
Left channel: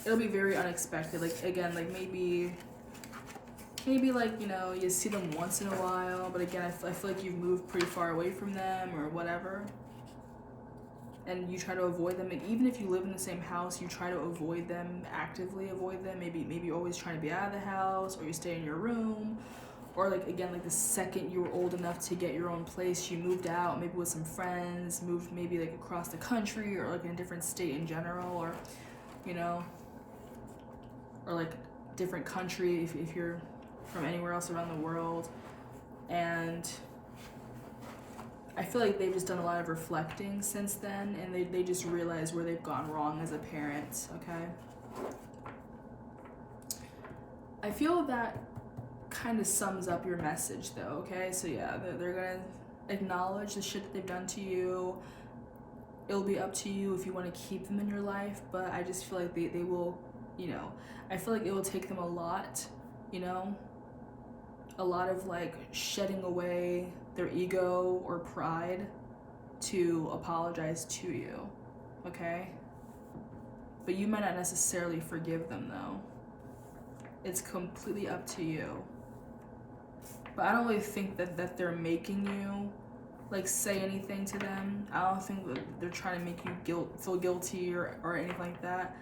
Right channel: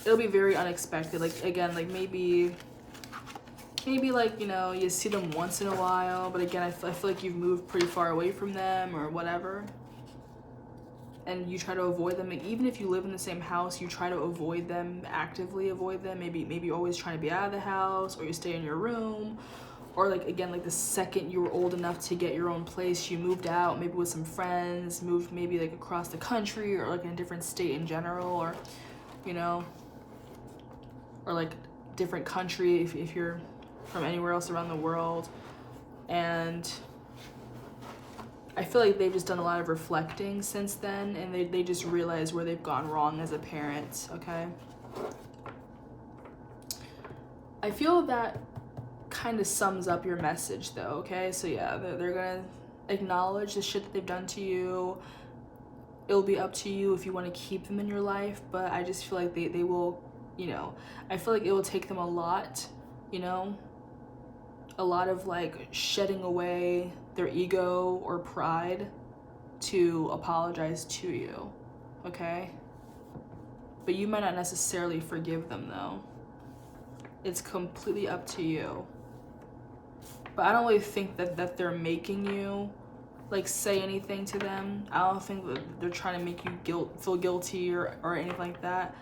It'll be very unexpected. Like, again, like maybe like, you know, you see them once in a while, but again, I feel like you've moved pretty far away from them or whatever. And you try to avoid them. Like, even if you live in the same house, you try to avoid them, actively avoid them. Maybe you're always trying to be out of the house, or you stay in your room. Or like, again, like the second you were old enough to get your own place, you moved out, maybe with some friends, moved maybe like across the country or like in a different state in general, or, you know, or like different country if you're from anywhere else around the world. And I feel like they've just done a lot of reflecting since then, and they just realize where they've gone wrong as a parent, okay? I feel that kind of sums up your message though, okay? So yeah, they're gonna acknowledge the shit that they've done to you. It'll be up to you if you want to keep them in your life, but I just feel like they will, you know, I feel like it will take them a lot, you know, a lot of like shedding away their ego or pride to apologize to you, okay? But you might not necessarily forgive them though. It's completely up to you. But I don't really think that they're making you like say anything to them. I don't think that they're trying to make you feel guilty or anything like that.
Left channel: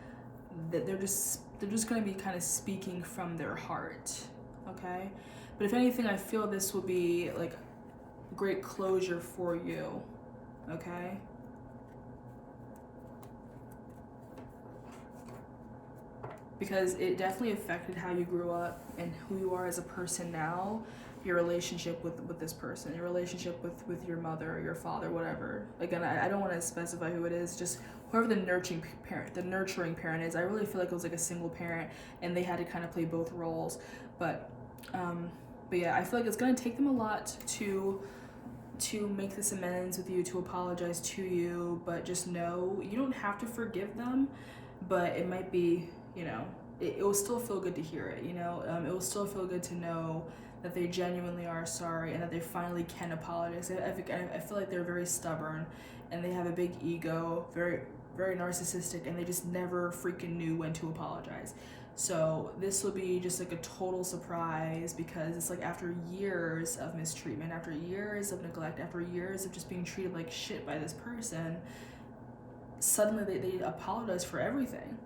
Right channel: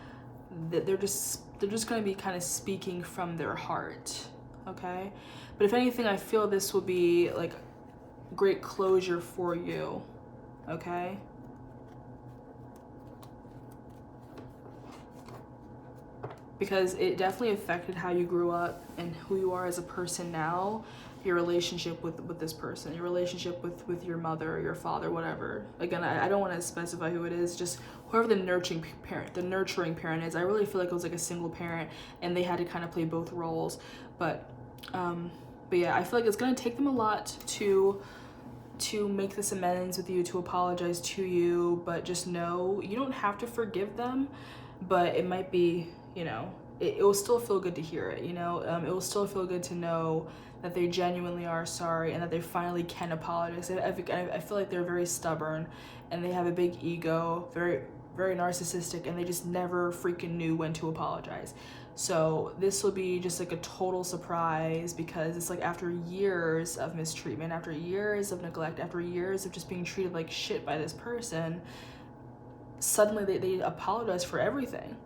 That they're just gonna be kind of speaking from their heart, okay? But if anything, I feel this will be like great closure for you, okay? Because it definitely affected how you grew up and who you are as a person now, your relationship with this person, your relationship with your mother or your father, whatever. Again, I don't want to specify who it is, just whoever the nurturing parent is. I really feel like it was like a single parent and they had to kind of play both roles. But yeah, I feel like it's gonna take them a lot to make this amends with you, to apologize to you, but just know you don't have to forgive them, but it might be, you know, it will still feel good to hear it, you know. It will still feel good to know that they genuinely are sorry and that they finally can apologize. I feel like they're very stubborn and they have a big ego, very, very narcissistic, and they just never freaking knew when to apologize. So this will be just like a total surprise, because it's like after years of mistreatment, after years of neglect, after years of just being treated like shit by this person, suddenly they apologize for everything.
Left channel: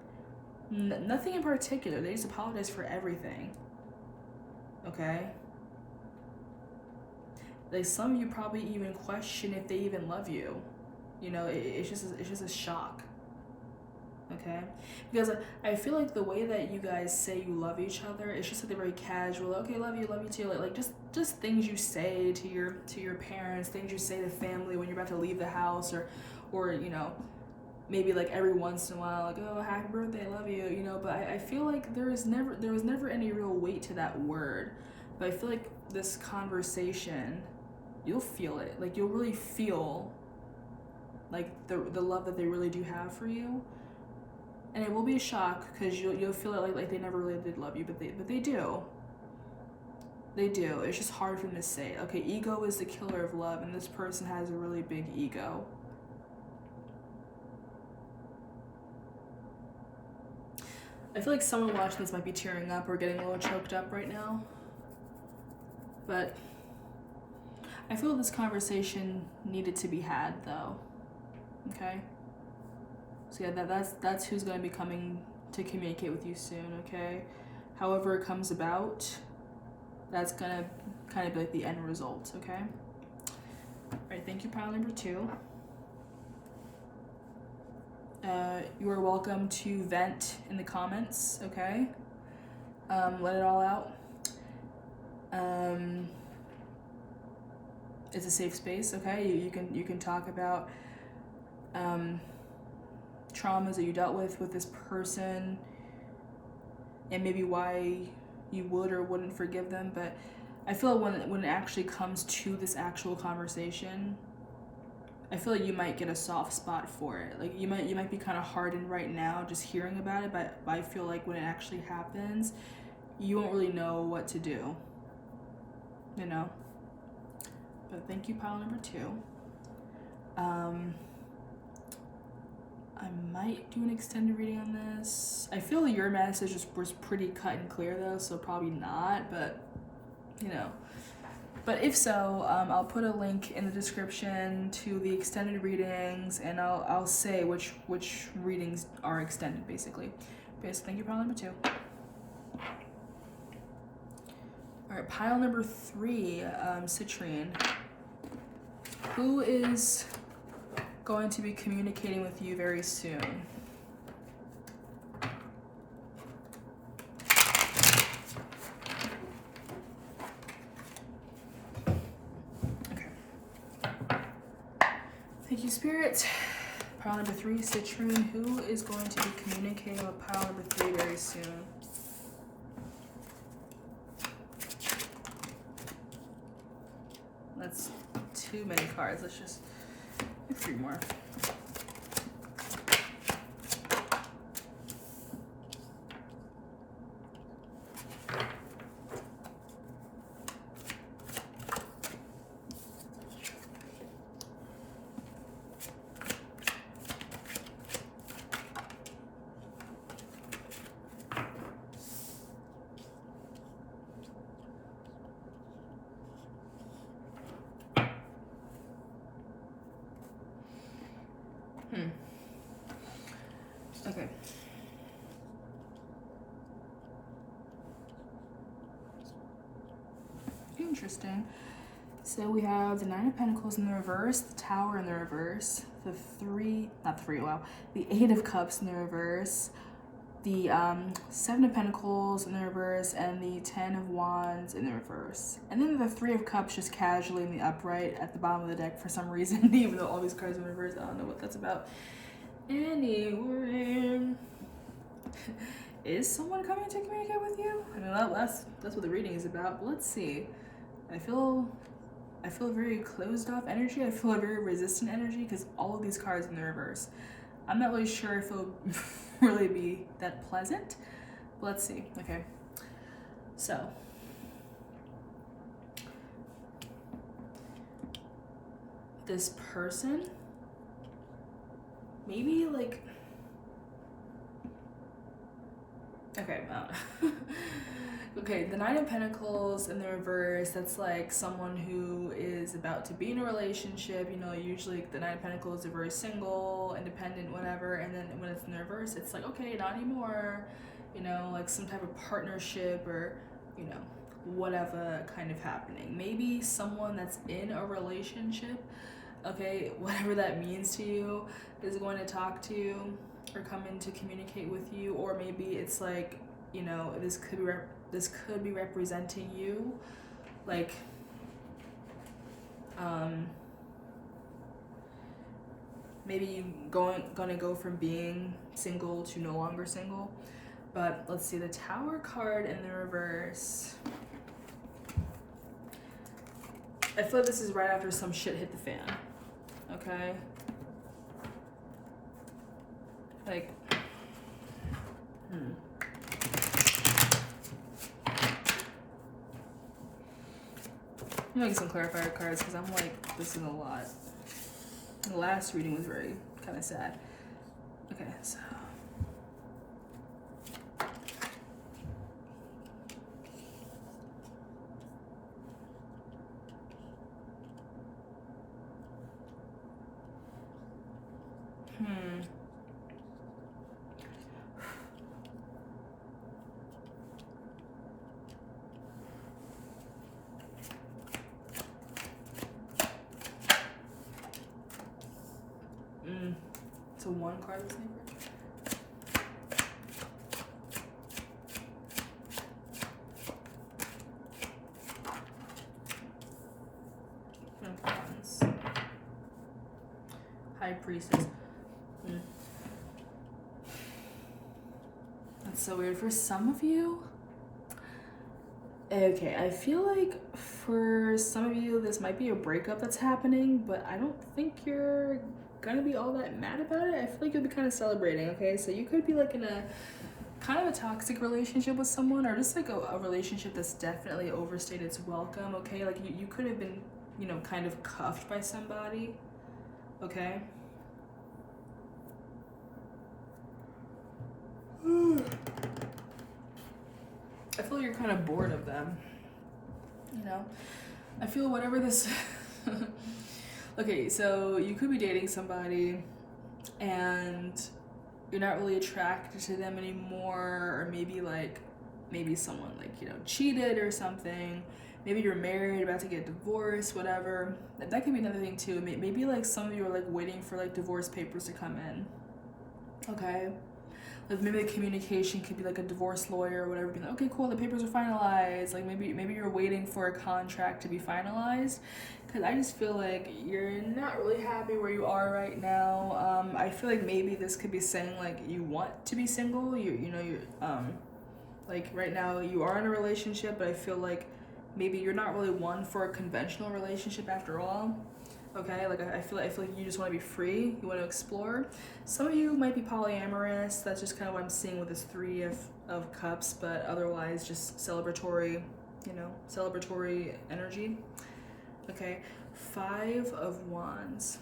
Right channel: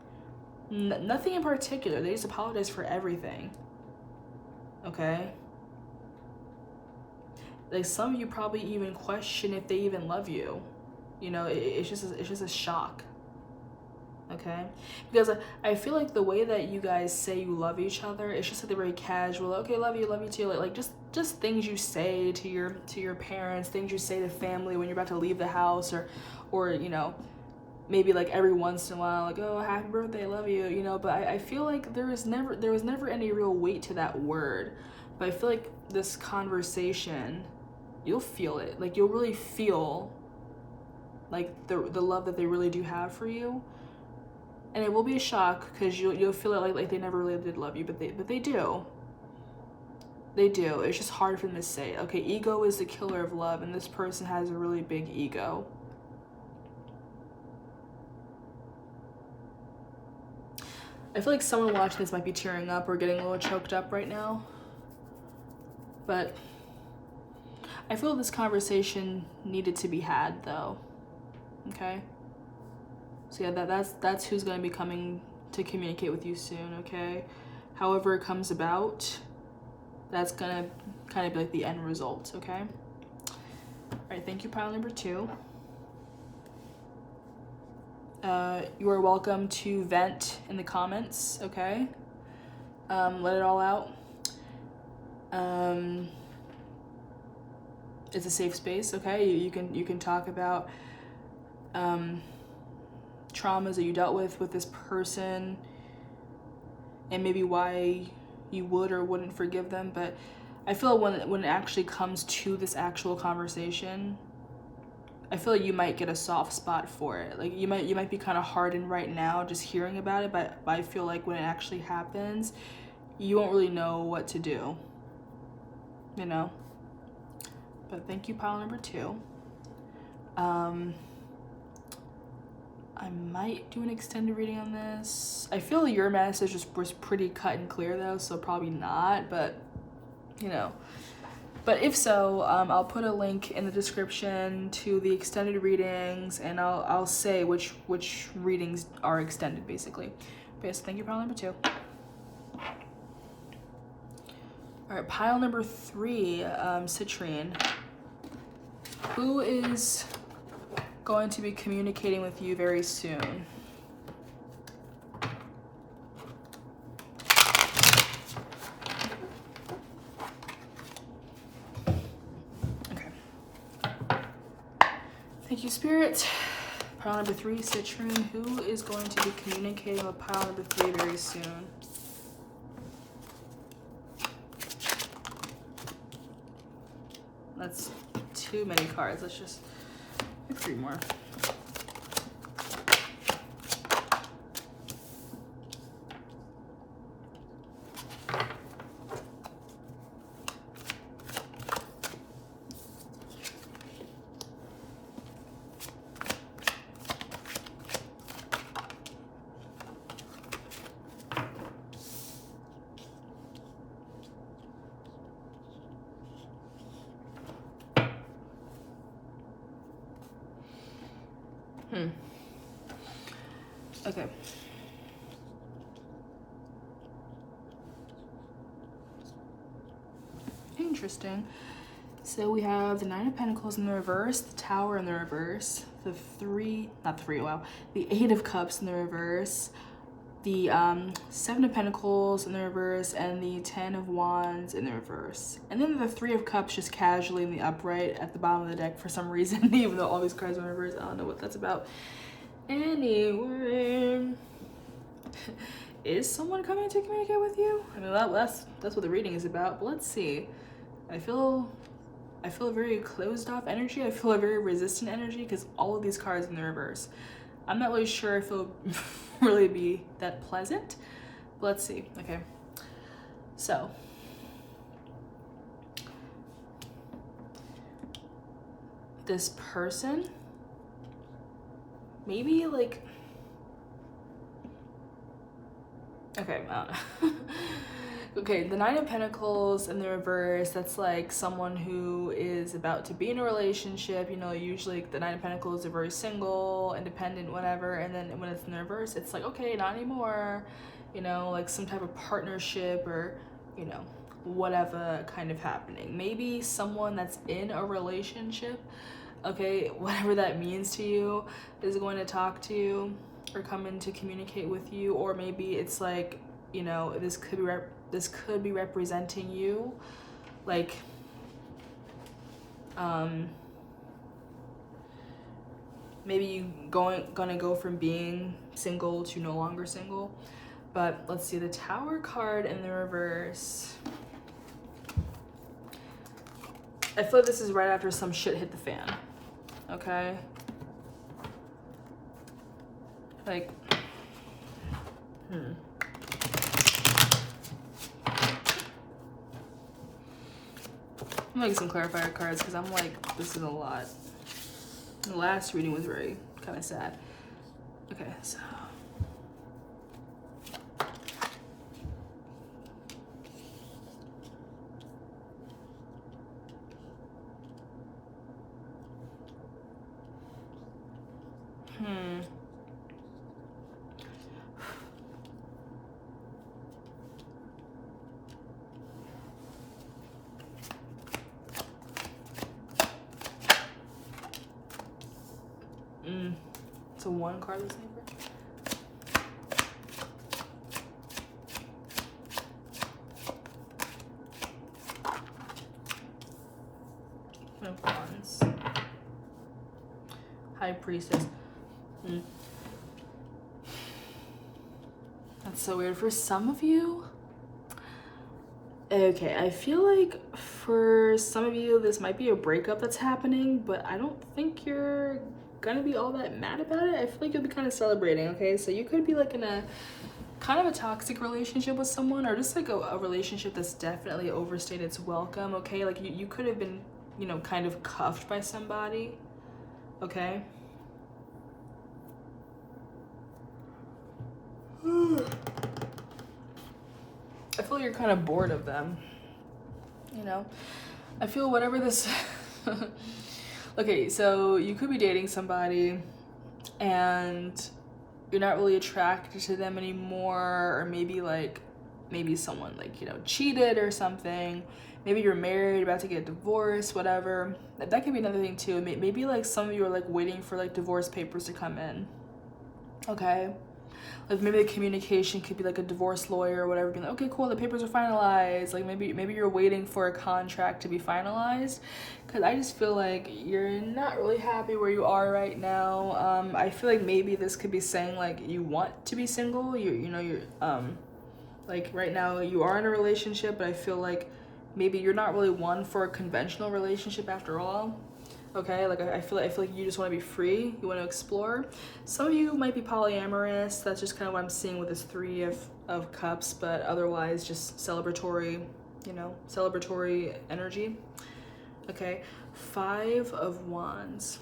Nothing in particular, they just apologize for everything. Okay? Like, some of you probably even question if they even love you. You know, it's just a shock. Okay? Because I feel like the way that you guys say you love each other, it's just like very casual. Okay, love you too. Like just things you say to your parents, things you say to family when you're about to leave the house, or you know, maybe like every once in a while, like, oh, happy birthday, love you, you know. But I feel like there was never any real weight to that word. But I feel like this conversation, you'll feel it. Like, you'll really feel like the love that they really do have for you. And it will be a shock, because you'll feel it like they never really did love you, but they do. They do. It's just hard for them to say. Okay, ego is the killer of love, and this person has a really big ego. I feel like someone watching this might be tearing up or getting a little choked up right now. But I feel this conversation needed to be had, though. Okay? So yeah, that's who's going to be coming to communicate with you soon, okay? However it comes about, that's going to kind of be like the end result, okay? All right, thank you, pile number 2. You are welcome to vent in the comments, okay? Let it all out. It's a safe space, okay? You can talk about traumas that you dealt with this person, and maybe why you would or wouldn't forgive them. But I feel like when it actually comes to this actual conversation, I feel like you might get a soft spot for it. Like, you might be kind of hardened right now just hearing about it, but I feel like when it actually happens, you won't really know what to do, you know? But thank you, pile number 2. I might do an extended reading on this. I feel your message was pretty cut and clear, though, so probably not, but, you know. But if so, I'll put a link in the description to the extended readings, and I'll say which readings are extended, basically. Okay, so thank you, pile number 2. All right, pile number 3, Citrine. Who is going to be communicating with you very soon? Okay. Thank you, Spirit. Pile number 3, Citrine. Who is going to be communicating with pile number 3 very soon? That's too many cards. Let's just pick 3 more. Okay. Interesting. So we have the 9 of Pentacles in the reverse, the Tower in the reverse, the 8 of Cups in the reverse, the 7 of Pentacles in the reverse, and the 10 of Wands in the reverse. And then the 3 of Cups just casually in the upright at the bottom of the deck for some reason, even though all these cards are in reverse. I don't know what that's about. Anyway, is someone coming to communicate with you? I mean, that's what the reading is about, but let's see. I feel a very closed off energy. I feel a very resistant energy because all of these cards in the reverse. I'm not really sure if it'll really be that pleasant, but let's see. Okay, so this person, maybe like, Okay, okay, the Nine of Pentacles in the reverse, that's like someone who is about to be in a relationship. You know, usually the Nine of Pentacles are very single, independent, whatever. And then when it's in the reverse, it's like, okay, not anymore. You know, like some type of partnership or, you know, whatever kind of happening. Maybe someone that's in a relationship, okay, whatever that means to you, is going to talk to you or come in to communicate with you. Or maybe it's like, you know, this could be representing you, like maybe you gonna go from being single to no longer single. But let's see, the Tower card in the reverse, I feel like this is right after some shit hit the fan. Okay, like I'm making some clarifier cards because I'm like, this is a lot. The last reading was very kind of sad. Okay, so it's a one cardless neighbor. Of Wands. High Priestess. That's so weird. For some of you, okay, I feel like for some of you, this might be a breakup that's happening, but I don't think you're gonna be all that mad about it. I feel like you'll be kind of celebrating, okay? So you could be like in a kind of a toxic relationship with someone, or just like a relationship that's definitely overstayed its welcome, okay? Like you could have been, you know, kind of cuffed by somebody, okay? I feel like you're kind of bored of them, you know? I feel whatever this... Okay, so you could be dating somebody and you're not really attracted to them anymore, or maybe someone like, you know, cheated or something. Maybe you're married, about to get divorced, whatever. That could be another thing too. Maybe like some of you are like waiting for like divorce papers to come in, okay? Like maybe the communication could be like a divorce lawyer or whatever, being like, okay, cool, the papers are finalized. Like maybe you're waiting for a contract to be finalized, because I just feel like you're not really happy where you are right now. I feel like maybe this could be saying like you want to be single. You're like right now you are in a relationship, but I feel like maybe you're not really one for a conventional relationship after all. Okay, like I feel like you just want to be free, you want to explore. Some of you might be polyamorous. That's just kind of what I'm seeing with this Three of Cups, but otherwise just celebratory, you know, celebratory energy. Okay, Five of Wands.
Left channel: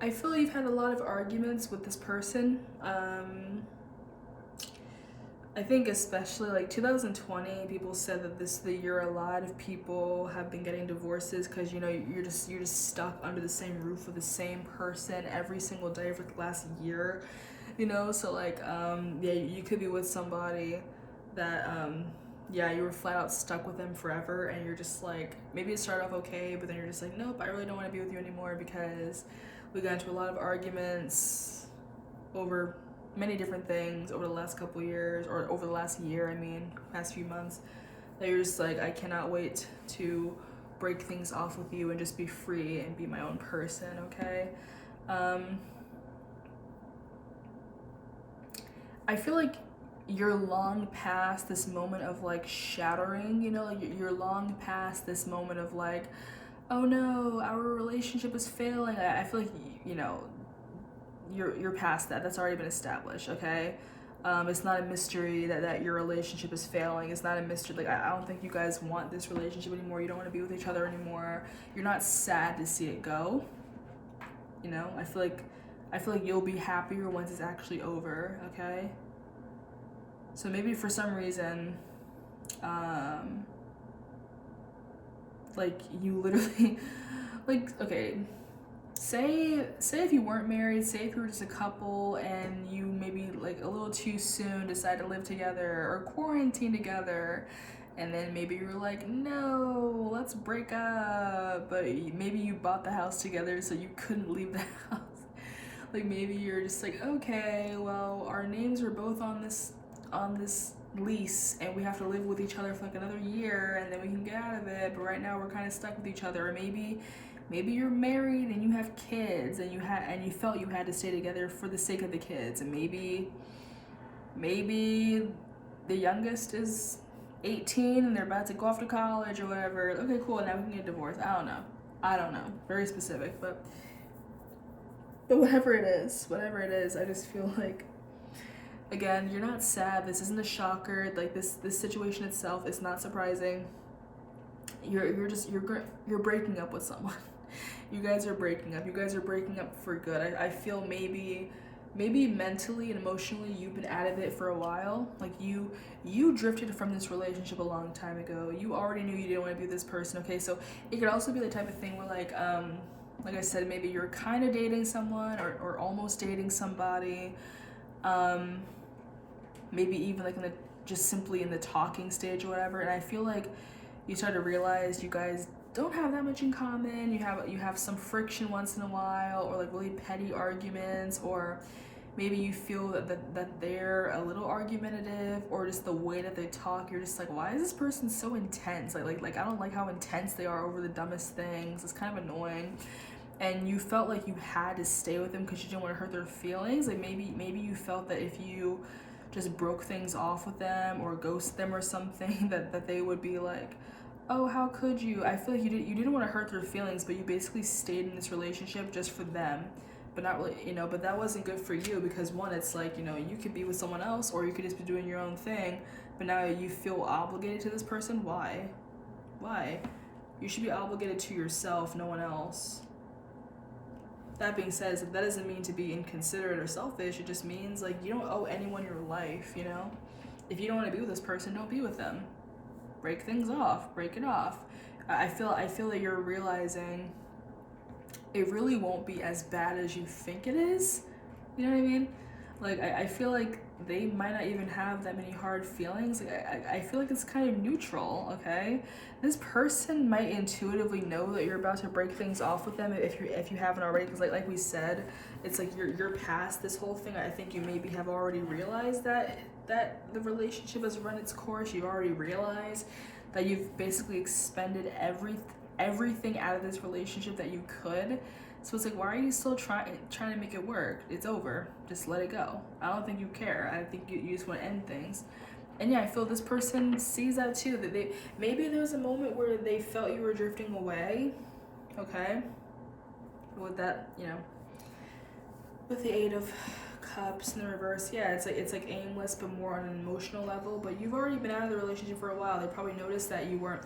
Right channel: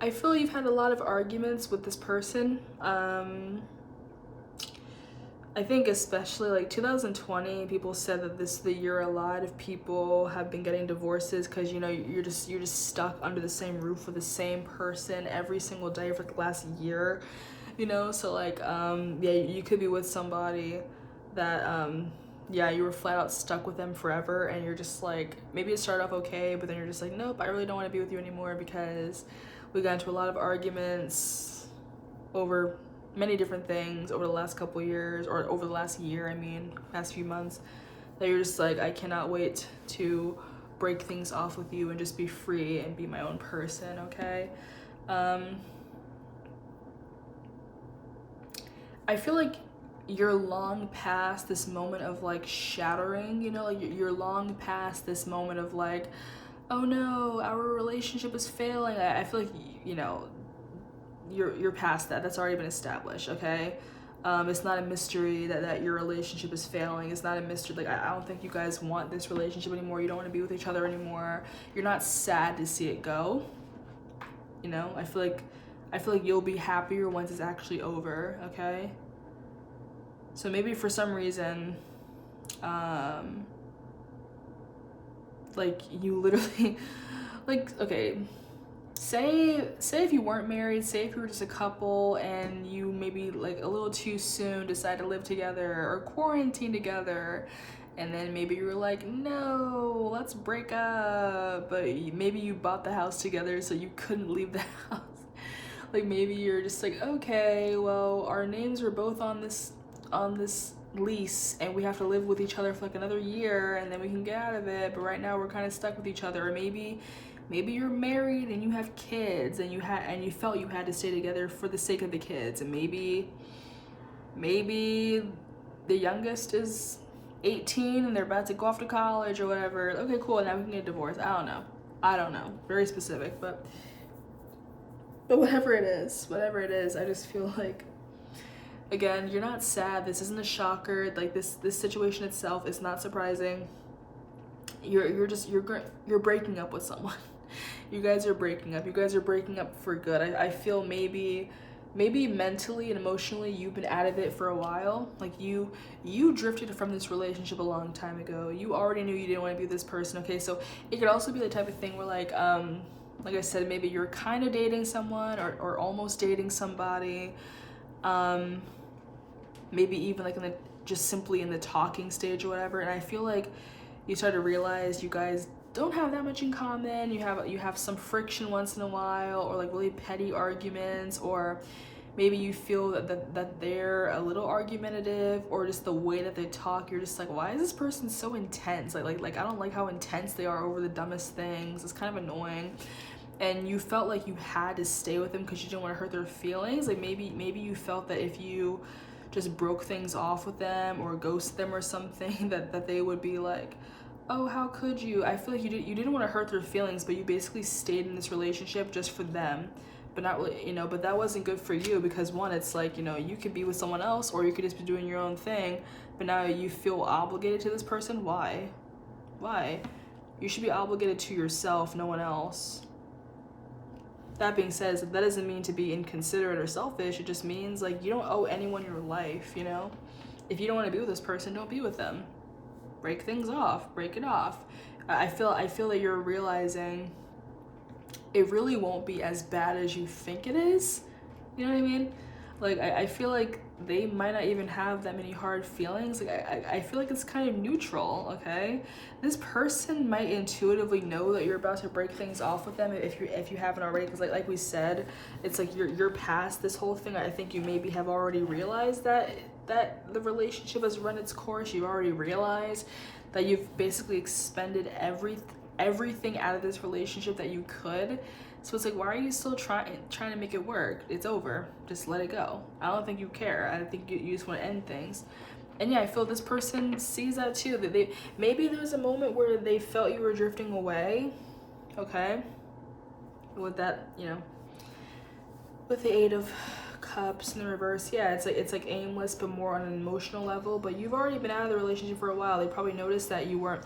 I feel you've had a lot of arguments with this person. I think especially like 2020, people said that this is the year a lot of people have been getting divorces because, you know, you're just stuck under the same roof with the same person every single day for the last year, you know. So like yeah, you could be with somebody that yeah, you were flat out stuck with them forever, and you're just like, maybe it started off okay, but then you're just like, nope, I really don't want to be with you anymore because we got into a lot of arguments over many different things over the last couple years, or over the last year, I mean, past few months, that you're just like, I cannot wait to break things off with you and just be free and be my own person, okay? I feel like you're long past this moment of like shattering, you know, like you're long past this moment of like, oh no, our relationship is failing. I feel like, you know, you're past that. That's already been established, okay? It's not a mystery that your relationship is failing. It's not a mystery. Like, I don't think you guys want this relationship anymore. You don't want to be with each other anymore. You're not sad to see it go. You know, I feel like I feel like you'll be happier once it's actually over, okay? So maybe for some reason, like you literally, like, okay, say if you weren't married, say if you were just a couple and you maybe like a little too soon decide to live together or quarantine together, and then maybe you were like, no, let's break up, but maybe you bought the house together so you couldn't leave the house. Like maybe you're just like, okay, well, our names are both on this lease and we have to live with each other for like another year and then we can get out of it, but right now we're kind of stuck with each other. Or maybe you're married and you have kids and you felt you had to stay together for the sake of the kids, and maybe the youngest is 18 and they're about to go off to college or whatever. Okay, cool, now we can get divorced. I don't know, very specific, but whatever it is, I just feel like, again, you're not sad. This isn't a shocker. Like this situation itself is not surprising. You're breaking up with someone. You guys are breaking up. You guys are breaking up for good. I feel maybe mentally and emotionally you've been out of it for a while. Like you drifted from this relationship a long time ago. You already knew you didn't want to be with this person. Okay, so it could also be the type of thing where like I said, maybe you're kind of dating someone or almost dating somebody. Maybe even like just simply in the talking stage or whatever. And I feel like you start to realize you guys don't have that much in common. You have some friction once in a while, or like really petty arguments, or maybe you feel that they're a little argumentative, or just the way that they talk, you're just like, why is this person so intense? Like I don't like how intense they are over the dumbest things. It's kind of annoying. And you felt like you had to stay with them because you didn't want to hurt their feelings. Like maybe you felt that if you just broke things off with them or ghost them or something, that they would be like, oh, how could you? I feel like you didn't want to hurt their feelings, but you basically stayed in this relationship just for them, but not really, but that wasn't good for you, because one, it's like, you could be with someone else or you could just be doing your own thing, but now you feel obligated to this person. Why? You should be obligated to yourself, no one else. That being said, that doesn't mean to be inconsiderate or selfish. It just means like you don't owe anyone your life, If you don't want to be with this person, don't be with them. Break things off, break it off. I feel that you're realizing it really won't be as bad as you think it is. You know what I mean? Like I feel like they might not even have that many hard feelings. Like I feel like it's kind of neutral, okay? This person might intuitively know that you're about to break things off with them if you haven't already, because like we said, it's like you're past this whole thing. I think you maybe have already realized that the relationship has run its course. You've already realized that you've basically expended everything out of this relationship that you could. So it's like, why are you still trying to make it work? It's over. Just let it go. I don't think you care. I think you just want to end things. And yeah, I feel this person sees that too. That maybe there's a moment where they felt you were drifting away. Okay. With that, with the 8 of Cups in the reverse, yeah, it's like aimless, but more on an emotional level. But you've already been out of the relationship for a while. They probably noticed that you weren't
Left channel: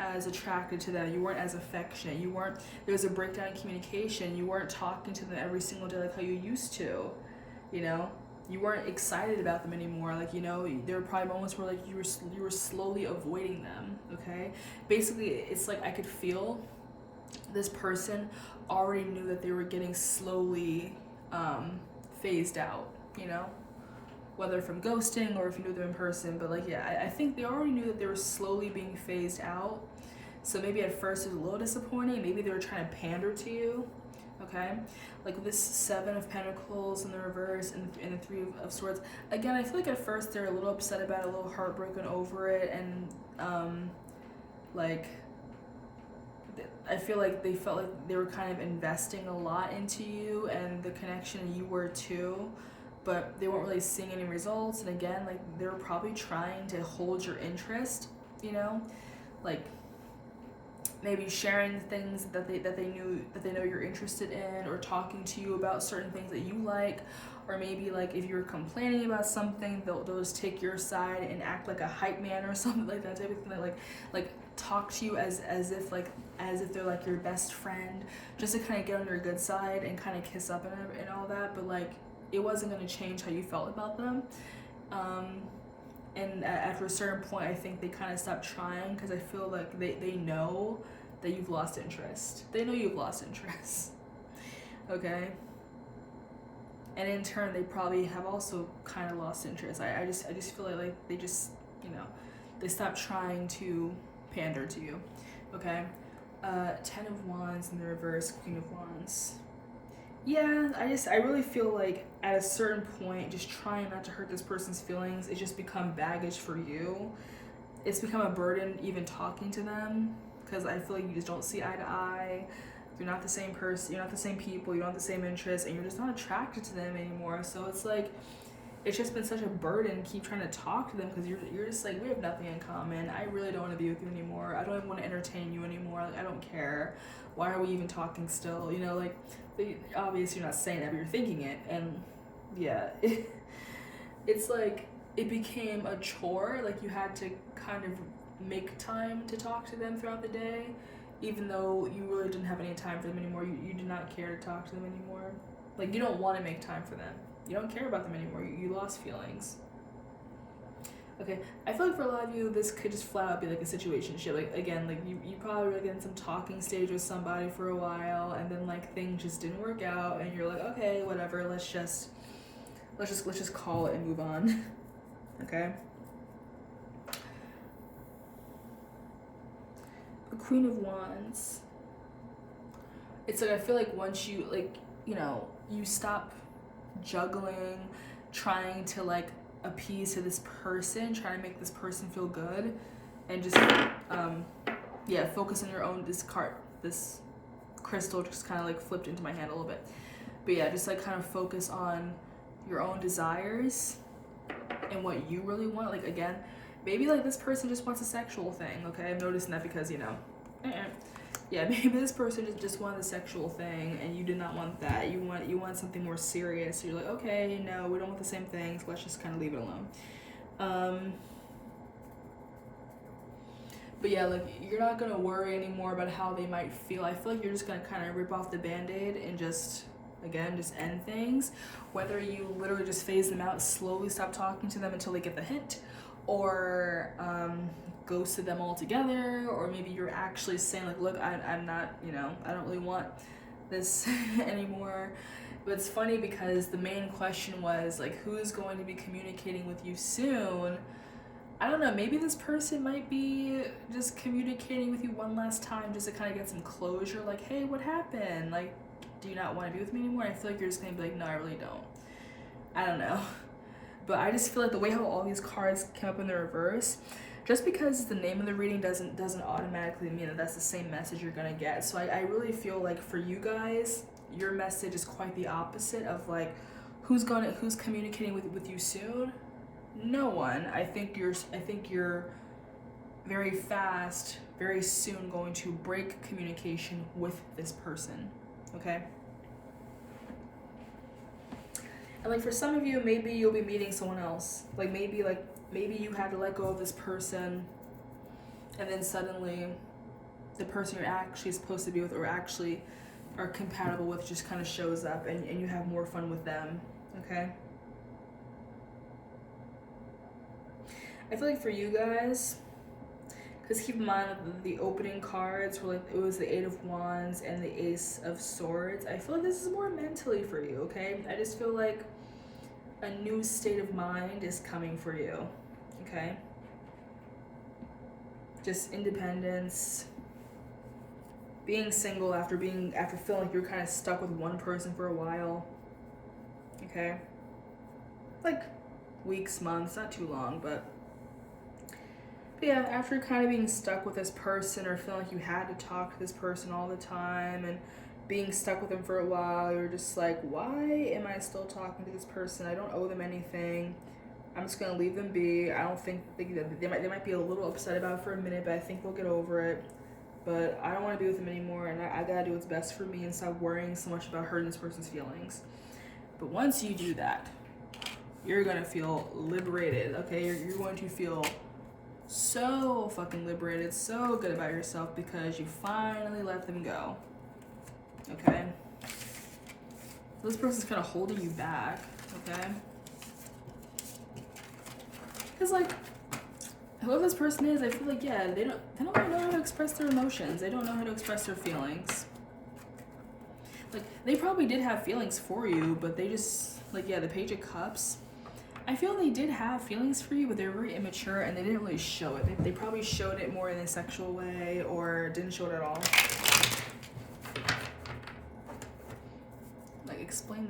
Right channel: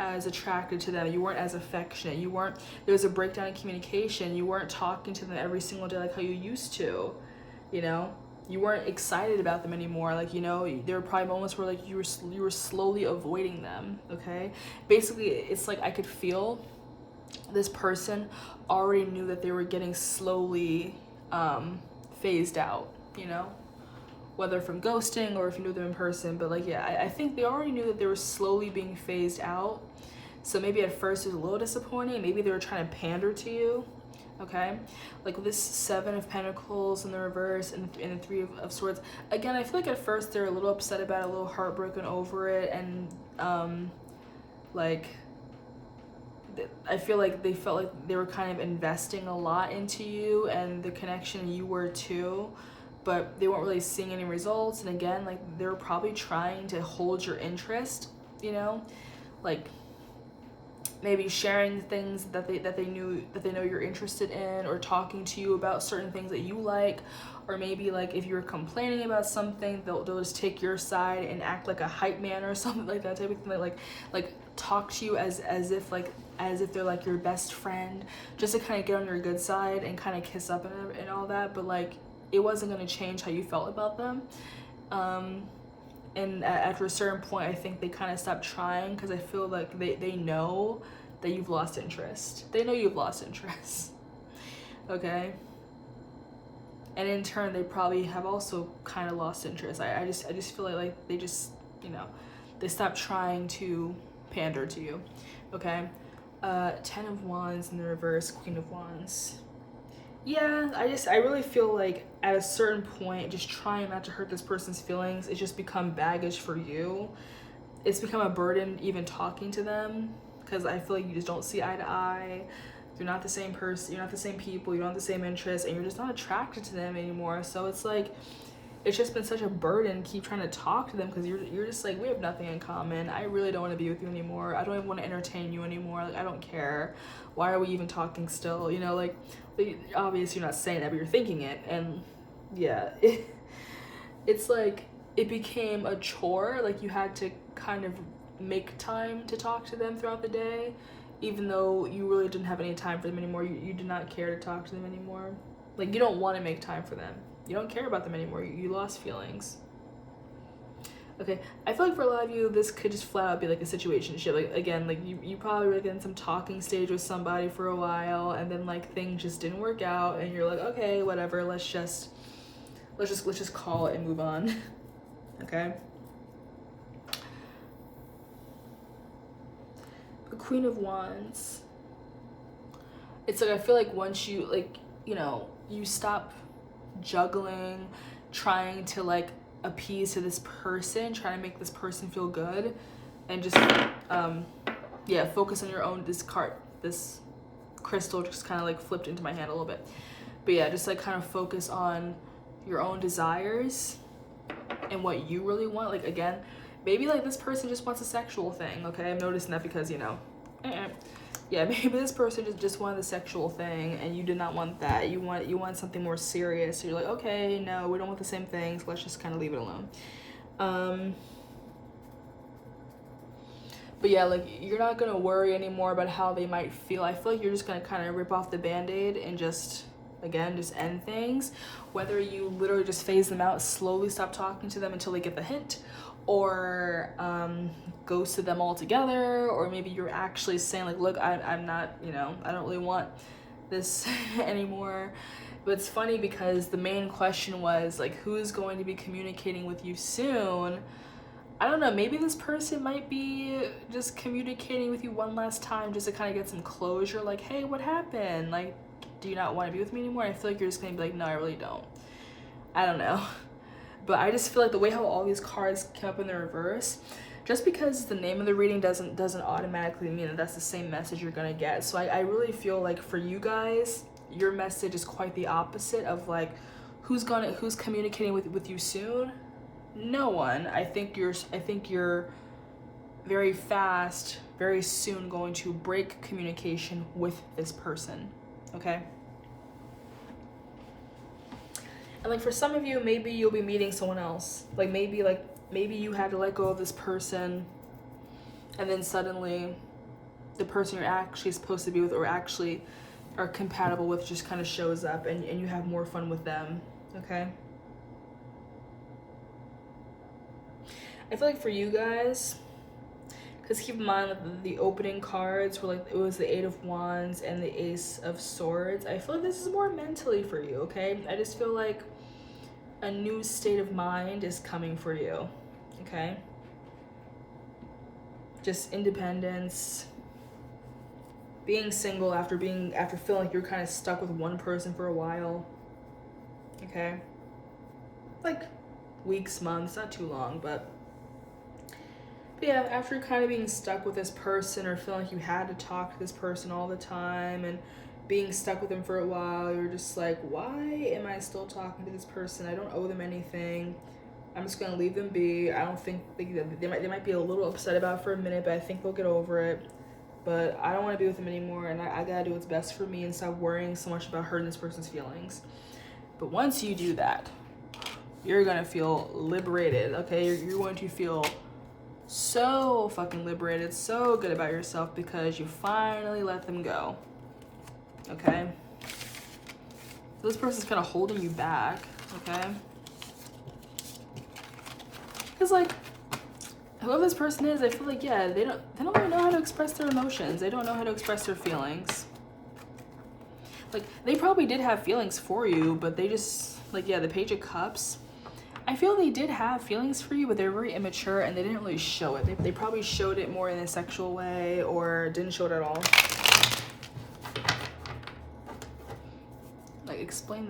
as attracted to them, you weren't as affectionate, there was a breakdown in communication, you weren't talking to them every single day like how you used to, you weren't excited about them anymore. Like, there were probably moments where like you were slowly avoiding them. Okay, basically it's like I could feel this person already knew that they were getting slowly phased out, whether from ghosting or if you knew them in person. But like, yeah, I think they already knew that they were slowly being phased out. So maybe at first it was a little disappointing. Maybe they were trying to pander to you. Okay, like with this 7 of Pentacles in the reverse and the 3 of Swords. Again, I feel like at first they're a little upset about it, a little heartbroken over it, and like I feel like they felt like they were kind of investing a lot into you and the connection, you were too, but they weren't really seeing any results. And again, like they were probably trying to hold your interest, like maybe sharing things that they know you're interested in, or talking to you about certain things that you like, or maybe like if you're complaining about something, they'll just take your side and act like a hype man or something like that type of thing. Like talk to you as if they're like your best friend, just to kind of get on your good side and kind of kiss up and all that, but like it wasn't going to change how you felt about them. And after a certain point, I think they kind of stopped trying, because I feel like they know that you've lost interest. They know you've lost interest. Okay? And in turn, they probably have also kind of lost interest. I just feel like they just, you know, they stopped trying to pander to you. Okay? 10 of Wands in the reverse, Queen of Wands. Yeah, I really feel like at a certain point, just trying not to hurt this person's feelings, it's just become baggage for you. It's become a burden even talking to them, because I feel like you just don't see eye to eye. You're not the same person, you're not the same people, you don't have the same interests, and you're just not attracted to them anymore. So it's like, it's just been such a burden to keep trying to talk to them, because you're just like, we have nothing in common. I really don't want to be with you anymore. I don't even want to entertain you anymore. Like, I don't care. Why are we even talking still? You know, like, obviously you're not saying that, but you're thinking it. And yeah, it's like, it became a chore. Like, you had to kind of make time to talk to them throughout the day, even though you really didn't have any time for them anymore. You did not care to talk to them anymore. Like, you don't want to make time for them. You don't care about them anymore. You lost feelings. Okay, I feel like for a lot of you, this could just flat out be like a situationship. Like, again, like you probably were like in some talking stage with somebody for a while, and then like things just didn't work out, and you're like, okay, whatever, let's just call it and move on. Okay. The Queen of Wands. It's like, I feel like once you, like, you know, you stop juggling, trying to like appease to this person, trying to make this person feel good, and just focus on your own. This crystal just kind of like flipped into my hand a little bit, but yeah, just like kind of focus on your own desires and what you really want. Like, again, maybe like this person just wants a sexual thing. Okay, I'm noticing that, because, you know, yeah, maybe this person just wanted the sexual thing, and you did not want that. You want something more serious. So you're like, okay, no, we don't want the same things. Let's just kind of leave it alone. But yeah, like, you're not gonna worry anymore about how they might feel. I feel like you're just gonna kind of rip off the band-aid and just end things. Whether you literally just phase them out, slowly stop talking to them until they get the hint, or ghosted them altogether, or maybe you're actually saying like, look, I'm not, you know, I don't really want this anymore. But it's funny, because the main question was like, who's going to be communicating with you soon? I don't know, maybe this person might be just communicating with you one last time just to kind of get some closure, like, hey, what happened? Like, do you not want to be with me anymore? I feel like you're just gonna be like, no, I really don't. I don't know. But I just feel like the way how all these cards came up in the reverse, just because the name of the reading doesn't automatically mean that that's the same message you're gonna get. So I really feel like for you guys, your message is quite the opposite of like, who's communicating with you soon? No one. I think you're very fast, very soon going to break communication with this person. Okay? And like for some of you, maybe you'll be meeting someone else. Like maybe you had to let go of this person, and then suddenly the person you're actually supposed to be with or actually are compatible with just kind of shows up, and you have more fun with them. Okay? I feel like for you guys, because keep in mind like the opening cards were like, it was the 8 of Wands and the Ace of Swords. I feel like this is more mentally for you, okay? I just feel like a new state of mind is coming for you, okay? Just independence, being single after feeling like you're kind of stuck with one person for a while, okay? Like weeks, months, not too long, but yeah, after kind of being stuck with this person or feeling like you had to talk to this person all the time and being stuck with them for a while, you're just like, why am I still talking to this person? I don't owe them anything. I'm just gonna leave them be. I don't think they might be a little upset about it for a minute, but I think they'll get over it. But I don't want to be with them anymore, and I gotta do what's best for me and stop worrying so much about hurting this person's feelings. But once you do that, you're gonna feel liberated, okay? You're going to feel so fucking liberated, so good about yourself because you finally let them go. Okay? This person's kind of holding you back, okay? Because, like, whoever this person is, I feel like, yeah, they don't really know how to express their emotions. They don't know how to express their feelings. Like, they probably did have feelings for you, but they just, like, yeah, the Page of Cups, I feel they did have feelings for you, but they're very immature and they didn't really show it. They probably showed it more in a sexual way or didn't show it at all. Like, explain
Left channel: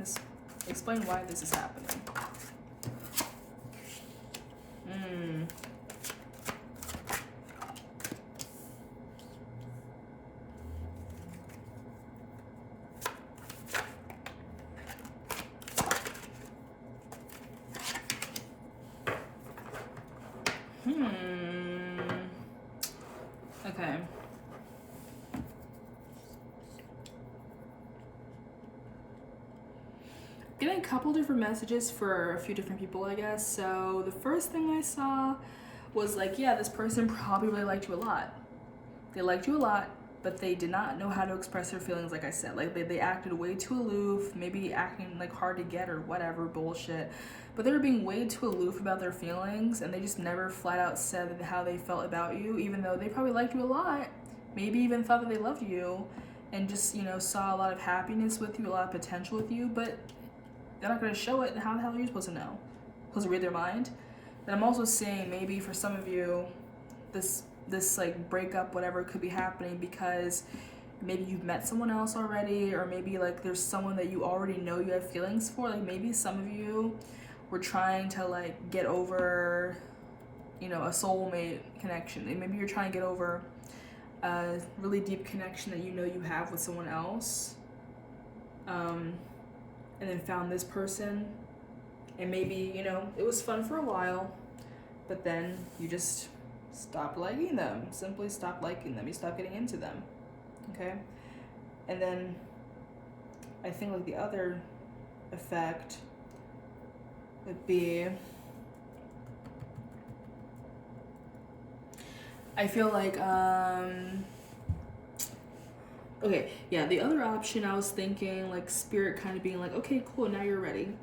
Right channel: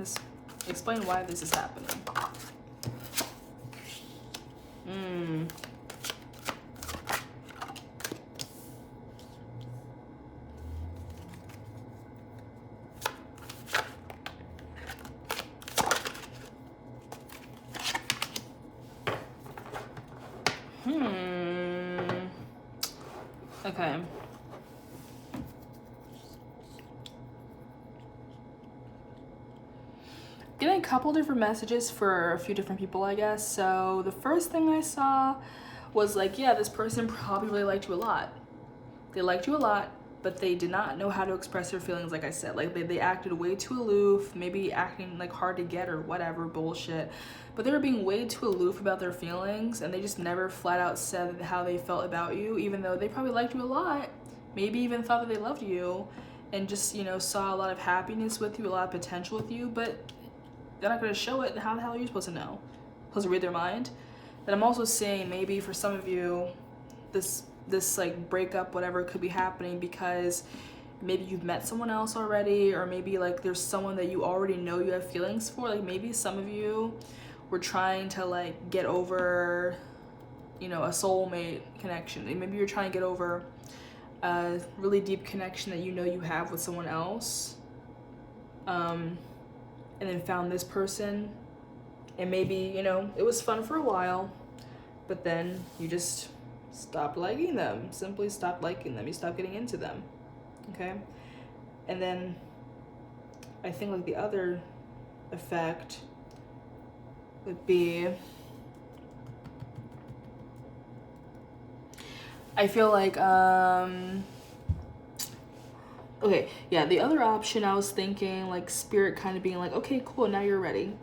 why this is happening. Okay. Getting a couple different messages for a few different people, I guess. So the first thing I saw was like, yeah, this person probably really liked you a lot. They liked you a lot, but they did not know how to express their feelings, like I said. Like, they acted way too aloof, maybe acting like hard to get or whatever bullshit. But they were being way too aloof about their feelings, and they just never flat out said how they felt about you, even though they probably liked you a lot, maybe even thought that they loved you, and just, you know, saw a lot of happiness with you, a lot of potential with you, but they're not going to show it. How the hell are you supposed to know? Supposed to read their mind? And I'm also saying maybe for some of you, this like breakup, whatever, could be happening because maybe you've met someone else already, or maybe like there's someone that you already know you have feelings for. Like, maybe some of you were trying to like get over, you know, a soulmate connection. Maybe you're trying to get over a really deep connection that you know you have with someone else, and then found this person, and maybe, you know, it was fun for a while, but then you just stopped liking them. Simply stopped liking them. You stopped getting into them. Okay? And then I think like the other effect would be, I feel like okay, yeah, the other option I was thinking, like, spirit kind of being like, okay, cool, now you're ready.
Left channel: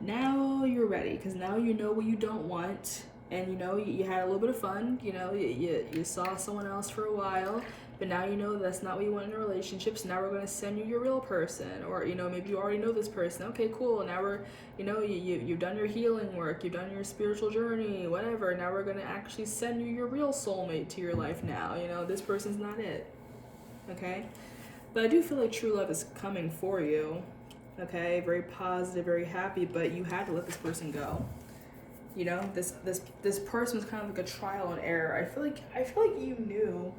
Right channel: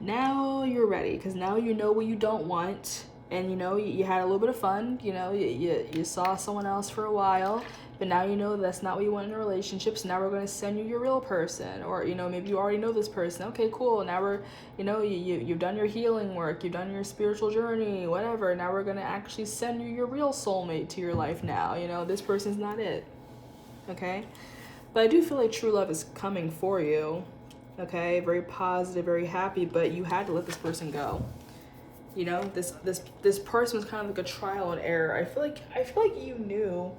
Now you're ready, because now you know what you don't want, and you know you had a little bit of fun, you know, you saw someone else for a while, but now you know that's not what you want in a relationship, so now we're going to send you your real person. Or, you know, maybe you already know this person. Okay, cool, now we're, you know, you've done your healing work, you've done your spiritual journey, whatever, now we're going to actually send you your real soulmate to your life now. You know, this person's not it. Okay? But I do feel like true love is coming for you. Okay? Very positive, very happy, but you had to let this person go. You know, this person was kind of like a trial and error. I feel like you knew.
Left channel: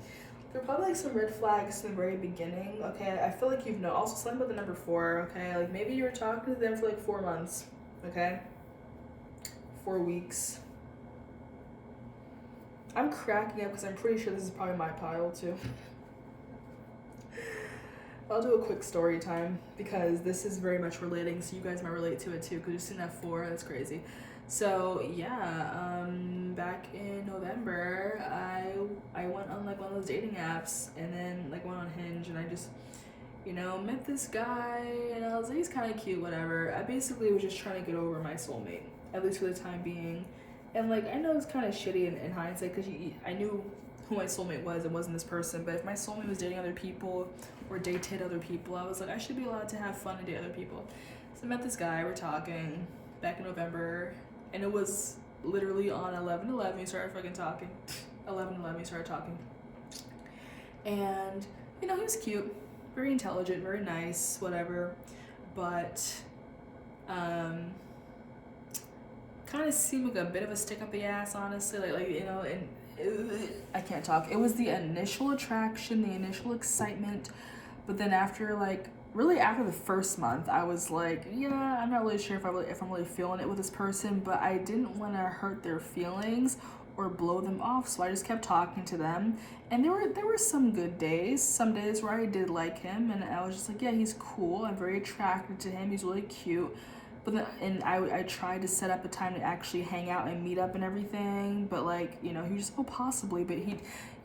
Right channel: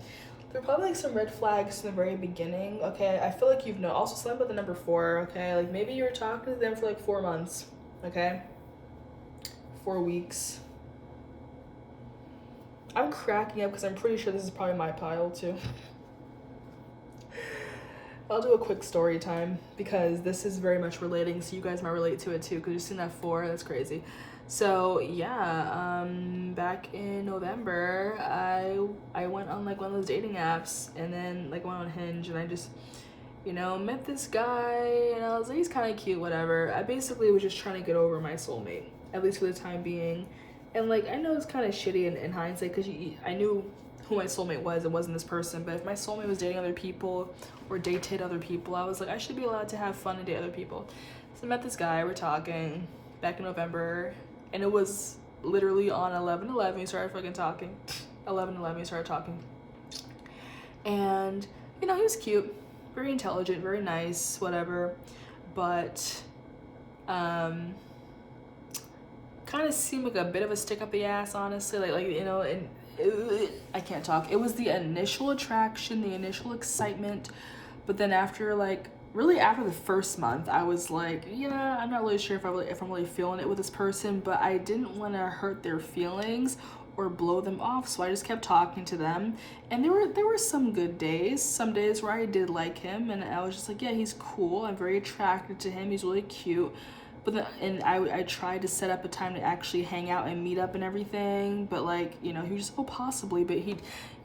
There were probably like some red flags in the very beginning. Okay, I feel like you've known. Also, something about the number 4. Okay, like maybe you were talking to them for like 4 months. Okay, 4 weeks. I'm cracking up because I'm pretty sure this is probably my pile too. I'll do a quick story time because this is very much relating, so you guys might relate to it too, because you've seen that 4. That's crazy. So yeah, back in November, I went on like one of those dating apps, and then like went on Hinge, and I just, you know, met this guy, and I was like, he's kind of cute, whatever. I basically was just trying to get over my soulmate, at least for the time being. And like, I know it's kind of shitty in hindsight, because I knew who my soulmate was. It wasn't this person, but if my soulmate was dating other people or dated other people, I was like, I should be allowed to have fun and date other people. So I met this guy, we're talking back in November, and it was literally on 11/11 we started fucking talking. 11/11 we started talking. And, you know, he was cute, very intelligent, very nice, whatever, but kind of seemed like a bit of a stick up the ass, honestly. Like you know, and I can't talk. It was the initial attraction, the initial excitement, but then after like, really after the first month, I was like, yeah, I'm not really sure if I'm really feeling it with this person, but I didn't want to hurt their feelings or blow them off, so I just kept talking to them. And there were some good days, some days where I did like him, and I was just like, yeah, he's cool, I'm very attracted to him, he's really cute. But then, and I tried to set up a time to actually hang out and meet up and everything, but like, you know, he was just, oh, possibly, but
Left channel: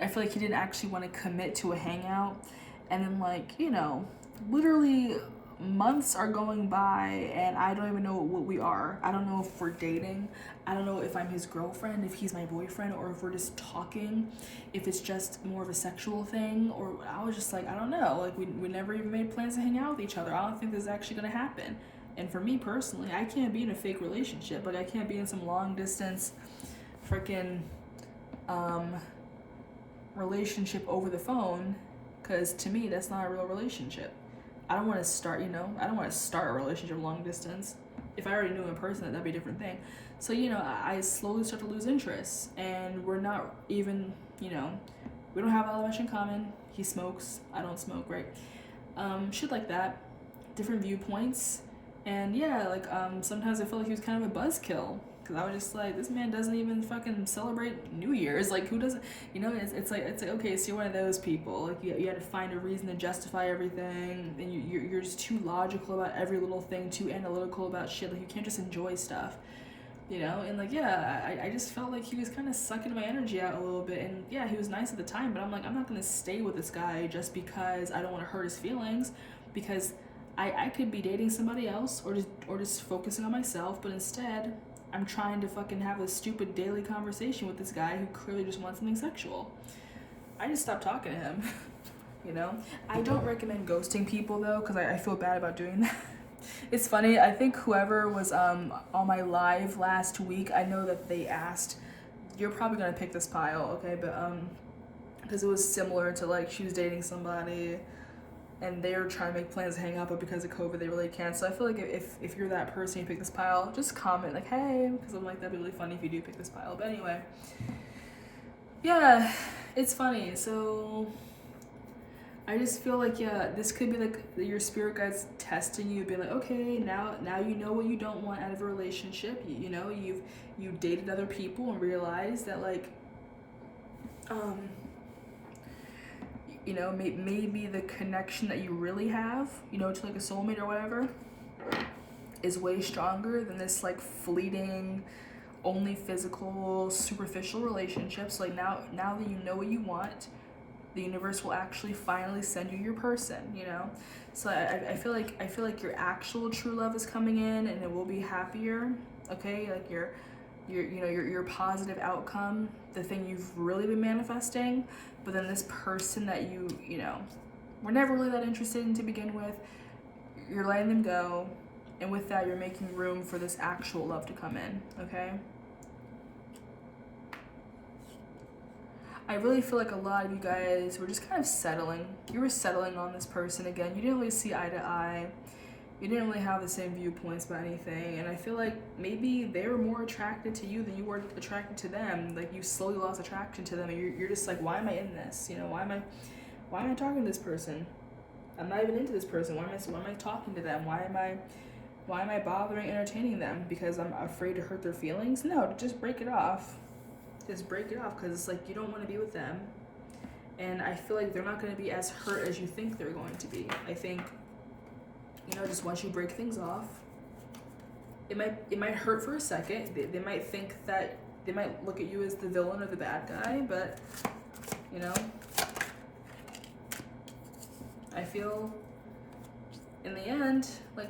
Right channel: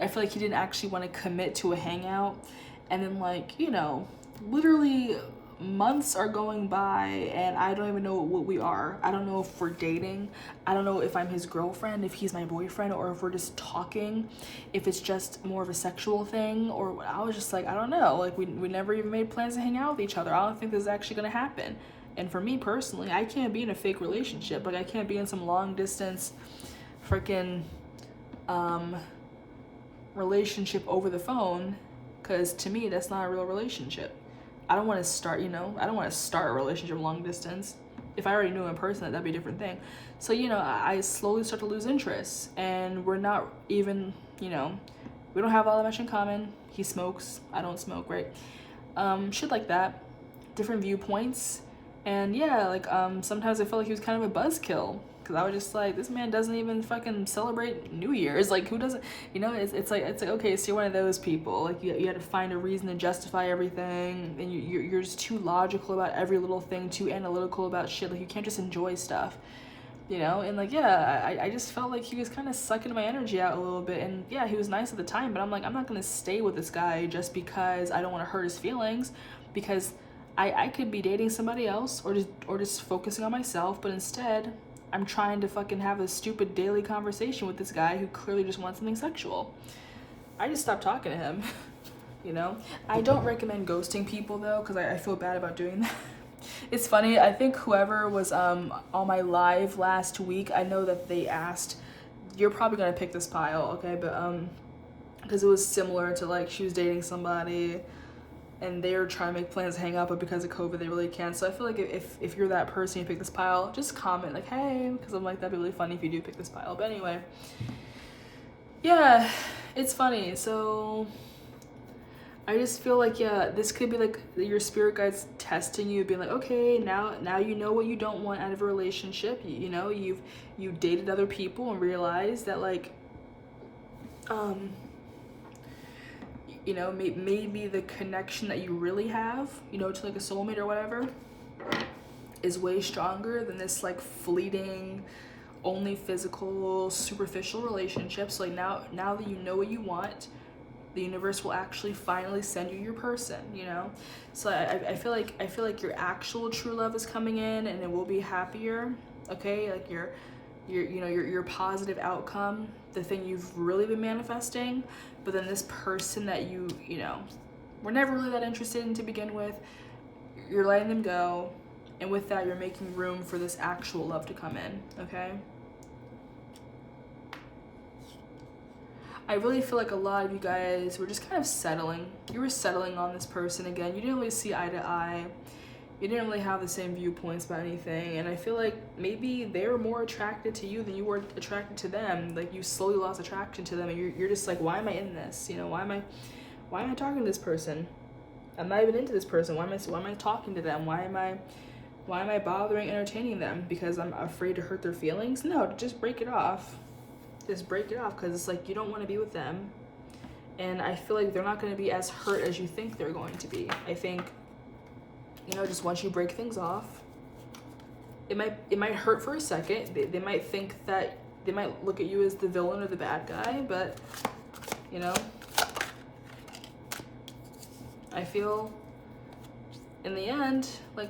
I feel like he didn't actually want to commit to a hangout. And then, like, you know, literally months are going by and I don't even know what we are. I don't know if we're dating. I don't know if I'm his girlfriend, if he's my boyfriend, or if we're just talking, if it's just more of a sexual thing. Or I was just like, I don't know. Like, we never even made plans to hang out with each other. I don't think this is actually going to happen. And for me personally, I can't be in a fake relationship. Like, I can't be in some long distance freaking relationship over the phone, because to me, that's not a real relationship. I don't want to start, you know, I don't want to start a relationship long distance. If I already knew in person, that'd be a different thing. So, you know, I slowly start to lose interest, and we're not even, you know, we don't have all that much in common. He smokes, I don't smoke, right? Shit like that. Different viewpoints. And yeah, like, sometimes I felt like he was kind of a buzzkill, because I was just like, this man doesn't even fucking celebrate New Year's. Like, who doesn't, you know, it's like, okay, so you're one of those people. Like, you had to find a reason to justify everything, and you're just too logical about every little thing, too analytical about shit. Like, you can't just enjoy stuff, you know? And like, yeah, I just felt like he was kind of sucking my energy out a little bit. And yeah, he was nice at the time, but I'm like, I'm not gonna stay with this guy just because I don't want to hurt his feelings, because I could be dating somebody else or just focusing on myself, but instead I'm trying to fucking have a stupid daily conversation with this guy who clearly just wants something sexual. I just stopped talking to him, you know? I don't recommend ghosting people though, because I feel bad about doing that. It's funny, I think whoever was on my live last week, I know that they asked, you're probably gonna pick this pile, okay? But because it was similar to, like, she was dating somebody and they're trying to make plans to hang out, but because of COVID, they really can't. So I feel like if you're that person, you pick this pile, just comment like, hey, because I'm like, that'd be really funny if you do pick this pile. But anyway, yeah, it's funny. So I just feel like, yeah, this could be like your spirit guides testing you, being like, okay, now you know what you don't want out of a relationship. You know, you dated other people and realized that, like, you know, maybe the connection that you really have, you know, to like a soulmate or whatever, is way stronger than this like fleeting, only physical, superficial relationship. So like now that you know what you want, the universe will actually finally send you your person, you know? So I feel like your actual true love is coming in, and it will be happier, okay? Like your positive outcome, the thing you've really been manifesting. But then this person that you know, were never really that interested in to begin with, you're letting them go, and with that, you're making room for this actual love to come in, okay? I really feel like a lot of you guys were just kind of settling. You were settling on this person again. You didn't really see eye to eye. You didn't really have the same viewpoints about anything, and I feel like maybe they were more attracted to you than you were attracted to them. Like, you slowly lost attraction to them, and you're just like, why am I in this? You know, why am I talking to this person? I'm not even into this person. Why am I talking to them? Why am I bothering entertaining them? Because I'm afraid to hurt their feelings? No, just break it off. Just break it off, because it's like you don't want to be with them, and I feel like they're not going to be as hurt as you think they're going to be. I think, you know, just once you break things off, it might hurt for a second. They might think that, they might look at you as the villain or the bad guy, but, you know, I feel in the end, like,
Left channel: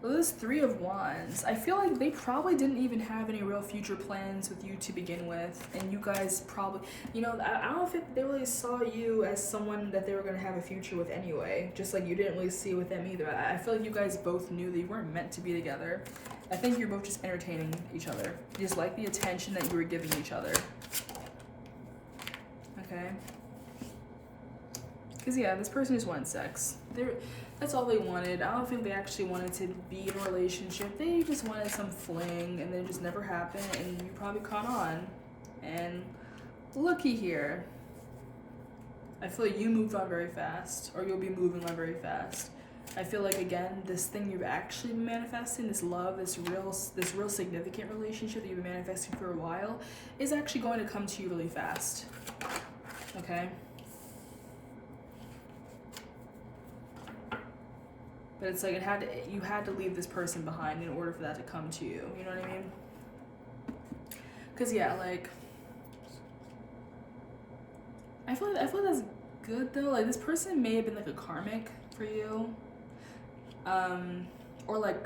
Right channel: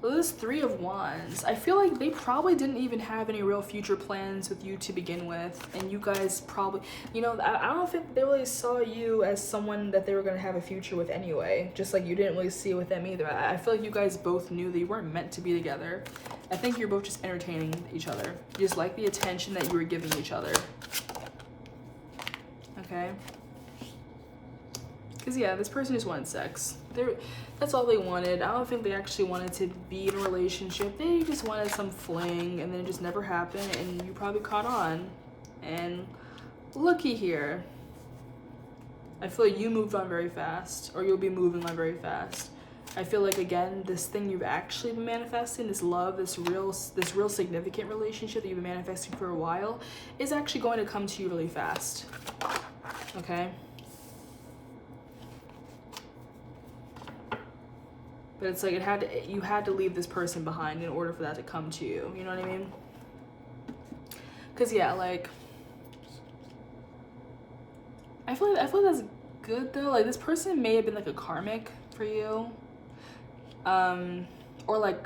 those 3 of Wands, I feel like they probably didn't even have any real future plans with you to begin with, and you guys probably, you know, I don't think they really saw you as someone that they were going to have a future with anyway, just like you didn't really see it with them either. I feel like you guys both knew that you weren't meant to be together. I think you're both just entertaining each other. You just like the attention that you were giving each other. Okay? Because, yeah, this person just wanted sex. That's all they wanted. I don't think they actually wanted to be in a relationship. They just wanted some fling, and then it just never happened, and you probably caught on. And looky here. I feel like you moved on very fast, or you'll be moving on very fast. I feel like, again, this thing you've actually been manifesting, this love, this real significant relationship that you've been manifesting for a while, is actually going to come to you really fast. Okay? But it's like you had to leave this person behind in order for that to come to you. You know what I mean? Because yeah, like I feel like that's good though. Like this person may have been like a karmic for you, or like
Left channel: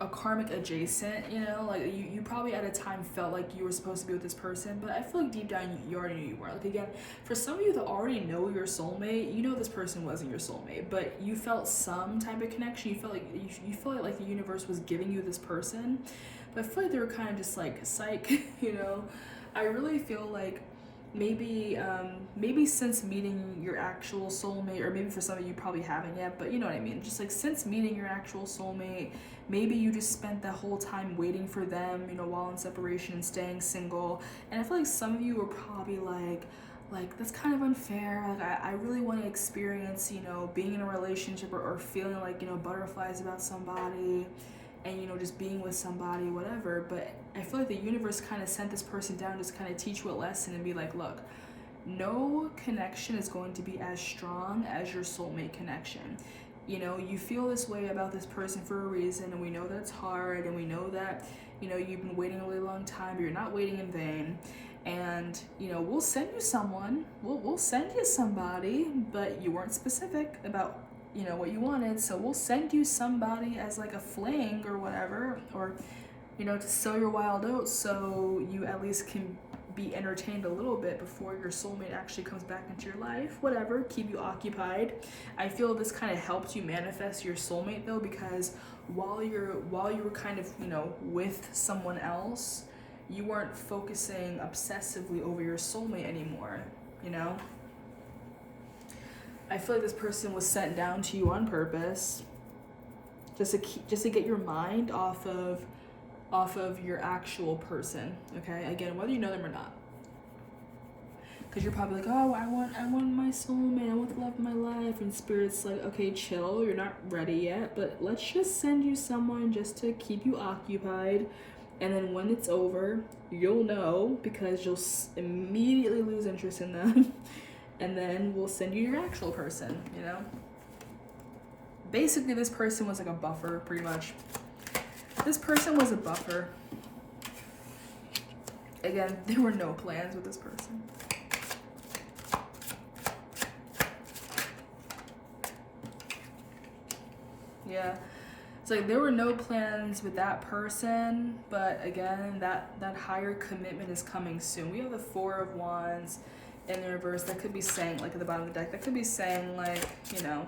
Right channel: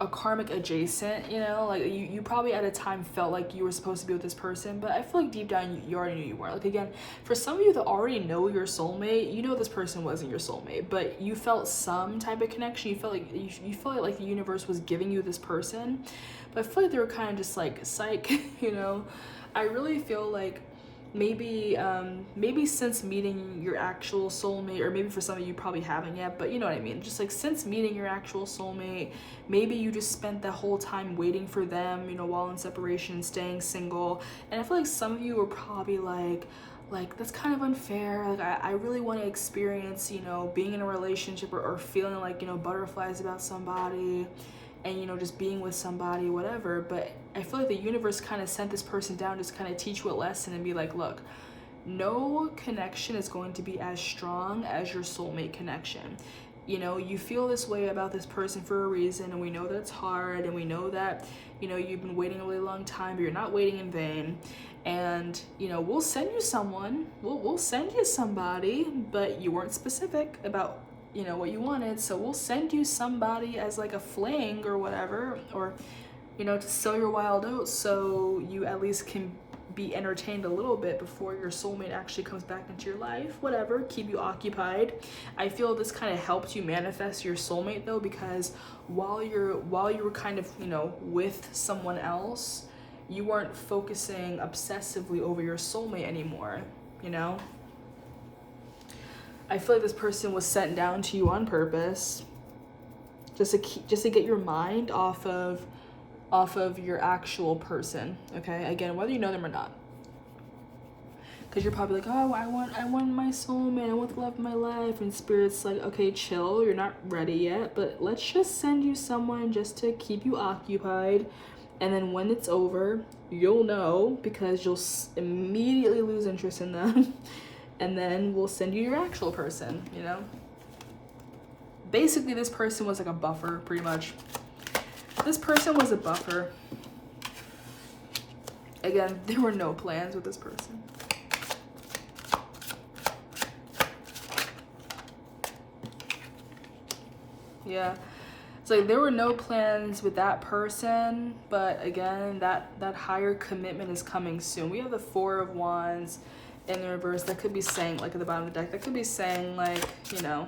a karmic adjacent. You know, like you probably at a time felt like you were supposed to be with this person, but I feel like deep down you already knew you were. Like again, for some of you that already know your soulmate, you know this person wasn't your soulmate, but you felt some type of connection. You felt like the universe was giving you this person, but I feel like they were kind of just like psych. You know, I really feel like maybe since meeting your actual soulmate, or maybe for some of you probably haven't yet, but you know what I mean, just like since meeting your actual soulmate, maybe you just spent the whole time waiting for them, you know, while in separation and staying single. And I feel like some of you were probably like that's kind of unfair. Like I really want to experience, you know, being in a relationship or feeling like, you know, butterflies about somebody, and you know, just being with somebody, whatever. But I feel like the universe kind of sent this person down just kind of teach you a lesson and be like, look, no connection is going to be as strong as your soulmate connection. You know, you feel this way about this person for a reason, and we know that it's hard, and we know that, you know, you've been waiting a really long time, but you're not waiting in vain. And you know, we'll send you someone, we'll send you somebody, but you weren't specific about, you know, what you wanted, so we'll send you somebody as like a fling or whatever, or you know, to sow your wild oats so you at least can be entertained a little bit before your soulmate actually comes back into your life. Whatever, keep you occupied. I feel this kind of helped you manifest your soulmate though, because while you were kind of, you know, with someone else, you weren't focusing obsessively over your soulmate anymore, you know? I feel like this person was sent down to you on purpose, just to get your mind off of your actual person. Okay, again, whether you know them or not, because you're probably like, oh, I want my soulmate, I want the love of my life, and spirit's like, okay, chill, you're not ready yet, but let's just send you someone just to keep you occupied, and then when it's over, you'll know, because you'll immediately lose interest in them. And then we'll send you your actual person, you know? Basically, this person was like a buffer, pretty much. This person was a buffer. Again, there were no plans with this person. Yeah. It's like there were no plans with that person, but again, that higher commitment is coming soon. We have the Four of Wands in the reverse. That could be saying, like at the bottom of the deck, that could be saying like, you know,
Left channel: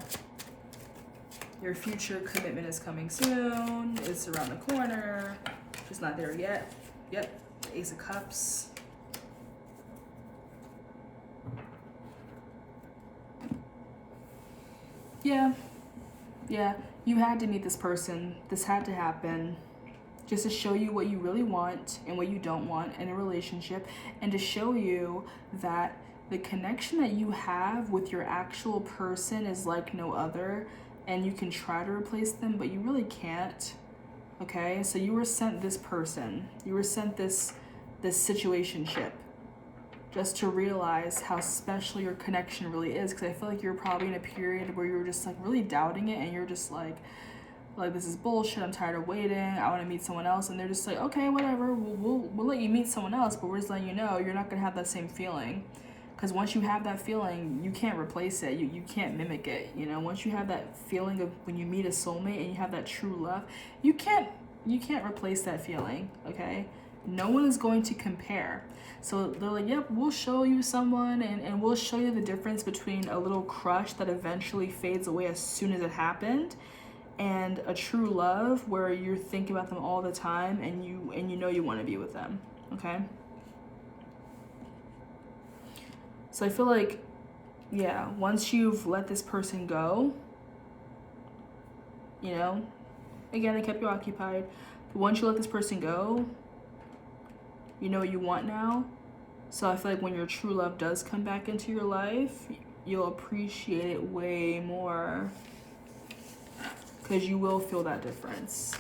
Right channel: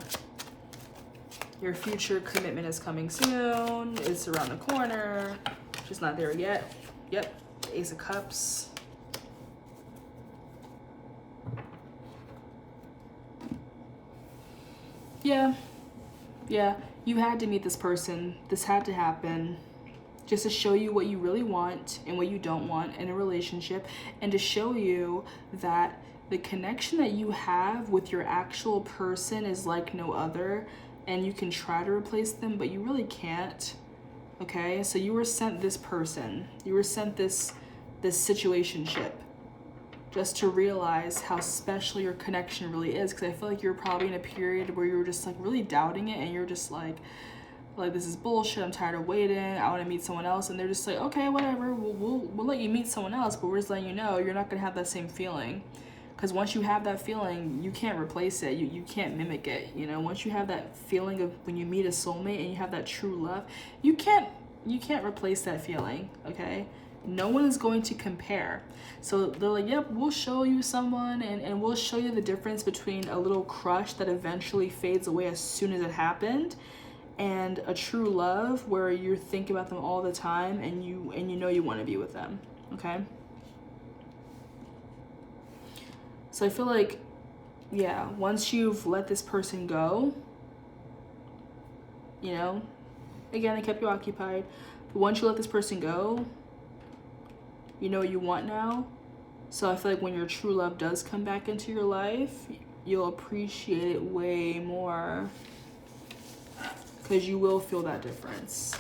your future commitment is coming soon, it's around the corner, just not there yet. Yep, Ace of Cups. Yeah, you had to meet this person. This had to happen just to show you what you really want and what you don't want in a relationship, and to show you that the connection that you have with your actual person is like no other, and you can try to replace them, but you really can't. Okay, so you were sent this person, you were sent this situationship, just to realize how special your connection really is. Because I feel like you're probably in a period where you're just like really doubting it, and you're just like this is bullshit, I'm tired of waiting, I want to meet someone else. And they're just like, okay, whatever, we'll let you meet someone else, but we're just letting you know you're not gonna have that same feeling. Because once you have that feeling, you can't replace it. You can't mimic it. You know, once you have that feeling of when you meet a soulmate and you have that true love, you can't replace that feeling. Okay, no one is going to compare. So they're like, yep, we'll show you someone, and we'll show you the difference between a little crush that eventually fades away as soon as it happened, and a true love where you're thinking about them all the time, and you know you want to be with them. Okay. So I feel like, yeah, once you've let this person go, you know, again, they kept you occupied, but once you let this person go, you know what you want now. So I feel like when your true love does come back into your life, you'll appreciate it way more, because you will feel that difference.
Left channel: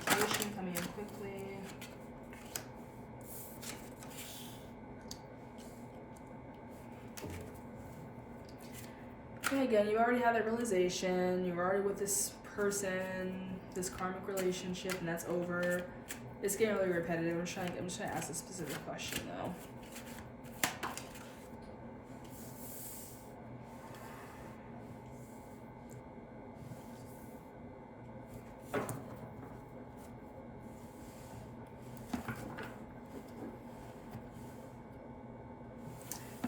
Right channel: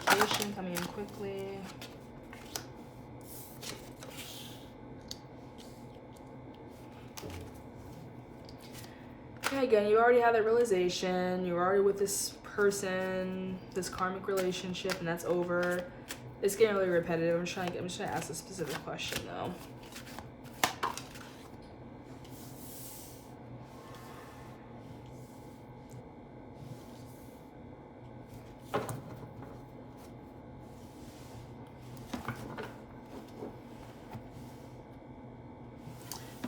communication coming in quickly. And again, you already had that realization. You're already with this person, this karmic relationship, and that's over. It's getting really repetitive. I'm just trying to ask a specific question though.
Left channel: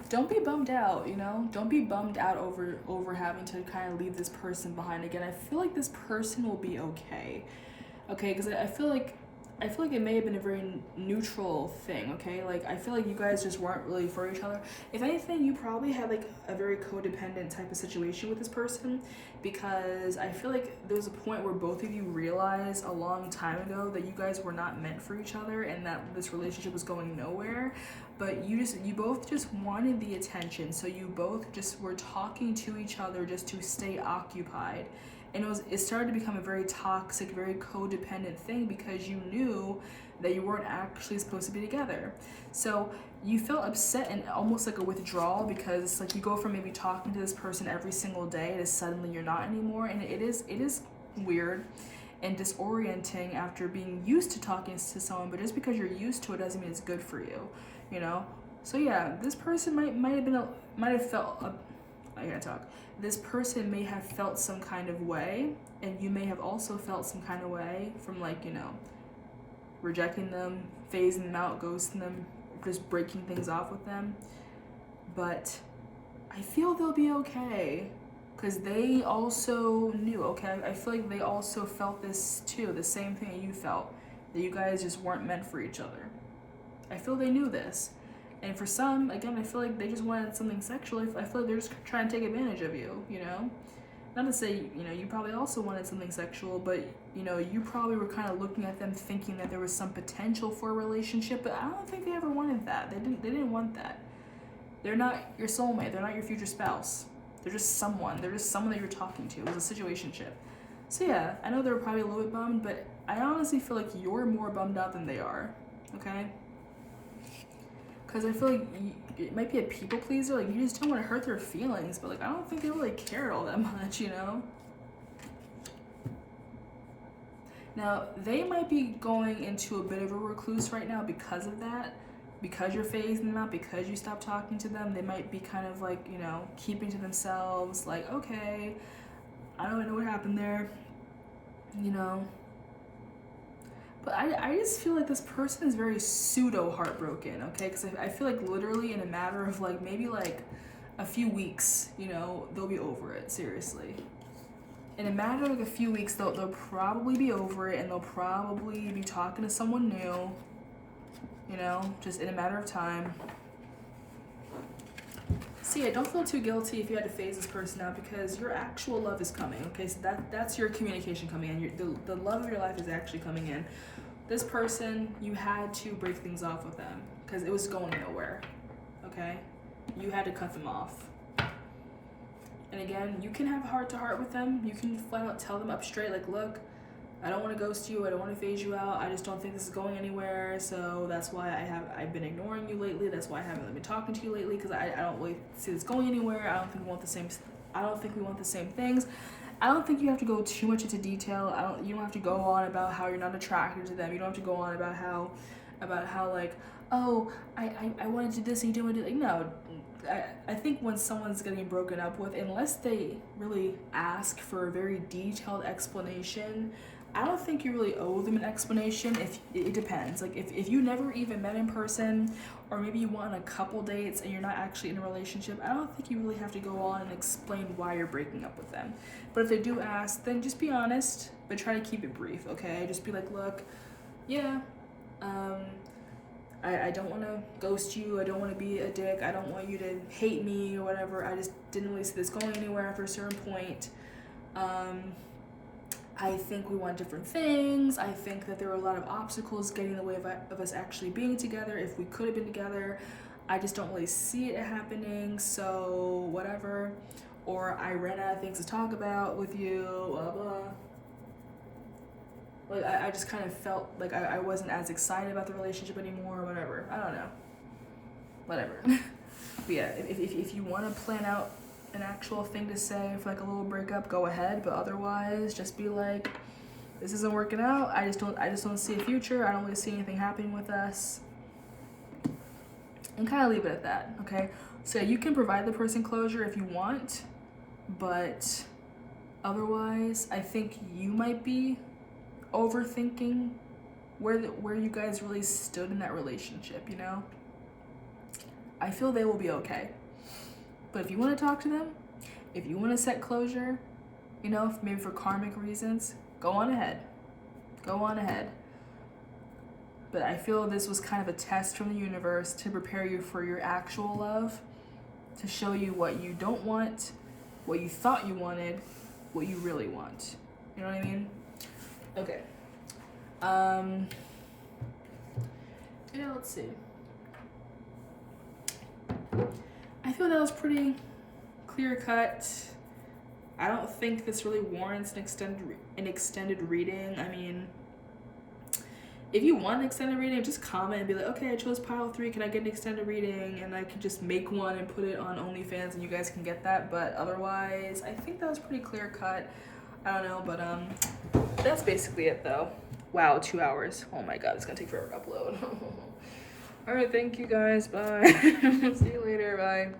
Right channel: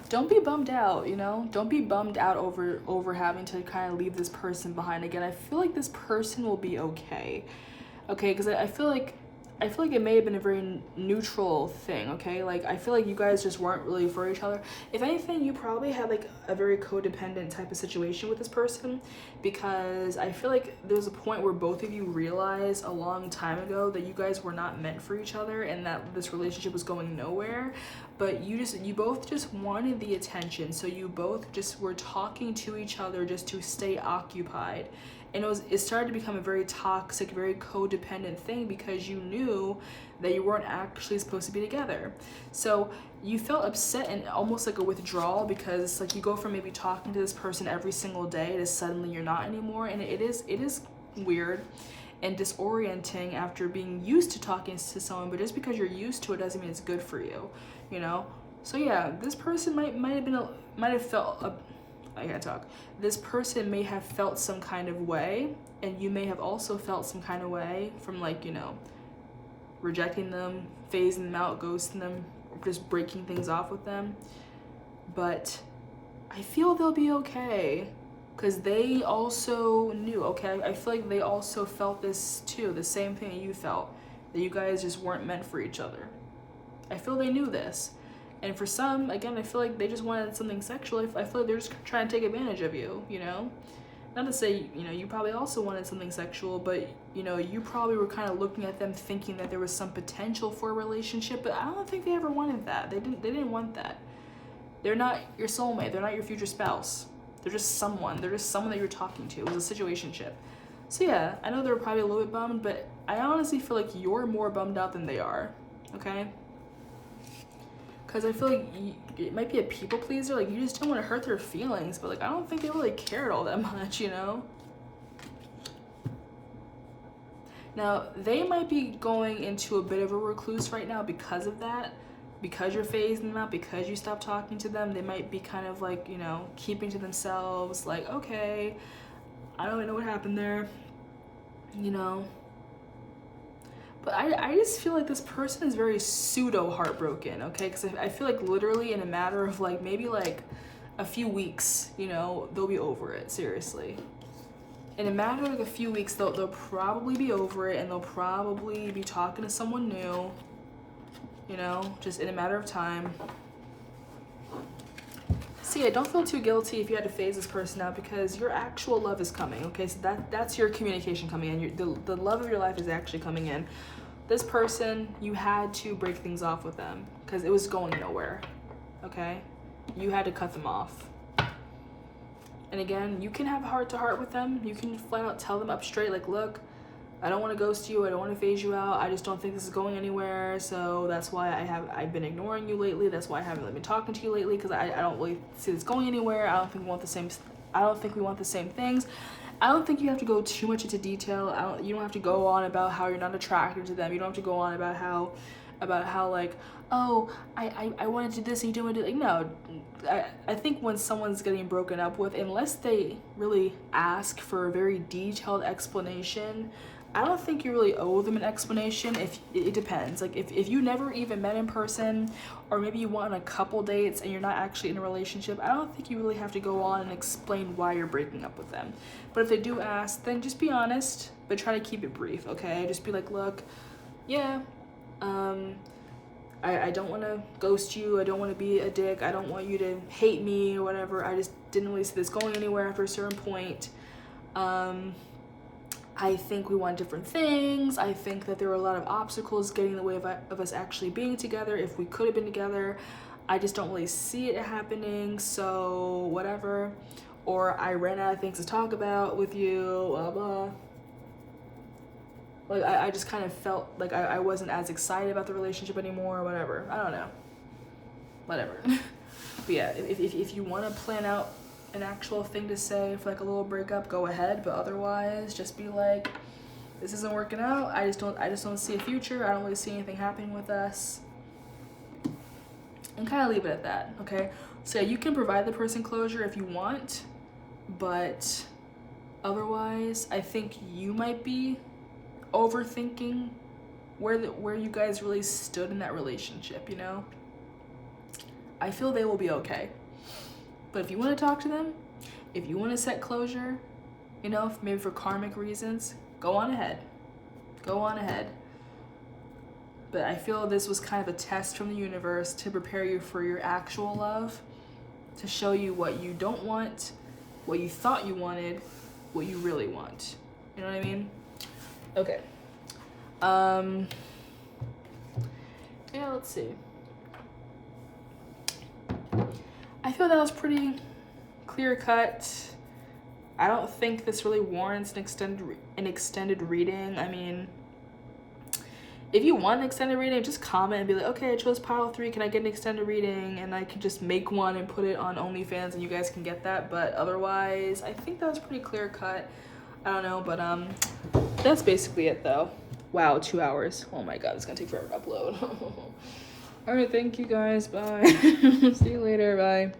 Don't be bummed out, you know? Don't be bummed out over having to kind of leave this person behind. Again, I feel like this person will be okay. Okay, because I feel like it may have been a very neutral thing, okay? Like, I feel like you guys just weren't really for each other. If anything, you probably had, like, a very codependent type of situation with this person, because I feel like there was a point where both of you realized a long time ago that you guys were not meant for each other and that this relationship was going nowhere. But you both just wanted the attention, so you both just were talking to each other just to stay occupied. And it started to become a very toxic, very codependent thing because you knew that you weren't actually supposed to be together. So you felt upset and almost like a withdrawal, because it's like you go from maybe talking to this person every single day to suddenly you're not anymore. And it is weird and disorienting after being used to talking to someone, but just because you're used to it doesn't mean it's good for you, you know? So yeah, this person might have felt this person may have felt some kind of way, and you may have also felt some kind of way from, like, you know, rejecting them, phasing them out, ghosting them, or just breaking things off with them. But I feel they'll be okay, because they also knew, okay? I feel like they also felt this too, the same thing that you felt, that you guys just weren't meant for each other. I feel they knew this. And for some, again, I feel like they just wanted something sexual. I feel like they're just trying to take advantage of you, you know? Not to say, you know, you probably also wanted something sexual, but, you know, you probably were kind of looking at them thinking that there was some potential for a relationship, but I don't think they ever wanted that. They didn't want that. They're not your soulmate. They're not your future spouse. They're just someone. They're just someone that you're talking to. It was a situationship. So yeah, I know they're probably a little bit bummed, but I honestly feel like you're more bummed out than they are, okay? Because I feel like it might be a people pleaser, like you just don't want to hurt their feelings, but like I don't think they really cared all that much, you know? Now, they might be going into a bit of a recluse right now because of that, because you're phasing them out, because you stopped talking to them. They might be kind of like, you know, keeping to themselves, like, okay, I don't know what happened there, you know? But I just feel like this person is very pseudo heartbroken, okay? Because I feel like literally in a matter of like maybe like a few weeks, you know, they'll be over it, seriously. In a matter of a few weeks, they'll probably be over it, and they'll probably be talking to someone new, you know, just in a matter of time. So yeah, don't feel too guilty if you had to phase this person out, because your actual love is coming, okay? So that's your communication coming in. The love of your life is actually coming in. This person, you had to break things off with them because it was going nowhere, okay? You had to cut them off. And again, you can have a heart-to-heart with them. You can flat out tell them up straight, like, look, I don't want to ghost you. I don't want to phase you out. I just don't think this is going anywhere. So that's why I've been ignoring you lately. That's why I haven't really been talking to you lately, because I don't really see this going anywhere. I don't think we want the same things. I don't think you have to go too much into detail. You don't have to go on about how you're not attracted to them. You don't have to go on about how like, oh, I want to do this and you don't want to do, like, no. I think when someone's getting broken up with, unless they really ask for a very detailed explanation, I don't think you really owe them an explanation. If it depends. Like if you never even met in person, or maybe you went on a couple dates and you're not actually in a relationship, I don't think you really have to go on and explain why you're breaking up with them. But if they do ask, then just be honest, but try to keep it brief, okay? Just be like, look, yeah, I don't want to ghost you. I don't want to be a dick. I don't want you to hate me or whatever. I just didn't really see this going anywhere after a certain point. I think we want different things. I think that there were a lot of obstacles getting in the way of us actually being together. If we could have been together, I just don't really see it happening, so whatever. Or I ran out of things to talk about with you, blah, blah. Like, I just kind of felt like I wasn't as excited about the relationship anymore or whatever. I don't know. Whatever. But yeah, if you want to plan out an actual thing to say for like a little breakup, go ahead. But otherwise, just be like, this isn't working out. I just don't see a future. I don't really see anything happening with us. And kind of leave it at that, okay? So you can provide the person closure if you want, but otherwise, I think you might be overthinking where you guys really stood in that relationship, you know? I feel they will be okay. But if you want to talk to them, if you want to set closure, you know, maybe for karmic reasons, go on ahead. Go on ahead. But I feel this was kind of a test from the universe to prepare you for your actual love, to show you what you don't want, what you thought you wanted, what you really want. You know what I mean? Okay. Yeah, let's see. I feel that was pretty clear cut. I don't think this really warrants an extended reading. I mean, if you want an extended reading, just comment and be like, okay, I chose pile 3. Can I get an extended reading? And I can just make one and put it on OnlyFans and you guys can get that. But otherwise, I think that was pretty clear cut. I don't know, but that's basically it though. Wow, 2 hours. Oh my god, it's gonna take forever to upload. All right, thank you guys. Bye. See you later. Bye.